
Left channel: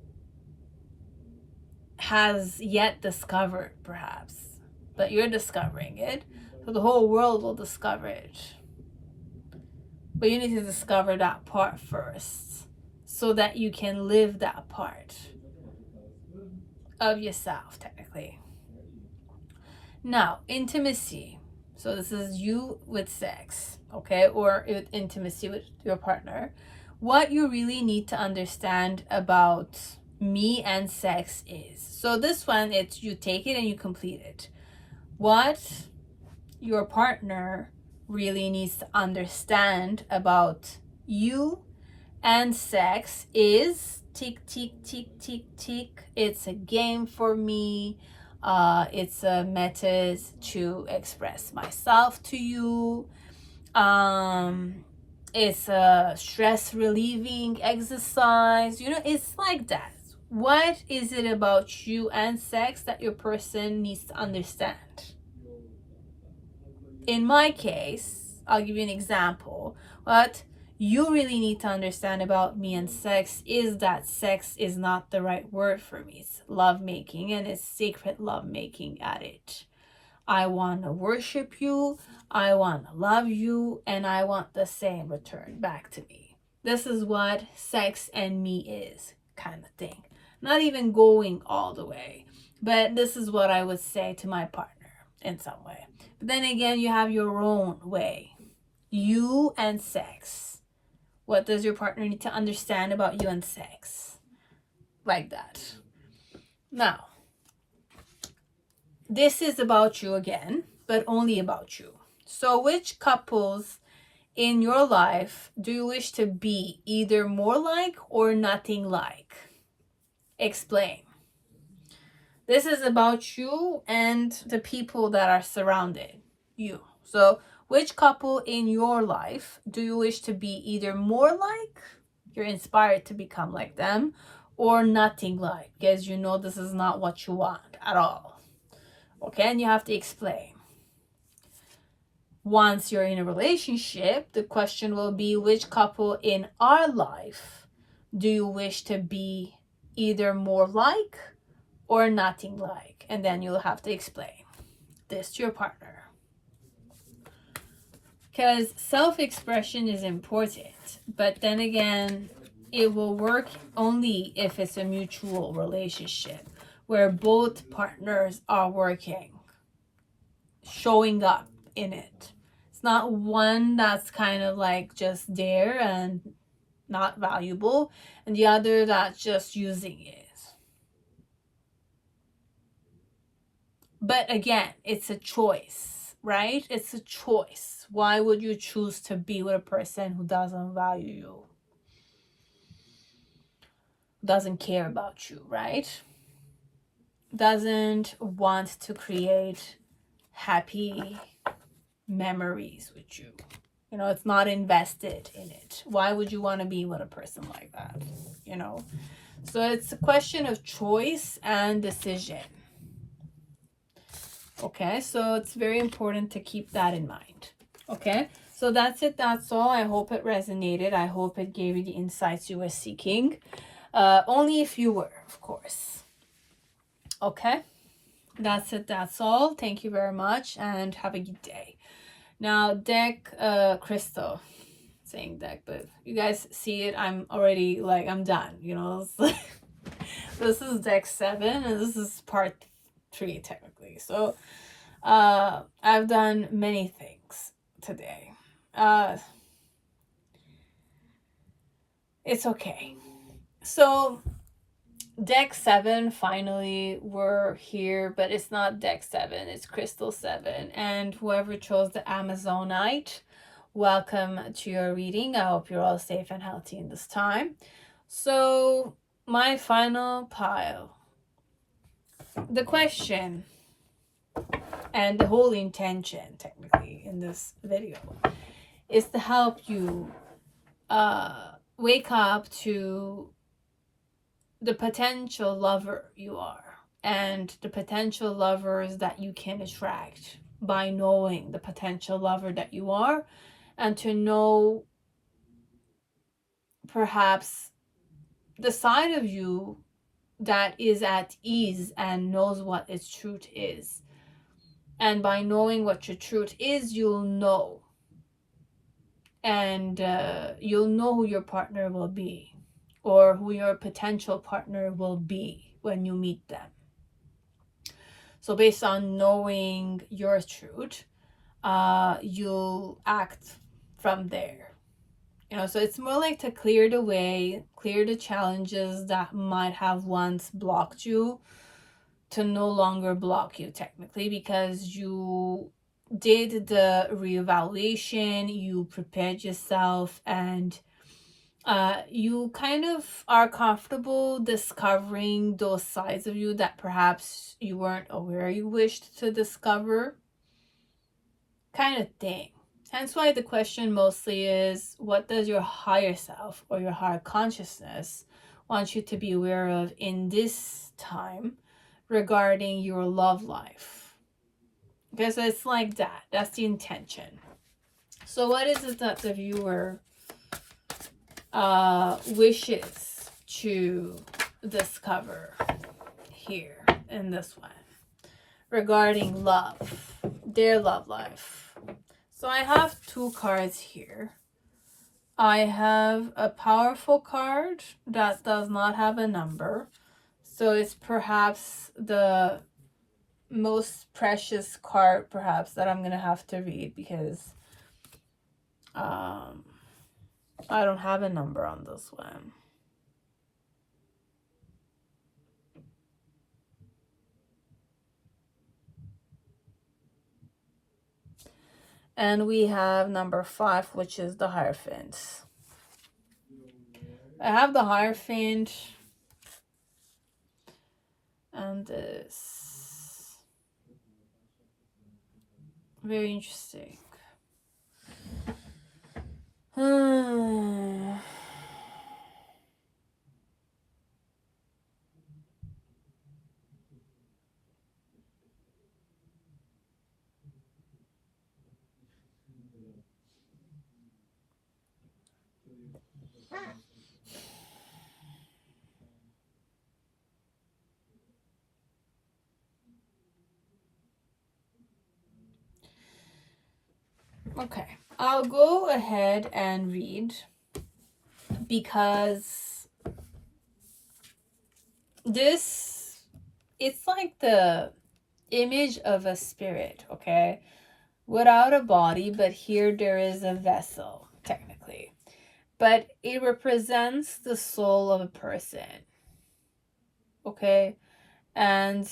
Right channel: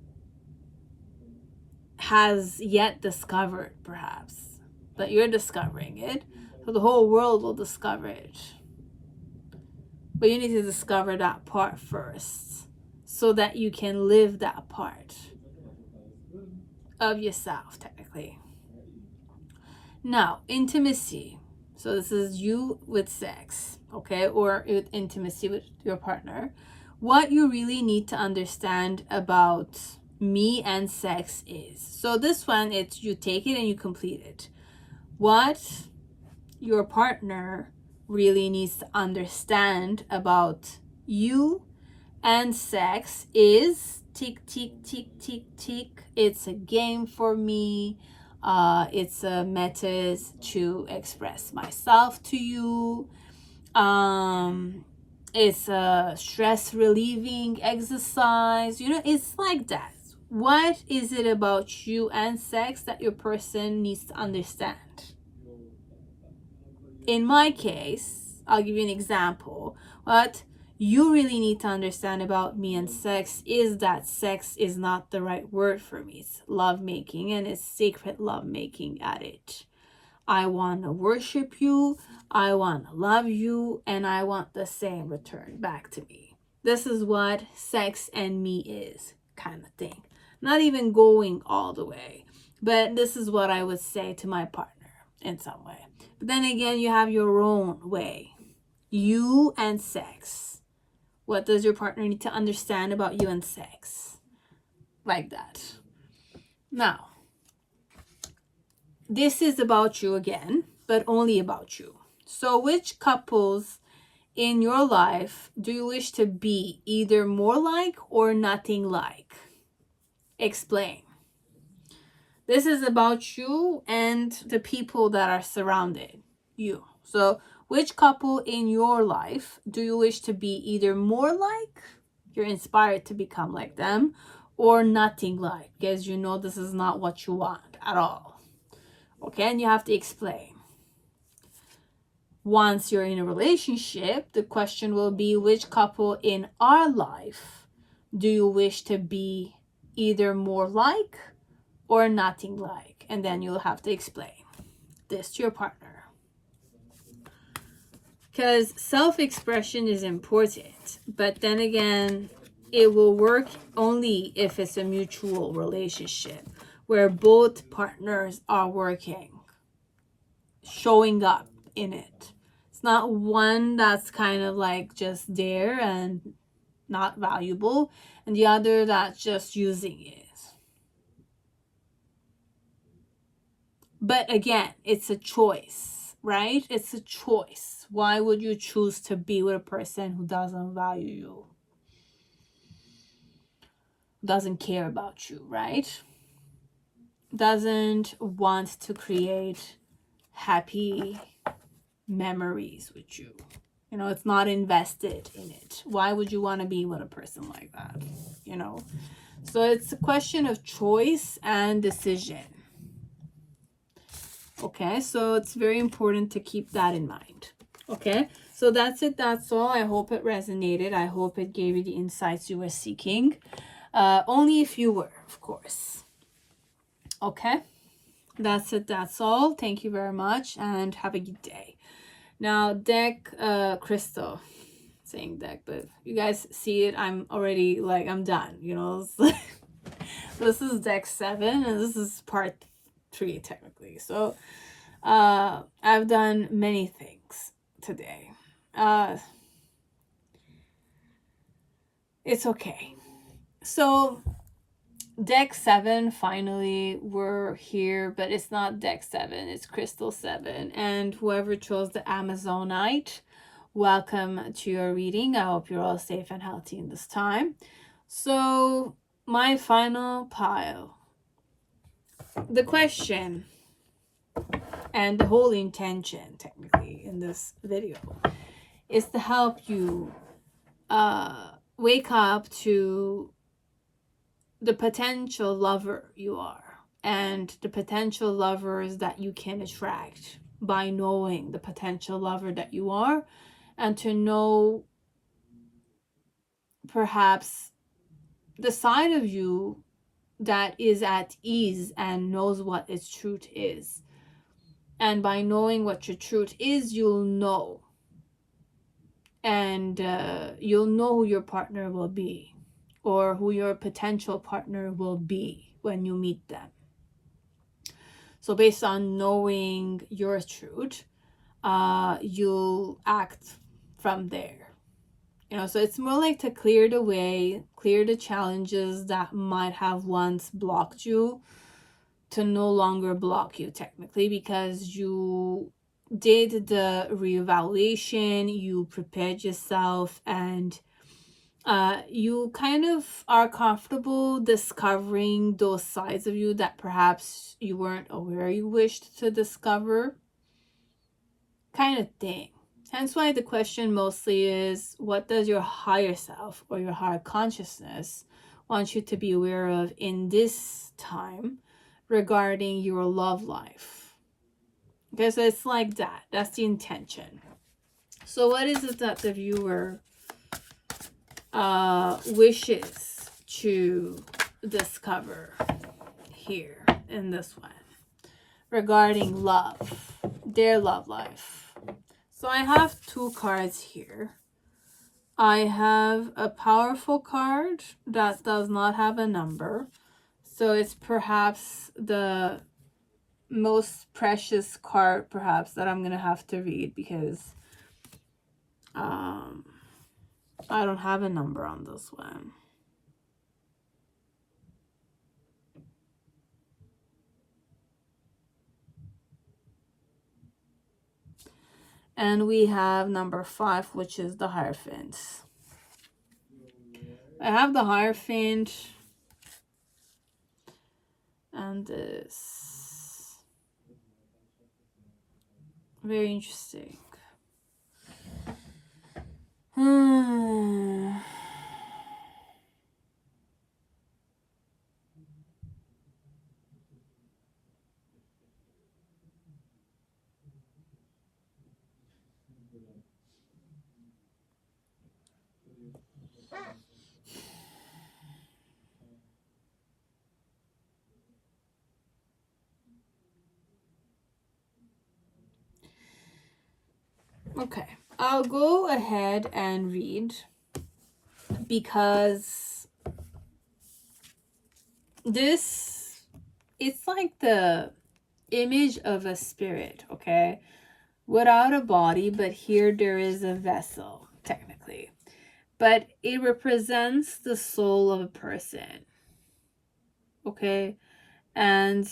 has yet discovered, perhaps, but you're discovering it, so the whole world will discover it. But you need to discover that part first so that you can live that part of yourself, technically. Now, intimacy. So this is you with sex, okay, or with intimacy with your partner. What you really need to understand about me and sex is, so this one, it's you take it and you complete it. What your partner really needs to understand about you and sex is tick, tick, tick, tick, tick. It's a game for me. It's a method to express myself to you. It's a stress relieving exercise. You know, it's like that. What is it about you and sex that your person needs to understand? In my case, I'll give you an example. What you really need to understand about me and sex is that sex is not the right word for me. It's lovemaking, and it's sacred lovemaking at it. I want to worship you, I want to love you, and I want the same return back to me. This is what sex and me is, kind of thing. Not even going all the way, but this is what I would say to my partner in some way. But then again, you have your own way. You and sex. What does your partner need to understand about you and sex? Like that. Now, this is about you again, but only about you. So which couples in your life do you wish to be either more like or nothing like? Explain. This is about you and the people that are surrounded you. So which couple in your life do you wish to be either more like, you're inspired to become like them, or nothing like, because you know this is not what you want at all. Okay, and you have to explain. Once you're in a relationship, the question will be which couple in our life do you wish to be either more like or nothing like? And then you'll have to explain this to your partner. Because self-expression is important, but then again, it will work only if it's a mutual relationship where both partners are working, showing up in it. It's not one that's kind of like just there and not valuable, and the other that's just using it. But again, it's a choice, right? It's a choice. Why would you choose to be with a person who doesn't value you, doesn't care about you, right? Doesn't want to create happy memories with you. You know, it's not invested in it. Why would you want to be with a person like that? You know, so it's a question of choice and decision. Okay, so it's very important to keep that in mind. Okay, so that's it. That's all. I hope it resonated. I hope it gave you the insights you were seeking. Only if you were, of course. Okay, that's it. That's all. Thank you very much and have a good day. Now, deck Crystal. Saying deck, but you guys see it. I'm already like, I'm done. You know, this is deck 7 and this is part 3 technically. So I've done many things today. It's okay. So deck 7, finally we're here, but it's not deck 7, it's crystal 7. And whoever chose the Amazonite, welcome to your reading. I hope you're all safe and healthy in this time. So my final pile, the question and the whole intention technically in this video is to help you wake up to the potential lover you are and the potential lovers that you can attract by knowing the potential lover that you are, and to know perhaps the side of you that is at ease and knows what its truth is. And by knowing what your truth is, you'll know. And you'll know who your partner will be, or who your potential partner will be when you meet them. So based on knowing your truth, you'll act from there. You know, so it's more like to clear the way, clear the challenges that might have once blocked you, to no longer block you technically, because you did the reevaluation, you prepared yourself, and you kind of are comfortable discovering those sides of you that perhaps you weren't aware you wished to discover, kind of thing. Hence why the question mostly is, what does your higher self or your higher consciousness want you to be aware of in this time regarding your love life? Okay, so it's like that. That's the intention. So what is it that the viewer wishes to discover here in this one regarding love, their love life? So I have 2 cards here. I have a powerful card that does not have a number, so it's perhaps the most precious card perhaps that I'm gonna have to read, because I don't have a number on this one. And we have number 5, which is the Hierophant. I have the Hierophant and this. Very interesting. Okay, I'll go ahead and read, because this, it's like the image of a spirit, okay, without a body, but here there is a vessel technically, but it represents the soul of a person, okay. And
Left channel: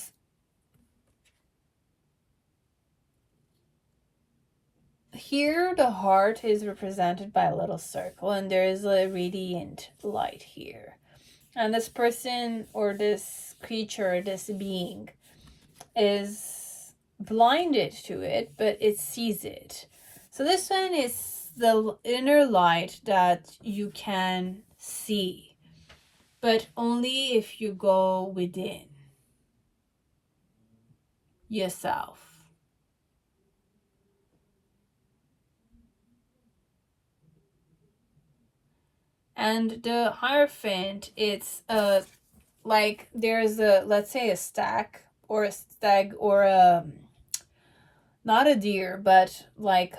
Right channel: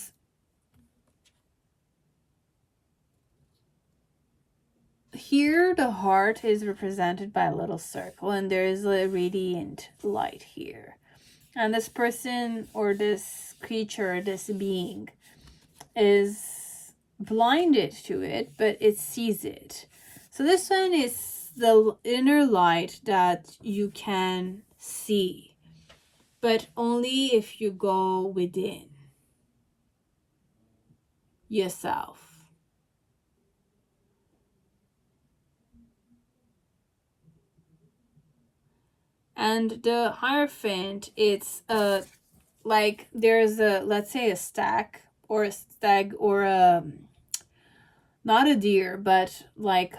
here the heart is represented by a little circle, and there is a radiant light here, and this person or this creature, this being, is blinded to it, but it sees it. So this one is the inner light that you can see, but only if you go within yourself. And the Hierophant, it's like there's a, let's say, a stack or a stag or a, not a deer, but like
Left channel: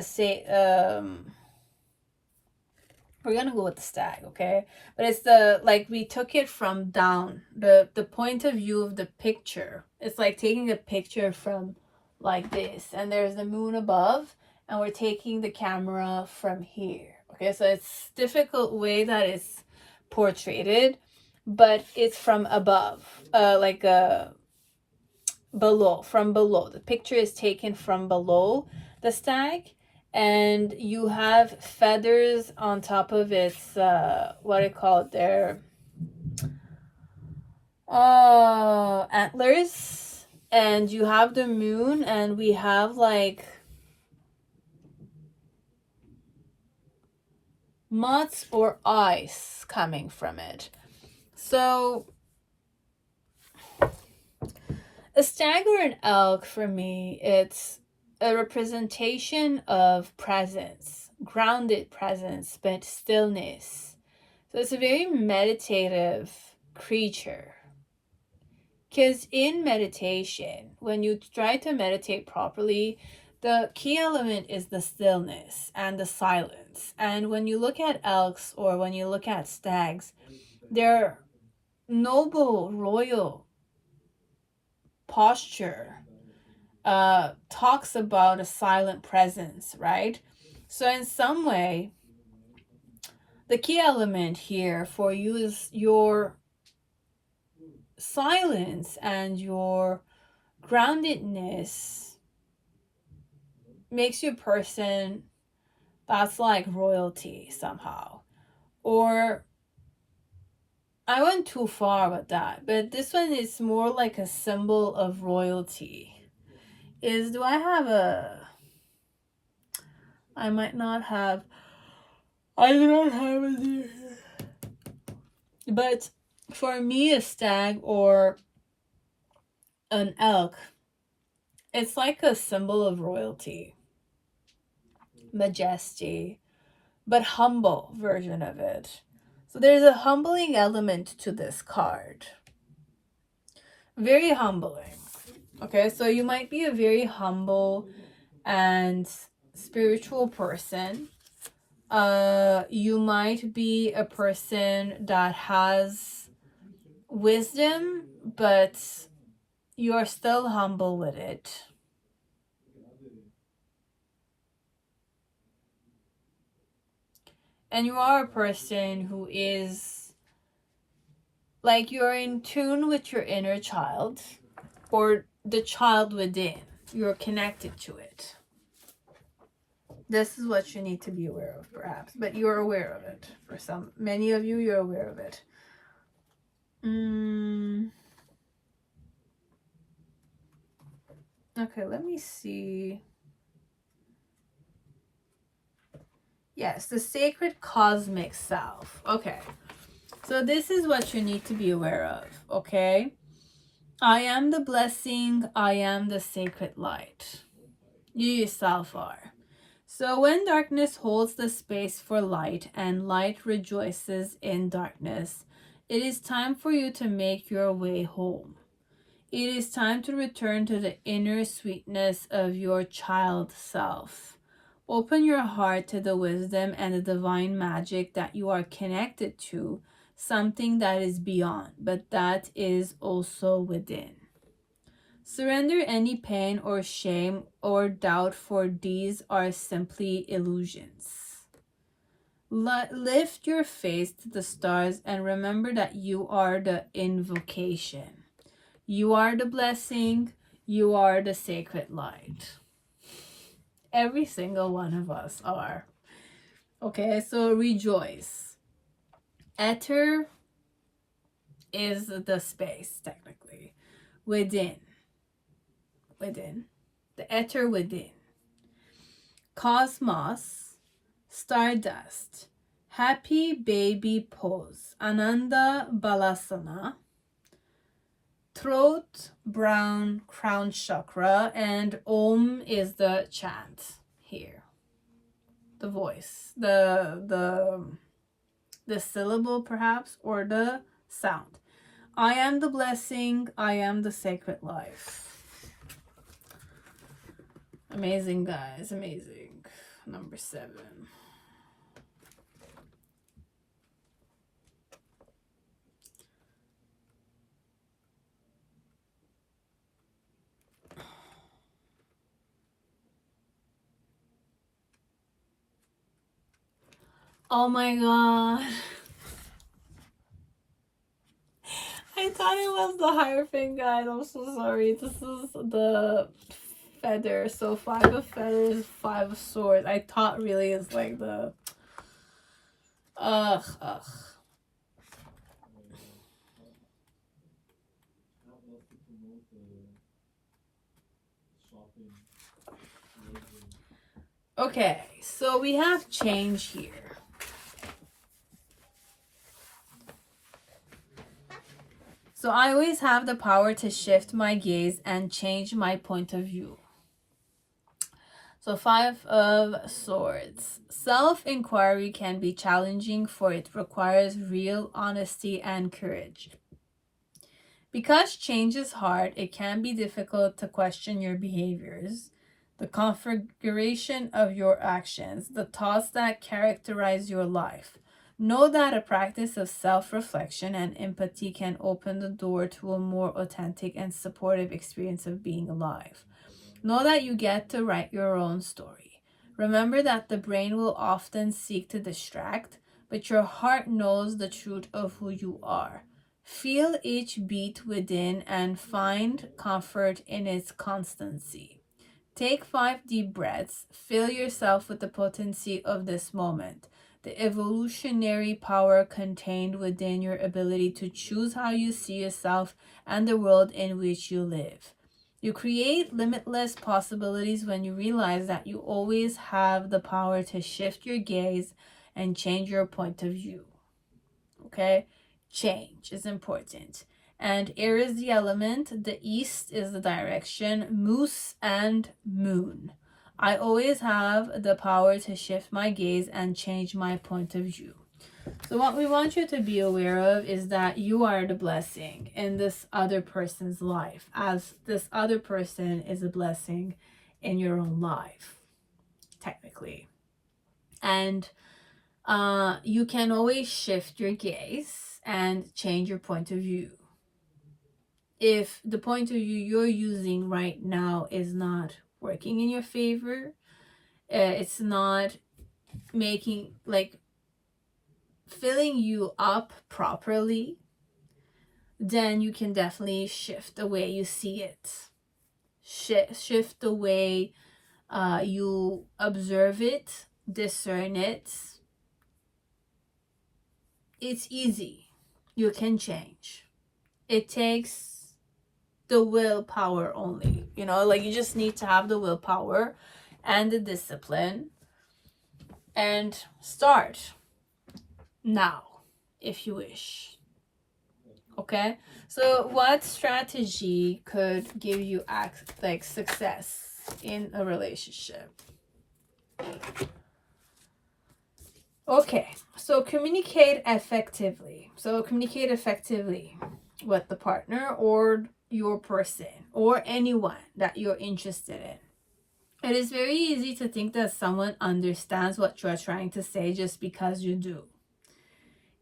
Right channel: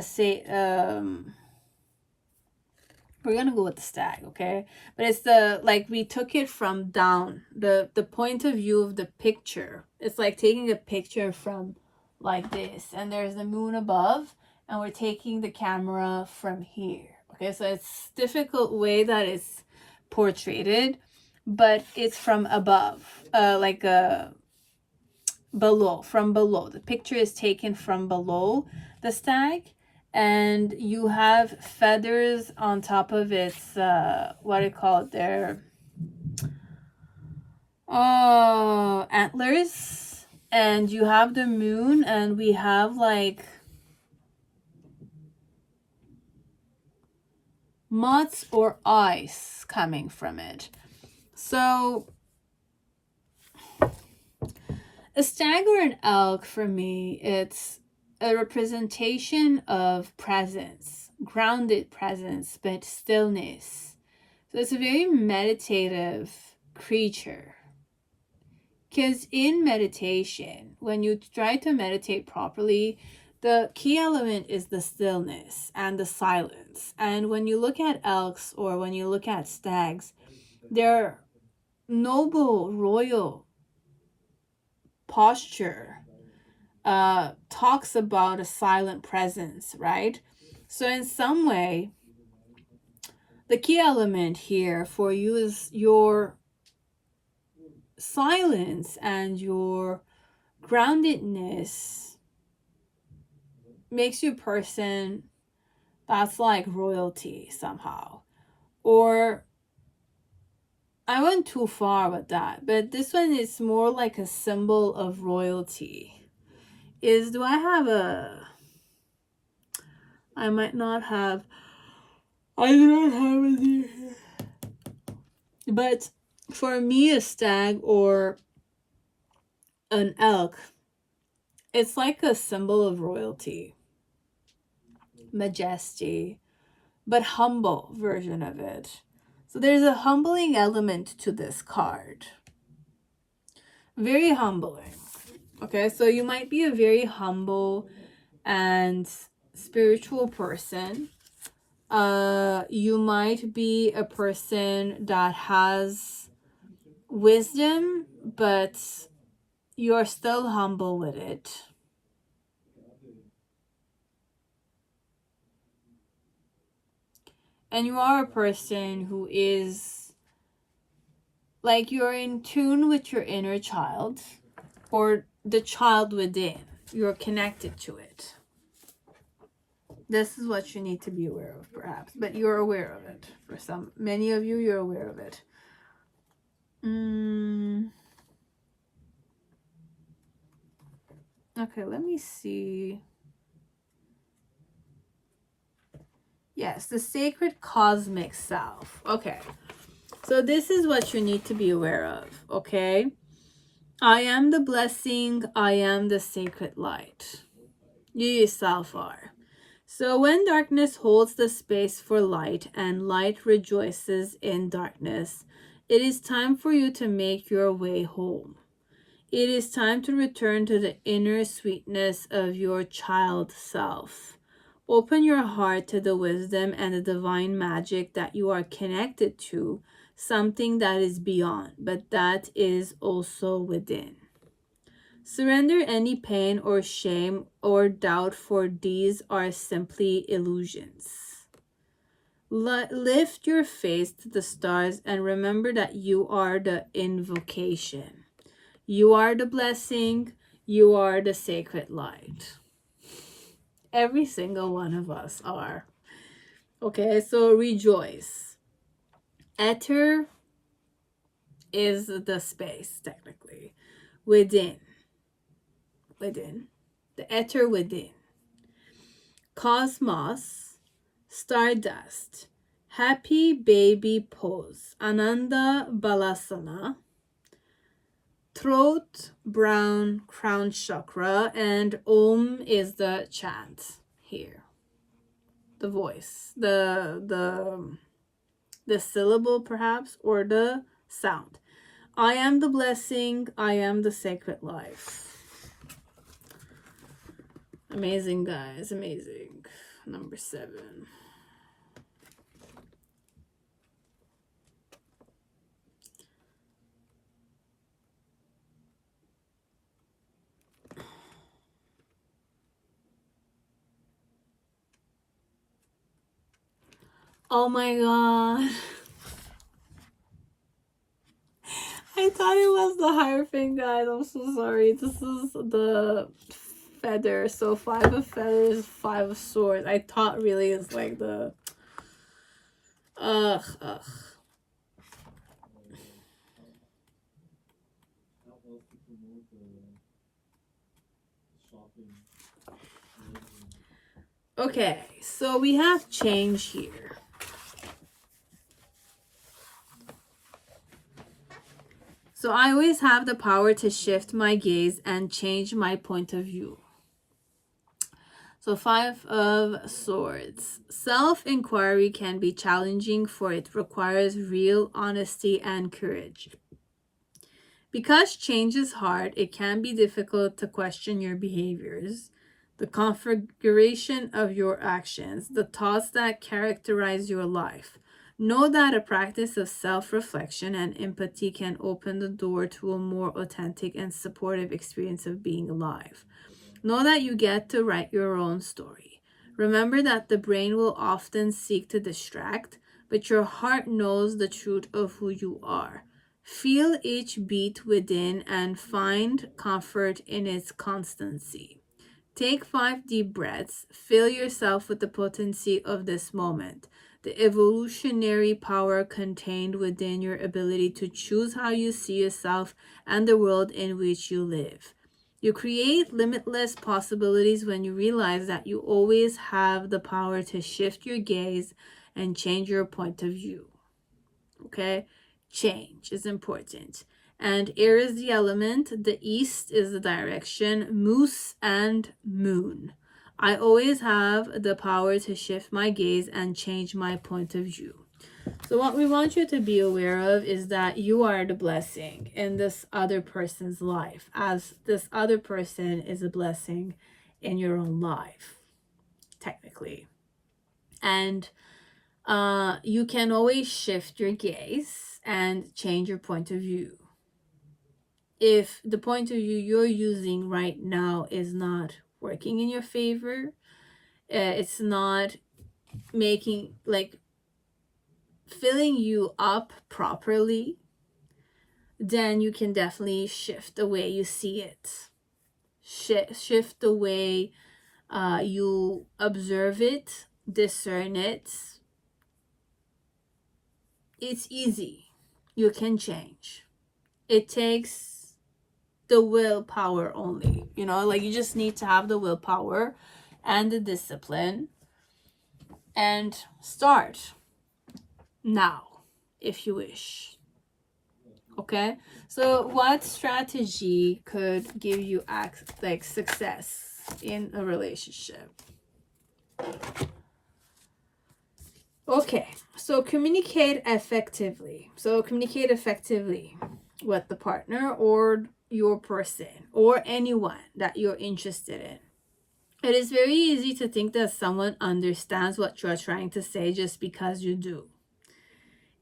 say we're gonna go with the stag, okay? But it's the, like, we took it from down, the point of view of the picture. It's like taking a picture from like this, and there's the moon above, and we're taking the camera from here, okay? So it's difficult way that it's portrayed, but it's from above, like below, from below. The picture is taken from below the stag, and you have feathers on top of its what do you call it there, antlers, and you have the moon, and we have like moths or ice coming from it. So a stag or an elk, for me, it's a representation of presence, grounded presence, but stillness. So it's a very meditative creature. Because in meditation, when you try to meditate properly, the key element is the stillness and the silence. And when you look at elks or when you look at stags, they're noble, royal posture talks about a silent presence, right? So in some way, the key element here for you is your silence and your groundedness makes you a person that's like royalty somehow. Or I went too far with that, but this one is more like a symbol of royalty. Do I have a... I might not have... I do not have it here. But for me, a stag or an elk, it's like a symbol of royalty, majesty, but humble version of it. So there's a humbling element to this card. Very humbling. Okay, so you might be a very humble and spiritual person. You might be a person that has wisdom, but you're still humble with it. And you are a person who is like, you're in tune with your inner child or the child within. You're connected to it. This is what you need to be aware of, perhaps, but you're aware of it. For many of you, you're aware of it. Okay, let me see. Yes, the sacred cosmic self. Okay, so this is what you need to be aware of, okay? I am the blessing. I am the sacred light. You yourself are. So when darkness holds the space for light and light rejoices in darkness, it is time for you to make your way home. It is time to return to the inner sweetness of your child self. Open your heart to the wisdom and the divine magic that you are connected to, something that is beyond, but that is also within. Surrender any pain or shame or doubt, for these are simply illusions. Lift your face to the stars and remember that you are the invocation. You are the blessing. You are the sacred light. Every single one of us are. Okay, so rejoice. Ether is the space, technically, within. The ether within. Cosmos, stardust, happy baby pose, Ananda Balasana, throat, brown, crown chakra, and Om is the chant here. The voice, the syllable perhaps, or the sound. I am the blessing, I am the sacred life. Amazing, guys, amazing. Number 7. Oh my god. I thought it was the Hierophant, guys. I'm so sorry. This is the feather. So 5 of feathers, 5 of swords. I thought really it's like the... Ugh. Okay, so we have change here. So I always have the power to shift my gaze and change my point of view. So 5 of swords. Self-inquiry can be challenging, for it requires real honesty and courage. Because change is hard, it can be difficult to question your behaviors, the configuration of your actions, the thoughts that characterize your life. Know that a practice of self-reflection and empathy can open the door to a more authentic and supportive experience of being alive. Know that you get to write your own story. Remember that the brain will often seek to distract, but your heart knows the truth of who you are. Feel each beat within and find comfort in its constancy. Take 5 deep breaths. Fill yourself with the potency of this moment, the evolutionary power contained within your ability to choose how you see yourself and the world in which you live. You create limitless possibilities when you realize that you always have the power to shift your gaze and change your point of view. Okay? Change is important. And air is the element, the east is the direction, moose and moon. I always have the power to shift my gaze and change my point of view. So what we want you to be aware of is that you are the blessing in this other person's life, as this other person is a blessing in your own life, technically. And you can always shift your gaze and change your point of view. If the point of view you're using right now is not working in your favor, it's not making, like, filling you up properly, then you can definitely shift the way you see it. Shift the way you observe it, discern it. It's easy. You can change. It takes the willpower only. You know, like, you just need to have the willpower and the discipline and start now if you wish. Okay, so what strategy could give you like success in a relationship? Okay, so communicate effectively. So communicate effectively with the partner or your person or anyone that you're interested in. It is very easy to think that someone understands what you are trying to say just because you do.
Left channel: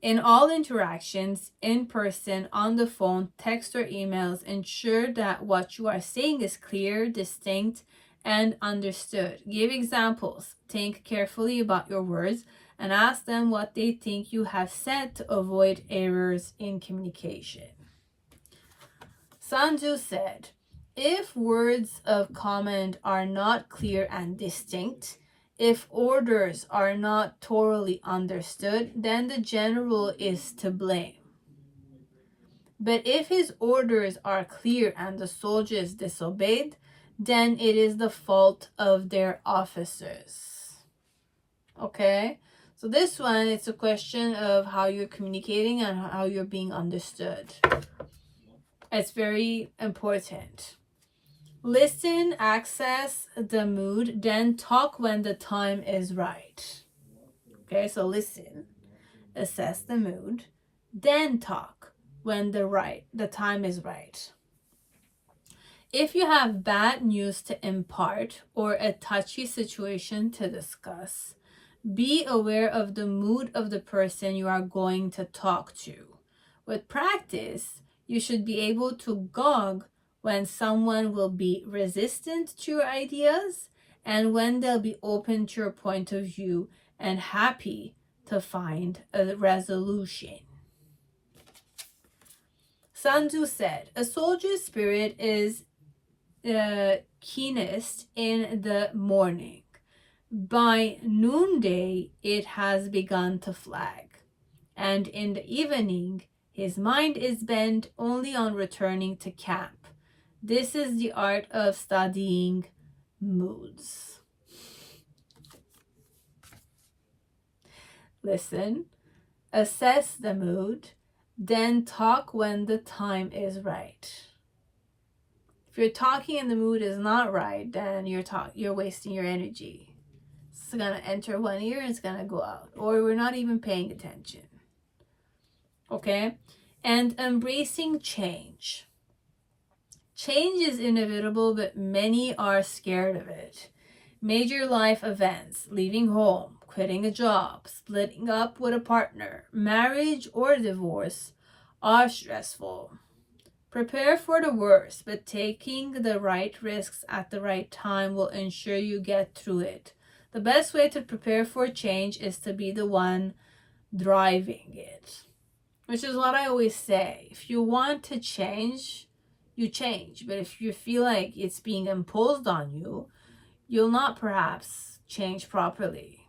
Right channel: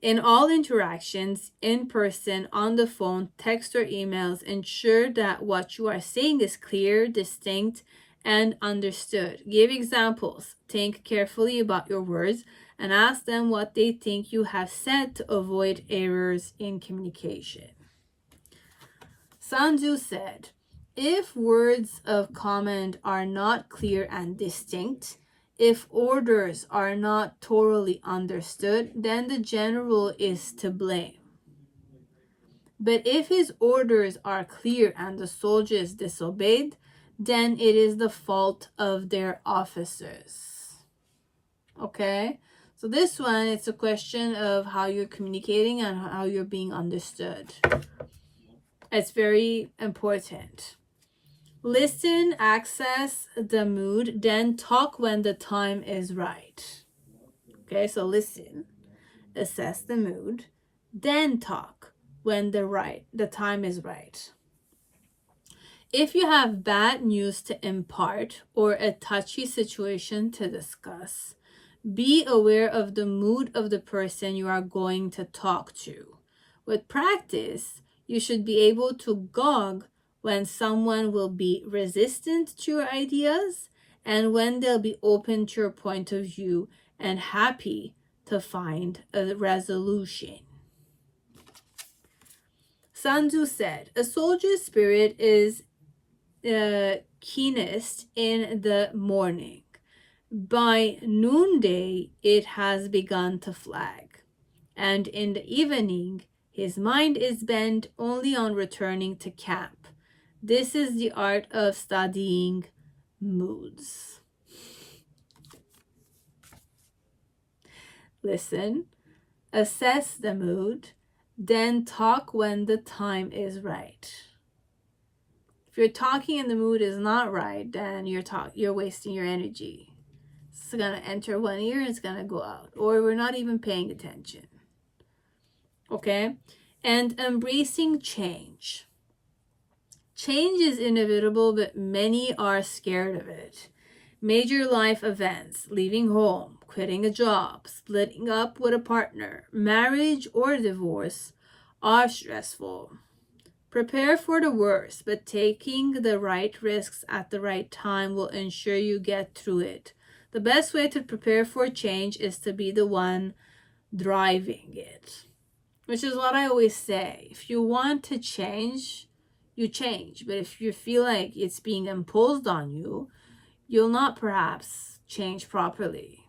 In all interactions, in person, on the phone, text, or emails, ensure that what you are saying is clear, distinct, and understood. Give examples. Think carefully about your words and ask them what they think you have said to avoid errors in communication. Sun Tzu said, if words of command are not clear and distinct, if orders are not thoroughly understood, then the general is to blame. But if his orders are clear and the soldiers disobeyed, then it is the fault of their officers. Okay? So this one, it's a question of how you're communicating and how you're being understood. It's very important. Listen, access the mood, then talk when the time is right. Okay, so listen, assess the mood, then talk when the time is right. If you have bad news to impart or a touchy situation to discuss, be aware of the mood of the person you are going to talk to. With practice, you should be able to gauge when someone will be resistant to your ideas and when they'll be open to your point of view and happy to find a resolution. Sun Tzu said, a soldier's spirit is keenest in the morning. By noonday, it has begun to flag, and in the evening, his mind is bent only on returning to camp. This is the art of studying moods. Listen, assess the mood, then talk when the time is right. If you're talking and the mood is not right, then you're wasting your energy. It's gonna enter one ear and it's gonna go out, or we're not even paying attention. Okay? And embracing change. Change is inevitable, but many are scared of it. Major life events, leaving home, quitting a job, splitting up with a partner, marriage or divorce are stressful. Prepare for the worst, but taking the right risks at the right time will ensure you get through it. The best way to prepare for change is to be the one driving it, which is what I always say. If you want to change, you change. But if you feel like it's being imposed on you, you'll not perhaps change properly.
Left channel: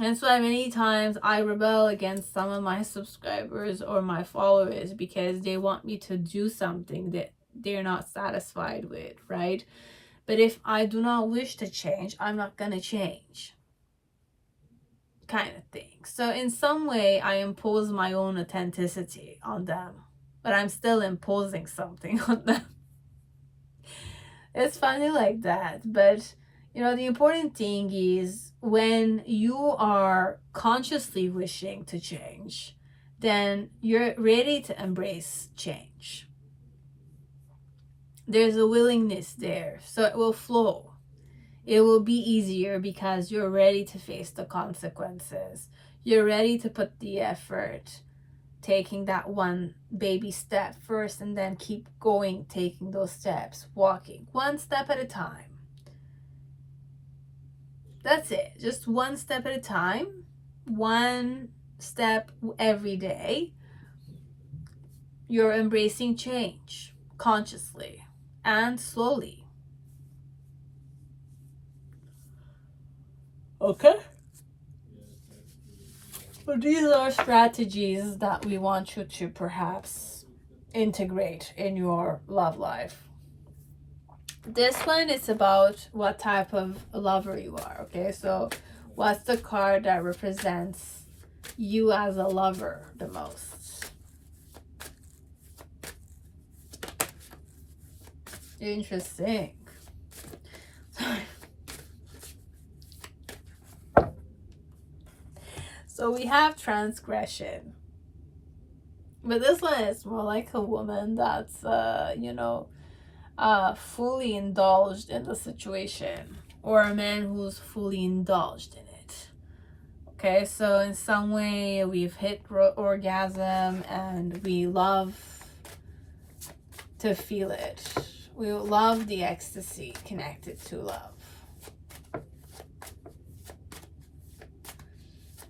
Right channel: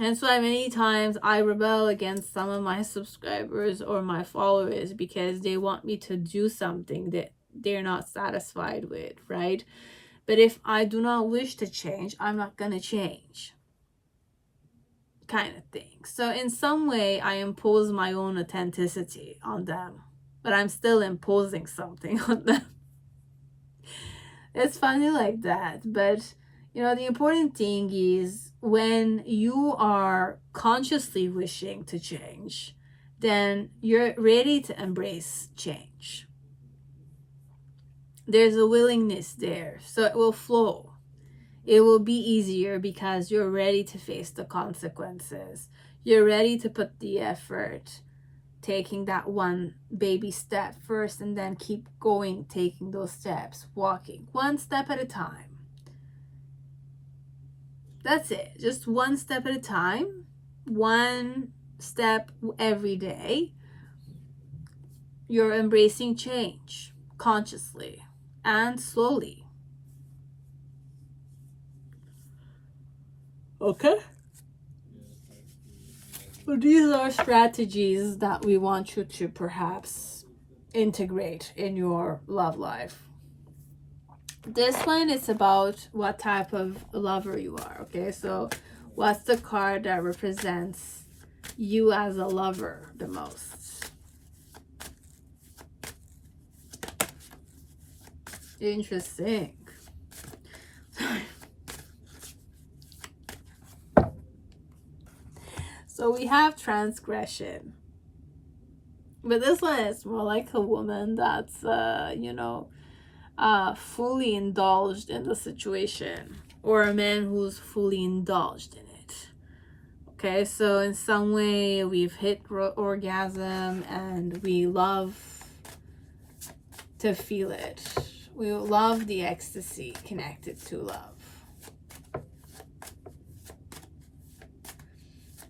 And so many times I rebel against some of my subscribers or my followers because they want me to do something that they're not satisfied with, right? But if I do not wish to change, I'm not going to change, kind of thing. So in some way, I impose my own authenticity on them, but I'm still imposing something on them. It's funny like that, but you know, the important thing is when you are consciously wishing to change, then you're ready to embrace change. There's a willingness there, so it will flow. It will be easier because you're ready to face the consequences. You're ready to put the effort, taking that one baby step first and then keep going, taking those steps, walking one step at a time. That's it. Just one step at a time, one step every day. You're embracing change consciously and slowly. Okay? But these are strategies that we want you to perhaps integrate in your love life. This one is about what type of lover you are, okay? So what's the card that represents you as a lover the most? Interesting. So we have transgression. But this one is more like a woman that's, fully indulged in the situation, or a man who's fully indulged in it. Okay, so in some way we've hit orgasm and we love to feel it. We love the ecstasy connected to love.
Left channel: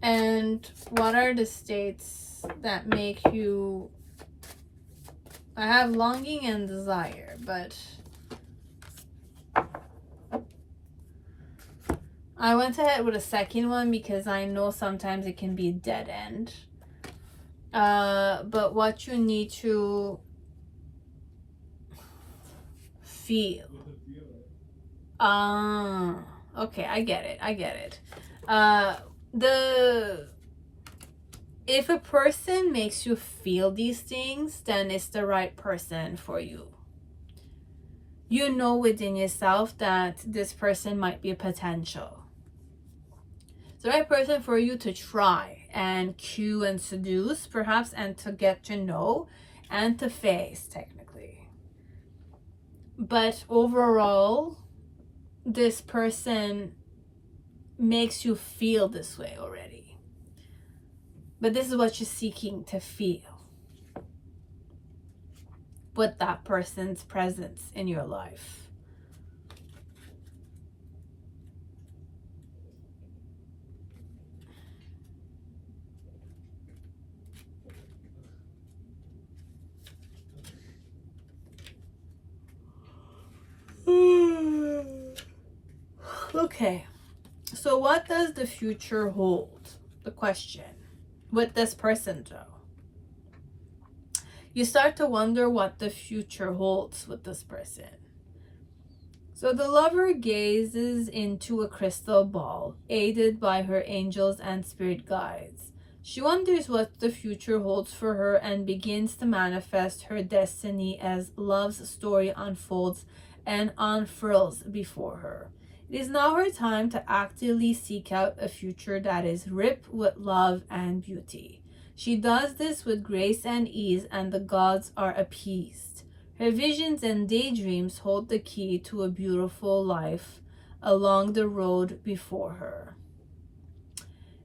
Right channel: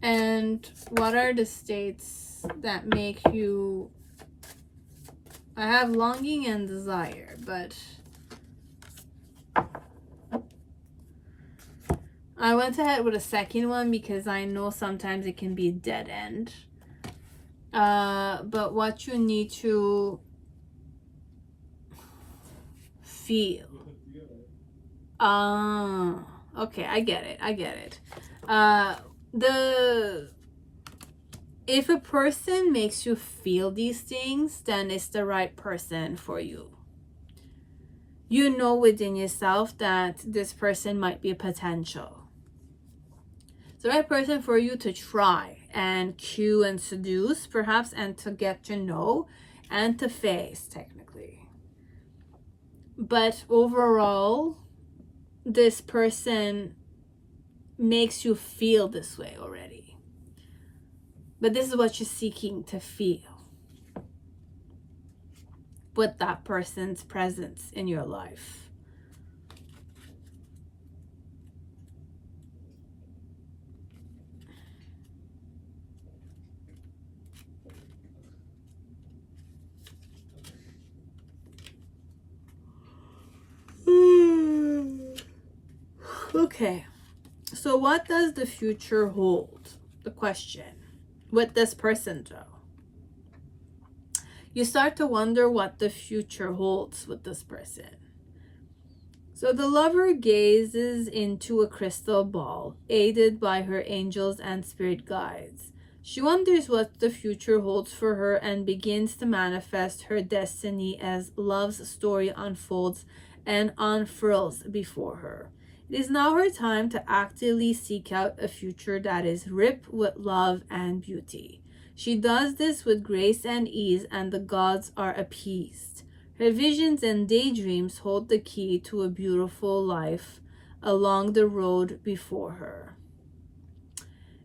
And what are the states that make you... I have longing and desire, but I went ahead with a second one because I know sometimes it can be a dead end. But what you need to feel. Okay, I get it. If a person makes you feel these things, then it's the right person for you. You know within yourself that this person might be a potential. It's the right person for you to try and cue and seduce, perhaps, and to get to know and to face, technically. But overall, this person makes you feel this way already. But this is what you're seeking to feel with that person's presence in your life. Okay, so what does the future hold? The question. With this person, though, you start to wonder what the future holds with this person. So the lover gazes into a crystal ball, aided by her angels and spirit guides. She wonders what the future holds for her and begins to manifest her destiny as love's story unfolds and unfurls before her. It is now her time to actively seek out a future that is ripe with love and beauty. She does this with grace and ease, and the gods are appeased. Her visions and daydreams hold the key to a beautiful life along the road before her.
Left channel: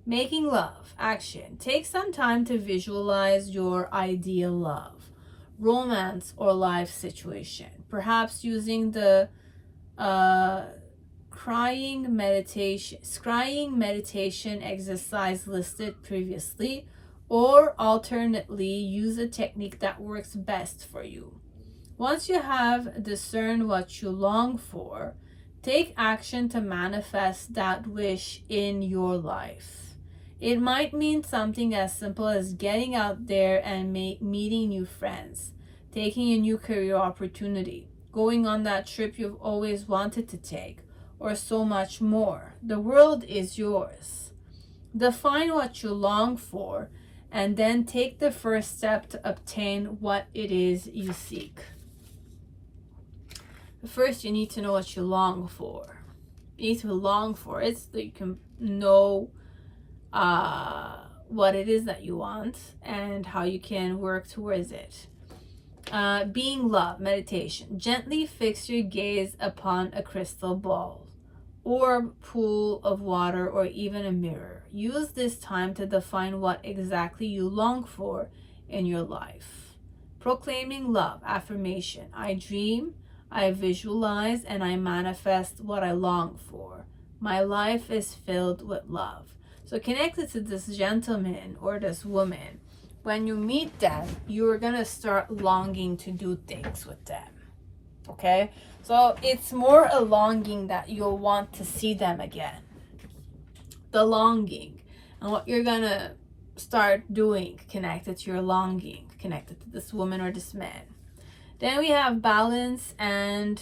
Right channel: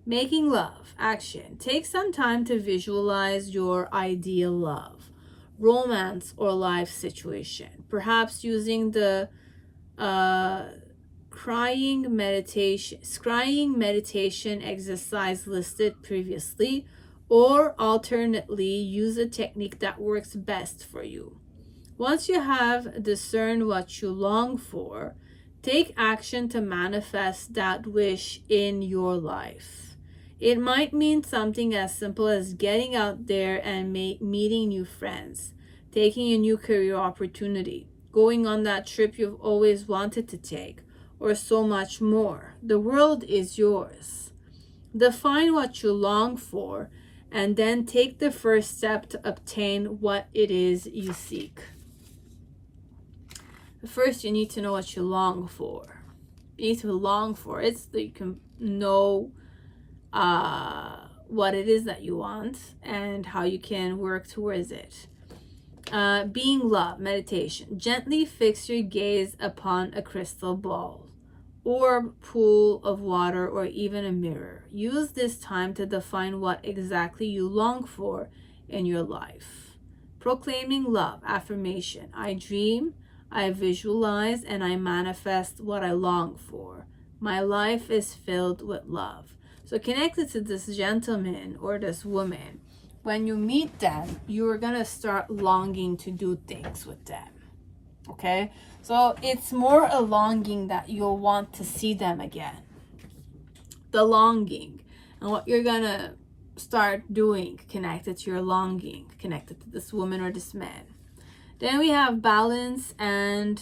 Making love. Action. Take some time to visualize your ideal love, romance, or life situation. Perhaps using the scrying meditation exercise listed previously, or alternately use a technique that works best for you. Once you have discerned what you long for, take action to manifest that wish in your life. It might mean something as simple as getting out there and meeting new friends, taking a new career opportunity, going on that trip you've always wanted to take, or so much more. The world is yours. Define what you long for, and then take the first step to obtain what it is you seek. First, you need to know what you long for. You need to long for it so that you can know what it is that you want and how you can work towards it. Being love, meditation. Gently fix your gaze upon a crystal ball, orb, pool of water, or even a mirror. Use this time to define what exactly you long for in your life. Proclaiming love, affirmation. I dream, I visualize, and I manifest what I long for. My life is filled with love. So connected to this gentleman or this woman, when you meet them, you're gonna start longing to do things with them. Okay? So it's more a longing that you'll want to see them again. The longing. And what you're gonna start doing connected to your longing, connected to this woman or this man. Then we have balance and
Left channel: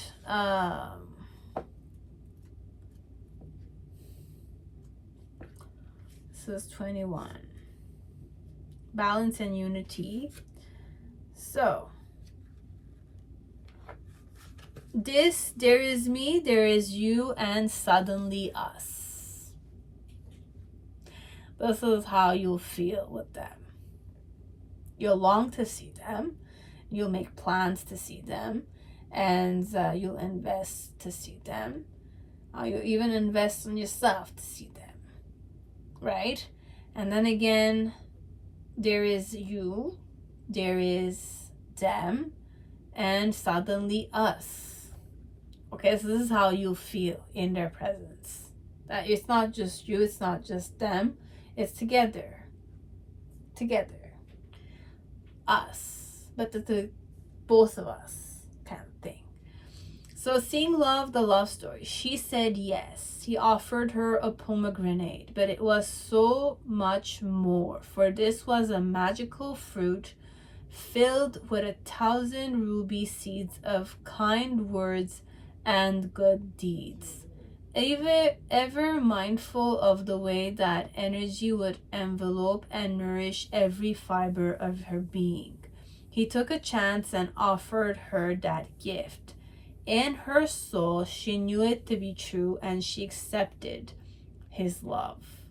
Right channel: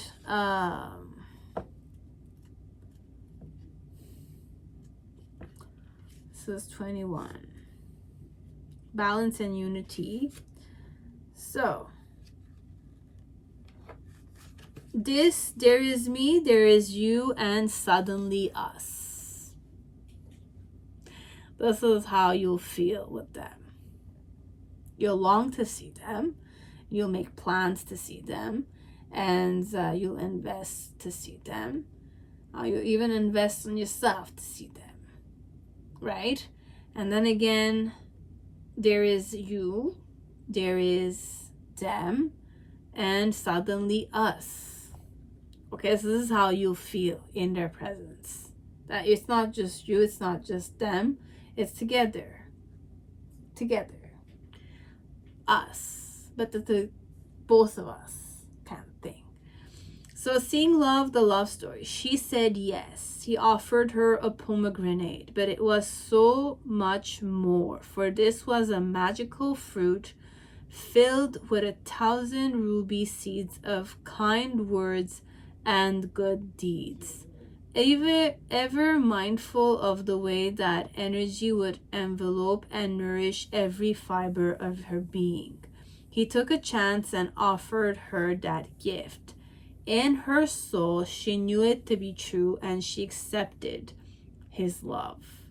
this is 21. Balance and unity. So there is me, there is you, and suddenly us. This is how you'll feel with them. You'll long to see them. You'll make plans to see them. and you'll invest to see them. You even invest in yourself to see them, right? And then again, there is you, there is them, and suddenly us. Okay, so this is how you feel in their presence. That it's not just you, it's not just them, it's together. Us. But the both of us kind of thing. So seeing love, the love story. She said yes. He offered her a pomegranate, but it was so much more, for this was a magical fruit filled with 1,000 ruby seeds of kind words and good deeds. Ever mindful of the way that energy would envelope and nourish every fiber of her being, he took a chance and offered her that gift. In her soul, she knew it to be true, and she accepted his love.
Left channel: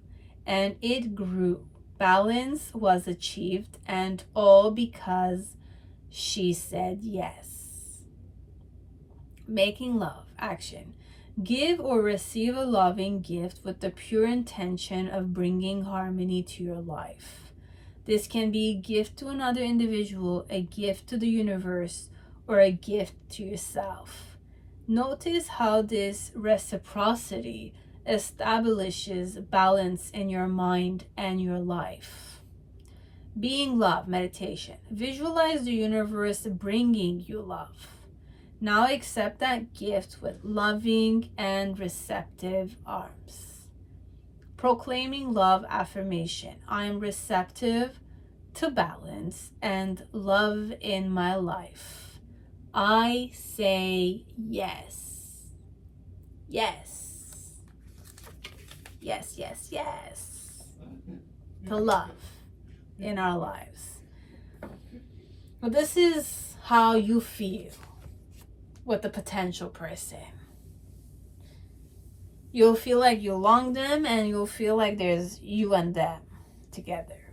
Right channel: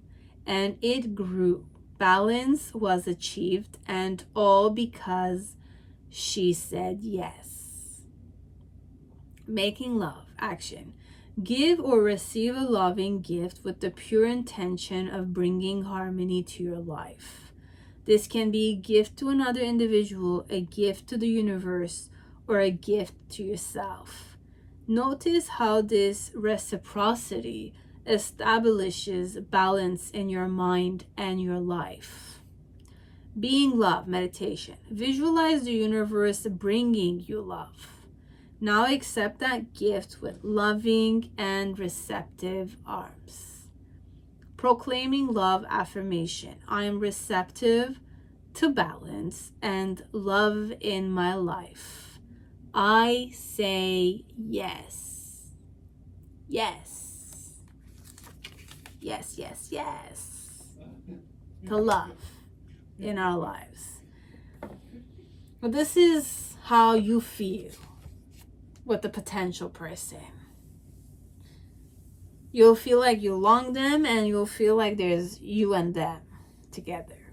And it grew. Balance was achieved, and all because she said yes. Making love. Action. Give or receive a loving gift with the pure intention of bringing harmony to your life. This can be a gift to another individual, a gift to the universe, or a gift to yourself. Notice how this reciprocity establishes balance in your mind and your life. Being love, meditation. Visualize the universe bringing you love. Now accept that gift with loving and receptive arms. Proclaiming love affirmation. I am receptive to balance and love in my life. I say yes. Yes. Yes, yes, yes. To love in our lives. Well, this is how you feel with the potential person. You'll feel like you long them, and you'll feel like there's you and them together.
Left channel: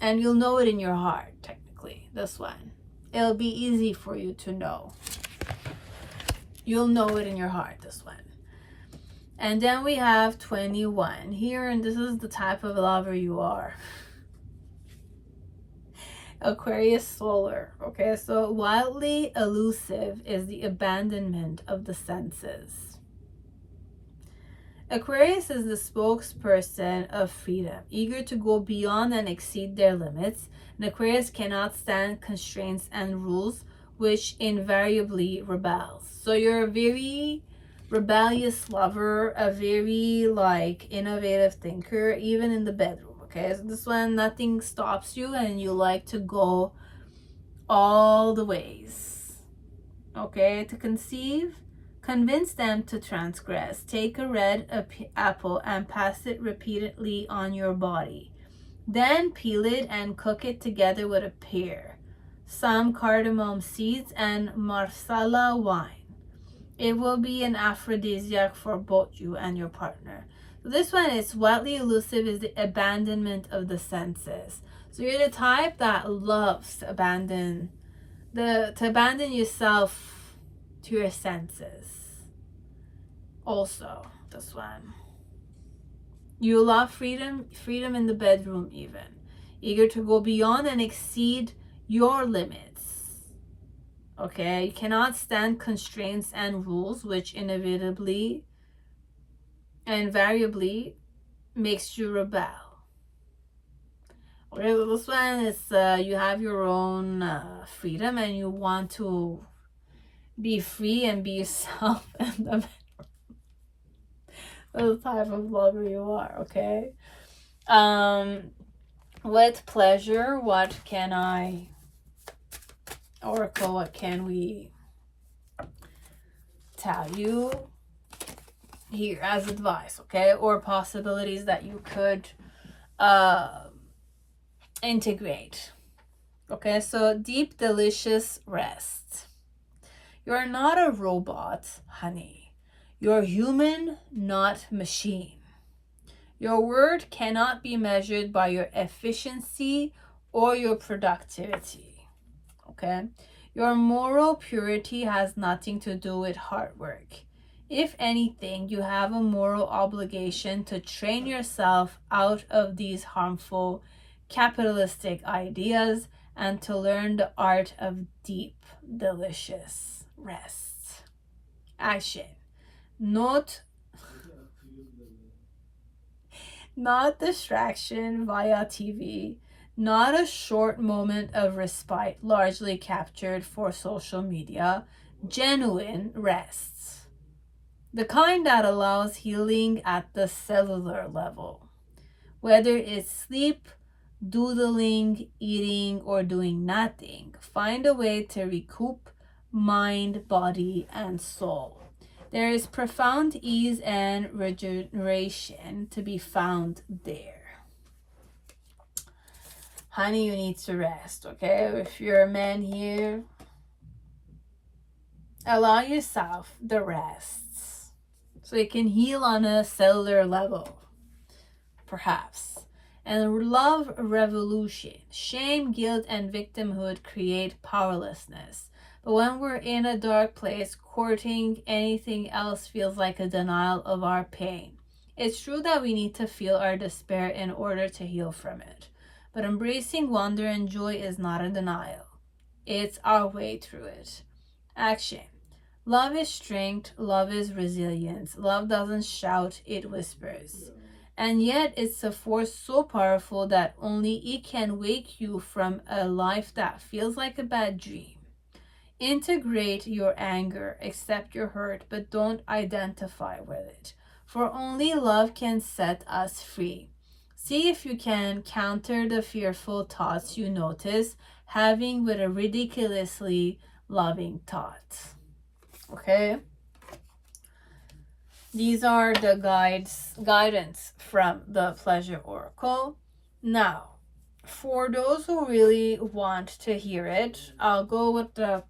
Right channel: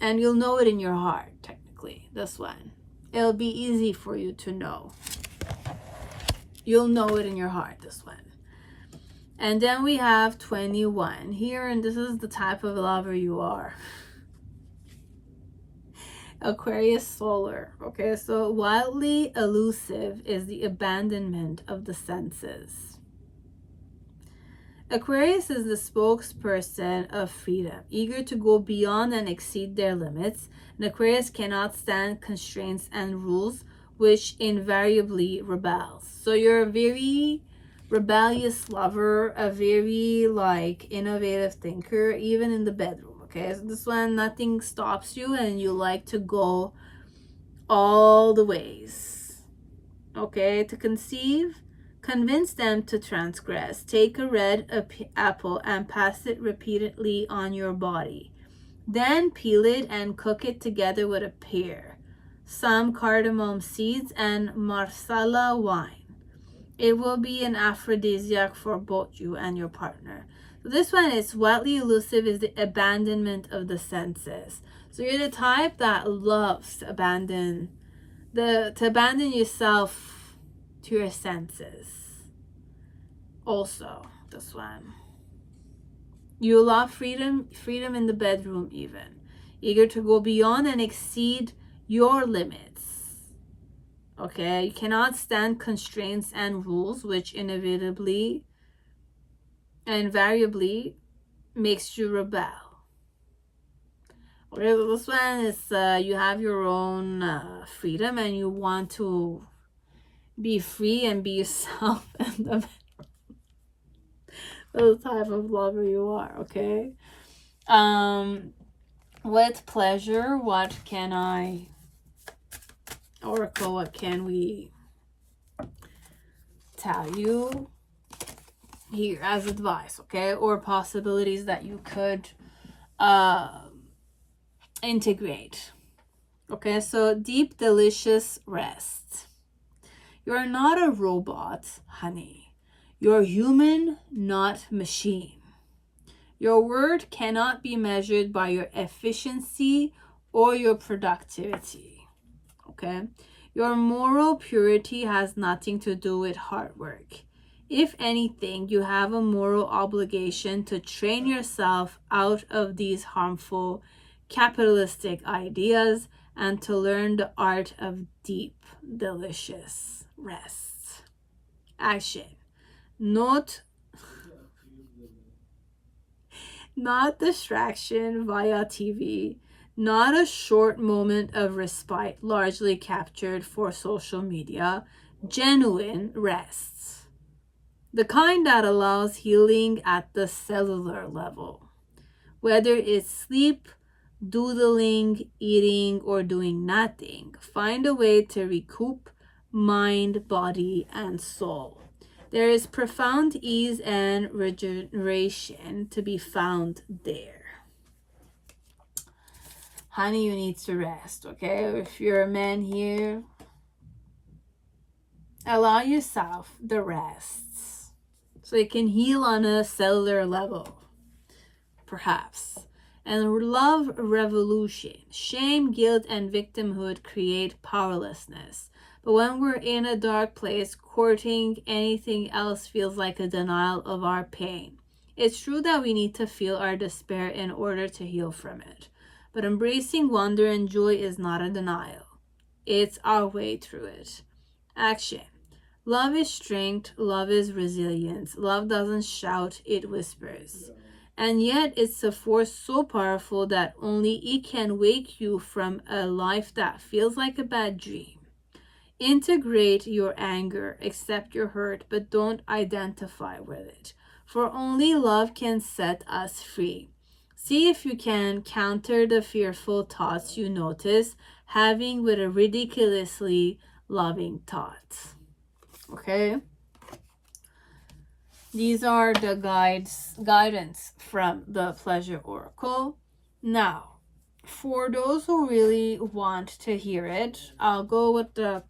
And you'll know it in your heart, technically, this one. It'll be easy for you to know. You'll know it in your heart, this one. And then we have 21 here, and this is the type of lover you are. Aquarius solar. Okay, so wildly elusive is the abandonment of the senses. Aquarius is the spokesperson of freedom, eager to go beyond and exceed their limits. And Aquarius cannot stand constraints and rules, which invariably rebels. So you're a very rebellious lover, a very innovative thinker, even in the bedroom. Okay, so this one, nothing stops you, and you like to go all the ways. Okay, to conceive, convince them to transgress. Take a red apple and pass it repeatedly on your body. Then peel it and cook it together with a pear, some cardamom seeds, and marsala wine. It will be an aphrodisiac for both you and your partner. So this one is wildly elusive, is the abandonment of the senses. So you're the type that loves to abandon yourself to your senses. Also, this one. You love freedom in the bedroom even. Eager to go beyond and exceed your limits. Okay, you cannot stand constraints and rules, which invariably makes you rebel. Okay, so this one is you have your own freedom, and you want to be free and be yourself in the bedroom. The type of lover you are. Okay, with pleasure, what can I, Oracle, what can we tell you here as advice? Okay, or possibilities that you could integrate. Okay, so deep delicious rest. You're not a robot, honey. You're human, not machine. Your word cannot be measured by your efficiency or your productivity. Okay, Your moral purity has nothing to do with hard work. If anything, you have a moral obligation to train yourself out of these harmful capitalistic ideas and to learn the art of deep, delicious rest. Action. Not distraction via TV, not a short moment of respite largely captured for social media, genuine rests. The kind that allows healing at the cellular level. Whether it's sleep, doodling, eating, or doing nothing, find a way to recoup mind, body, and soul. There is profound ease and regeneration to be found there. Honey, you need to rest, okay? If you're a man here, allow yourself the rests so you can heal on a cellular level, perhaps. And love revolution. Shame, guilt, and victimhood create powerlessness. But when we're in a dark place, courting anything else feels like a denial of our pain. It's true that we need to feel our despair in order to heal from it. But embracing wonder and joy is not a denial. It's our way through it. Action. Love is strength. Love is resilience. Love doesn't shout, it whispers. And yet it's a force so powerful that only it can wake you from a life that feels like a bad dream. Integrate your anger, accept your hurt, but don't identify with it. For only love can set us free. See if you can counter the fearful thoughts you notice having with a ridiculously loving thought. Okay? These are the guidance from the Pleasure Oracle. Now, for those who really want to hear it, I'll go with the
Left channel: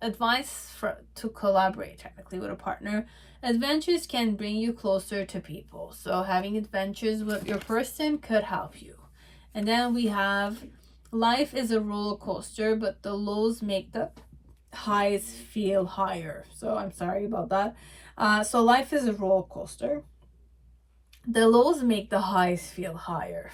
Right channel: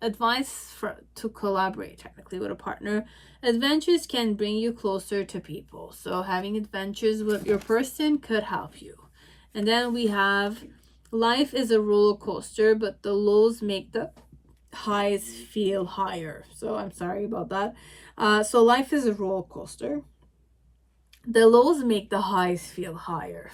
advice to collaborate technically with a partner. Adventures can bring you closer to people. So having adventures with your person could help you. And then we have life is a roller coaster, but the lows make the highs feel higher. So I'm sorry about that. So life is a roller coaster. The lows make the highs feel higher.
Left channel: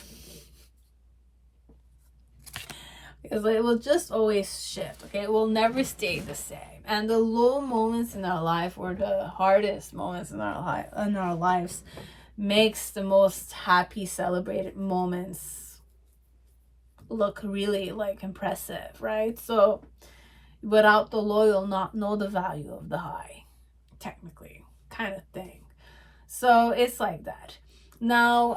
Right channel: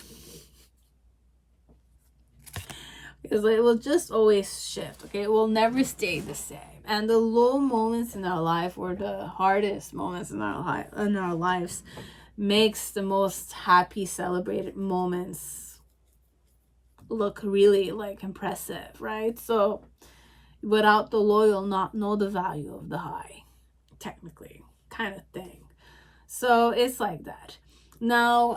Because it will just always shift, okay? It will never stay the same. And the low moments in our life, or the hardest moments in our lives, makes the most happy, celebrated moments look really like impressive, right? So without the low, you'll not know the value of the high, technically, kind of thing. So it's like that. Now,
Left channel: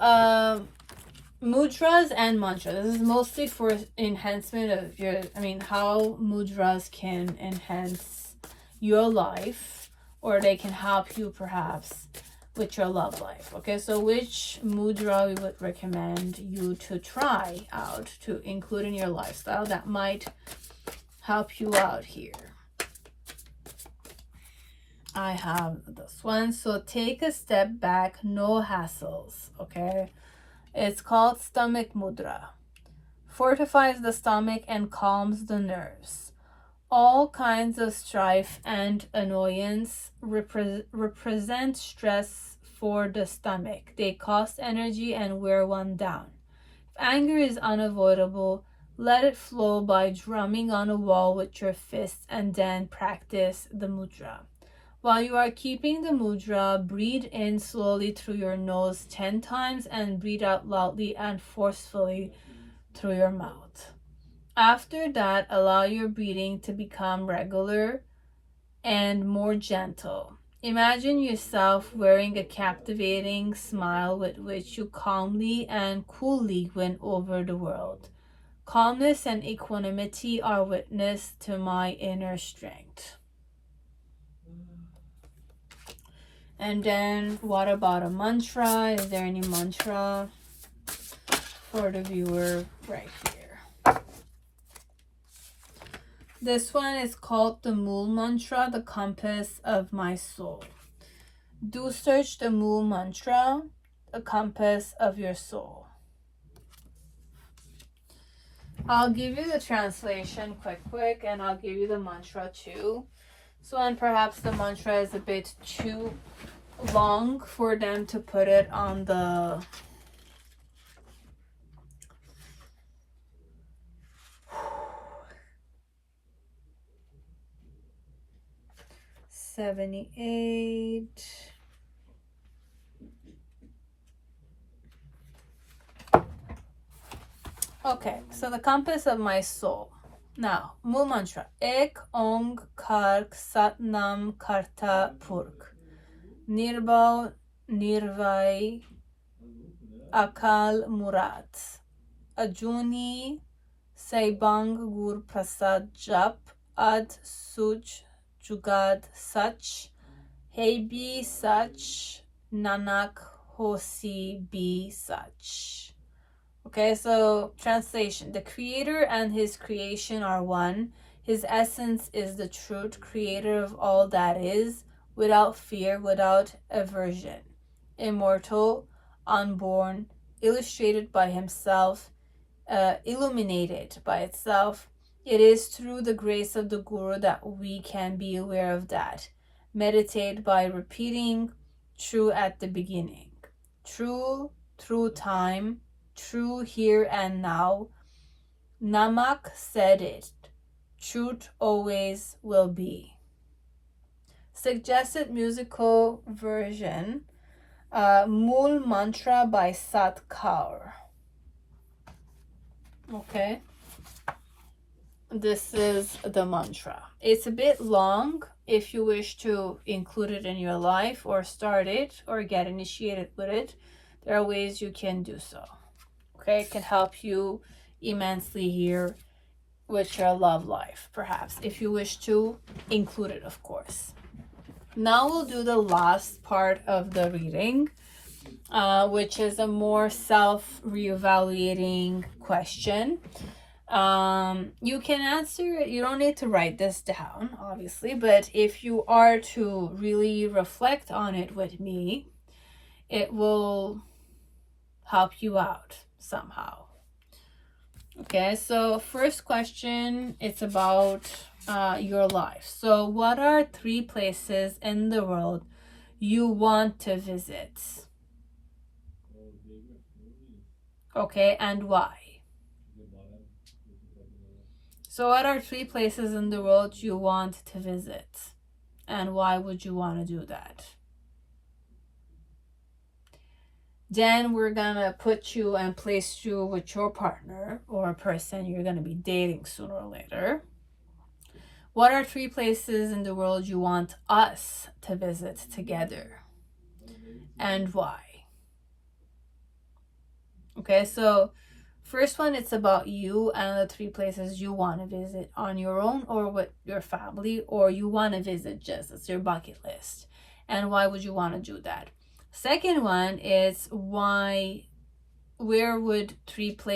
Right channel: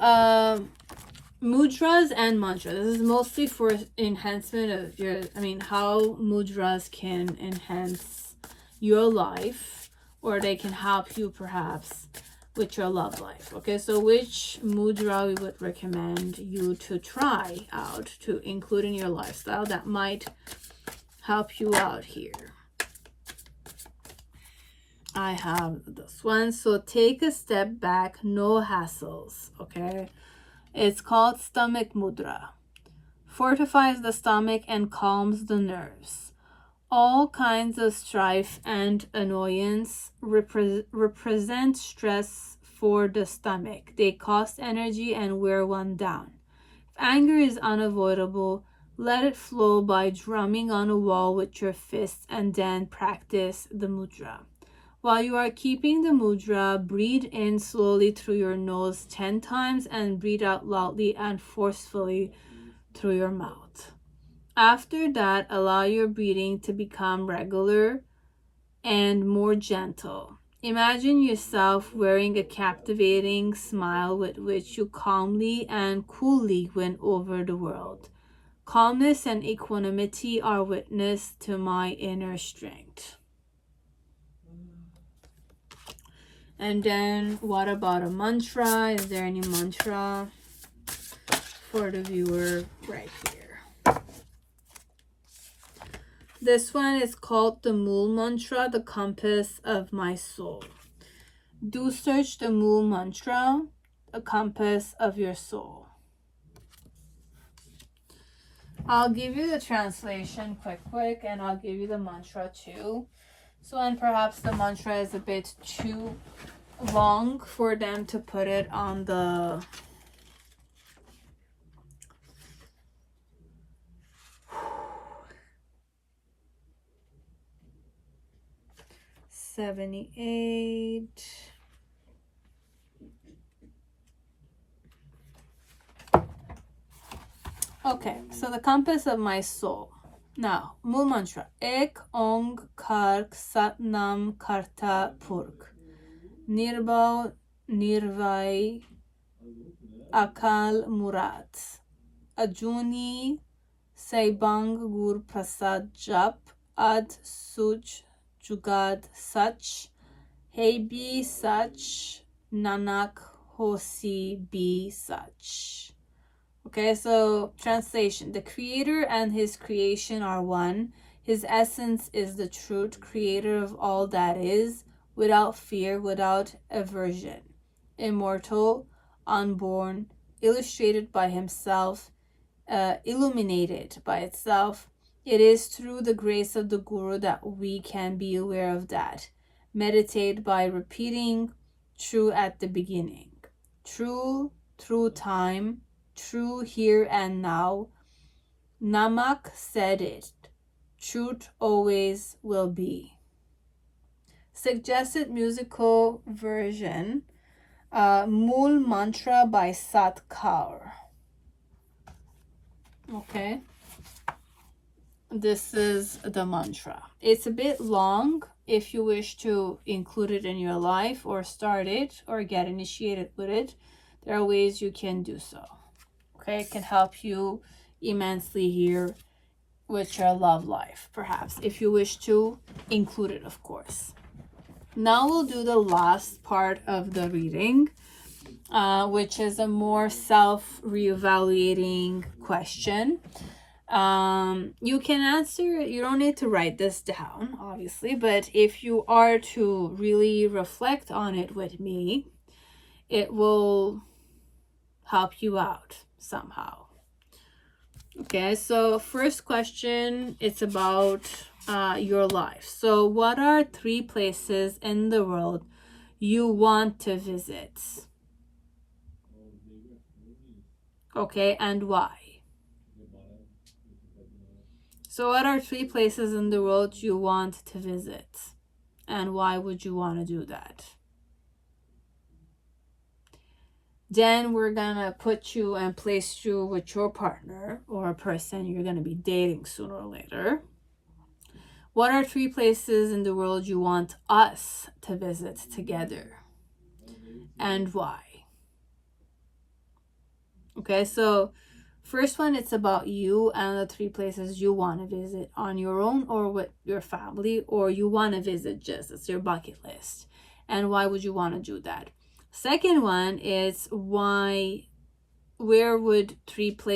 mudras and mantras. This is mostly for enhancement of your, how mudras can enhance your life, or they can help you perhaps with your love life. Okay, so which mudra we would recommend you to try out to include in your lifestyle that might help you out here? I have this one. So take a step back, no hassles. Okay, it's called stomach mudra. Fortifies the stomach and calms the nerves. All kinds of strife and annoyance represent stress for the stomach. They cost energy and wear one down. If anger is unavoidable, let it flow by drumming on a wall with your fists and then practice the mudra. While you are keeping the mudra, breathe in slowly through your nose 10 times and breathe out loudly and forcefully through your mouth. After that, allow your breathing to become regular and more gentle. Imagine yourself wearing a captivating smile with which you calmly and coolly win over the world. Calmness and equanimity are witness to my inner strength. And then what about a mantra? Is there any mantra for the viewer right here? This one is called the Mool Mantra, the compass of my soul. Do search the Mool Mantra, the compass of your soul. I'll give you the translation quick, and I'll give you the mantra too. So, and perhaps the mantra is a bit too long for them to put it on the $78. Okay, so the compass of my soul. Now, Mool mantra. Ek ong kark sat nam karta purk. Nirbau nirvai akal murat. Ajuni saibang gur prasad jap ad suj jugad sach. Hebi sach nanak hosi bi sach. Okay, so translation. The creator and his creation are one. His essence is the truth, creator of all that is, without fear, without aversion. Immortal, unborn, illustrated by himself, illuminated by itself. It is through the grace of the Guru that we can be aware of that. Meditate by repeating true at the beginning. True through time. True here and now. Namak said it. Truth always will be. Suggested musical version. Mool mantra by Sat Kaur. Okay. This is the mantra. It's a bit long. If you wish to include it in your life or start it or get initiated with it, there are ways you can do so. Okay, it can help you immensely here with your love life, perhaps, if you wish to include it, of course. Now we'll do the last part of the reading, which is a more self-reevaluating question. You can answer, you don't need to write this down, obviously, but if you are to really reflect on it with me, it will help you out somehow. Okay, so first question, it's about your life. So what are 3 places in the world you want to visit? Okay, and why? So what are 3 places in the world you want to visit? And why would you want to do that? Then we're gonna put you and place you with your partner or a person you're gonna be dating sooner or later. What are 3 places in the world you want us to visit together? And why? Okay, so first one, it's about you and the 3 places you want to visit on your own or with your family, or you want to visit just as your bucket list. And why would you want to do that? Second one is where would 3 places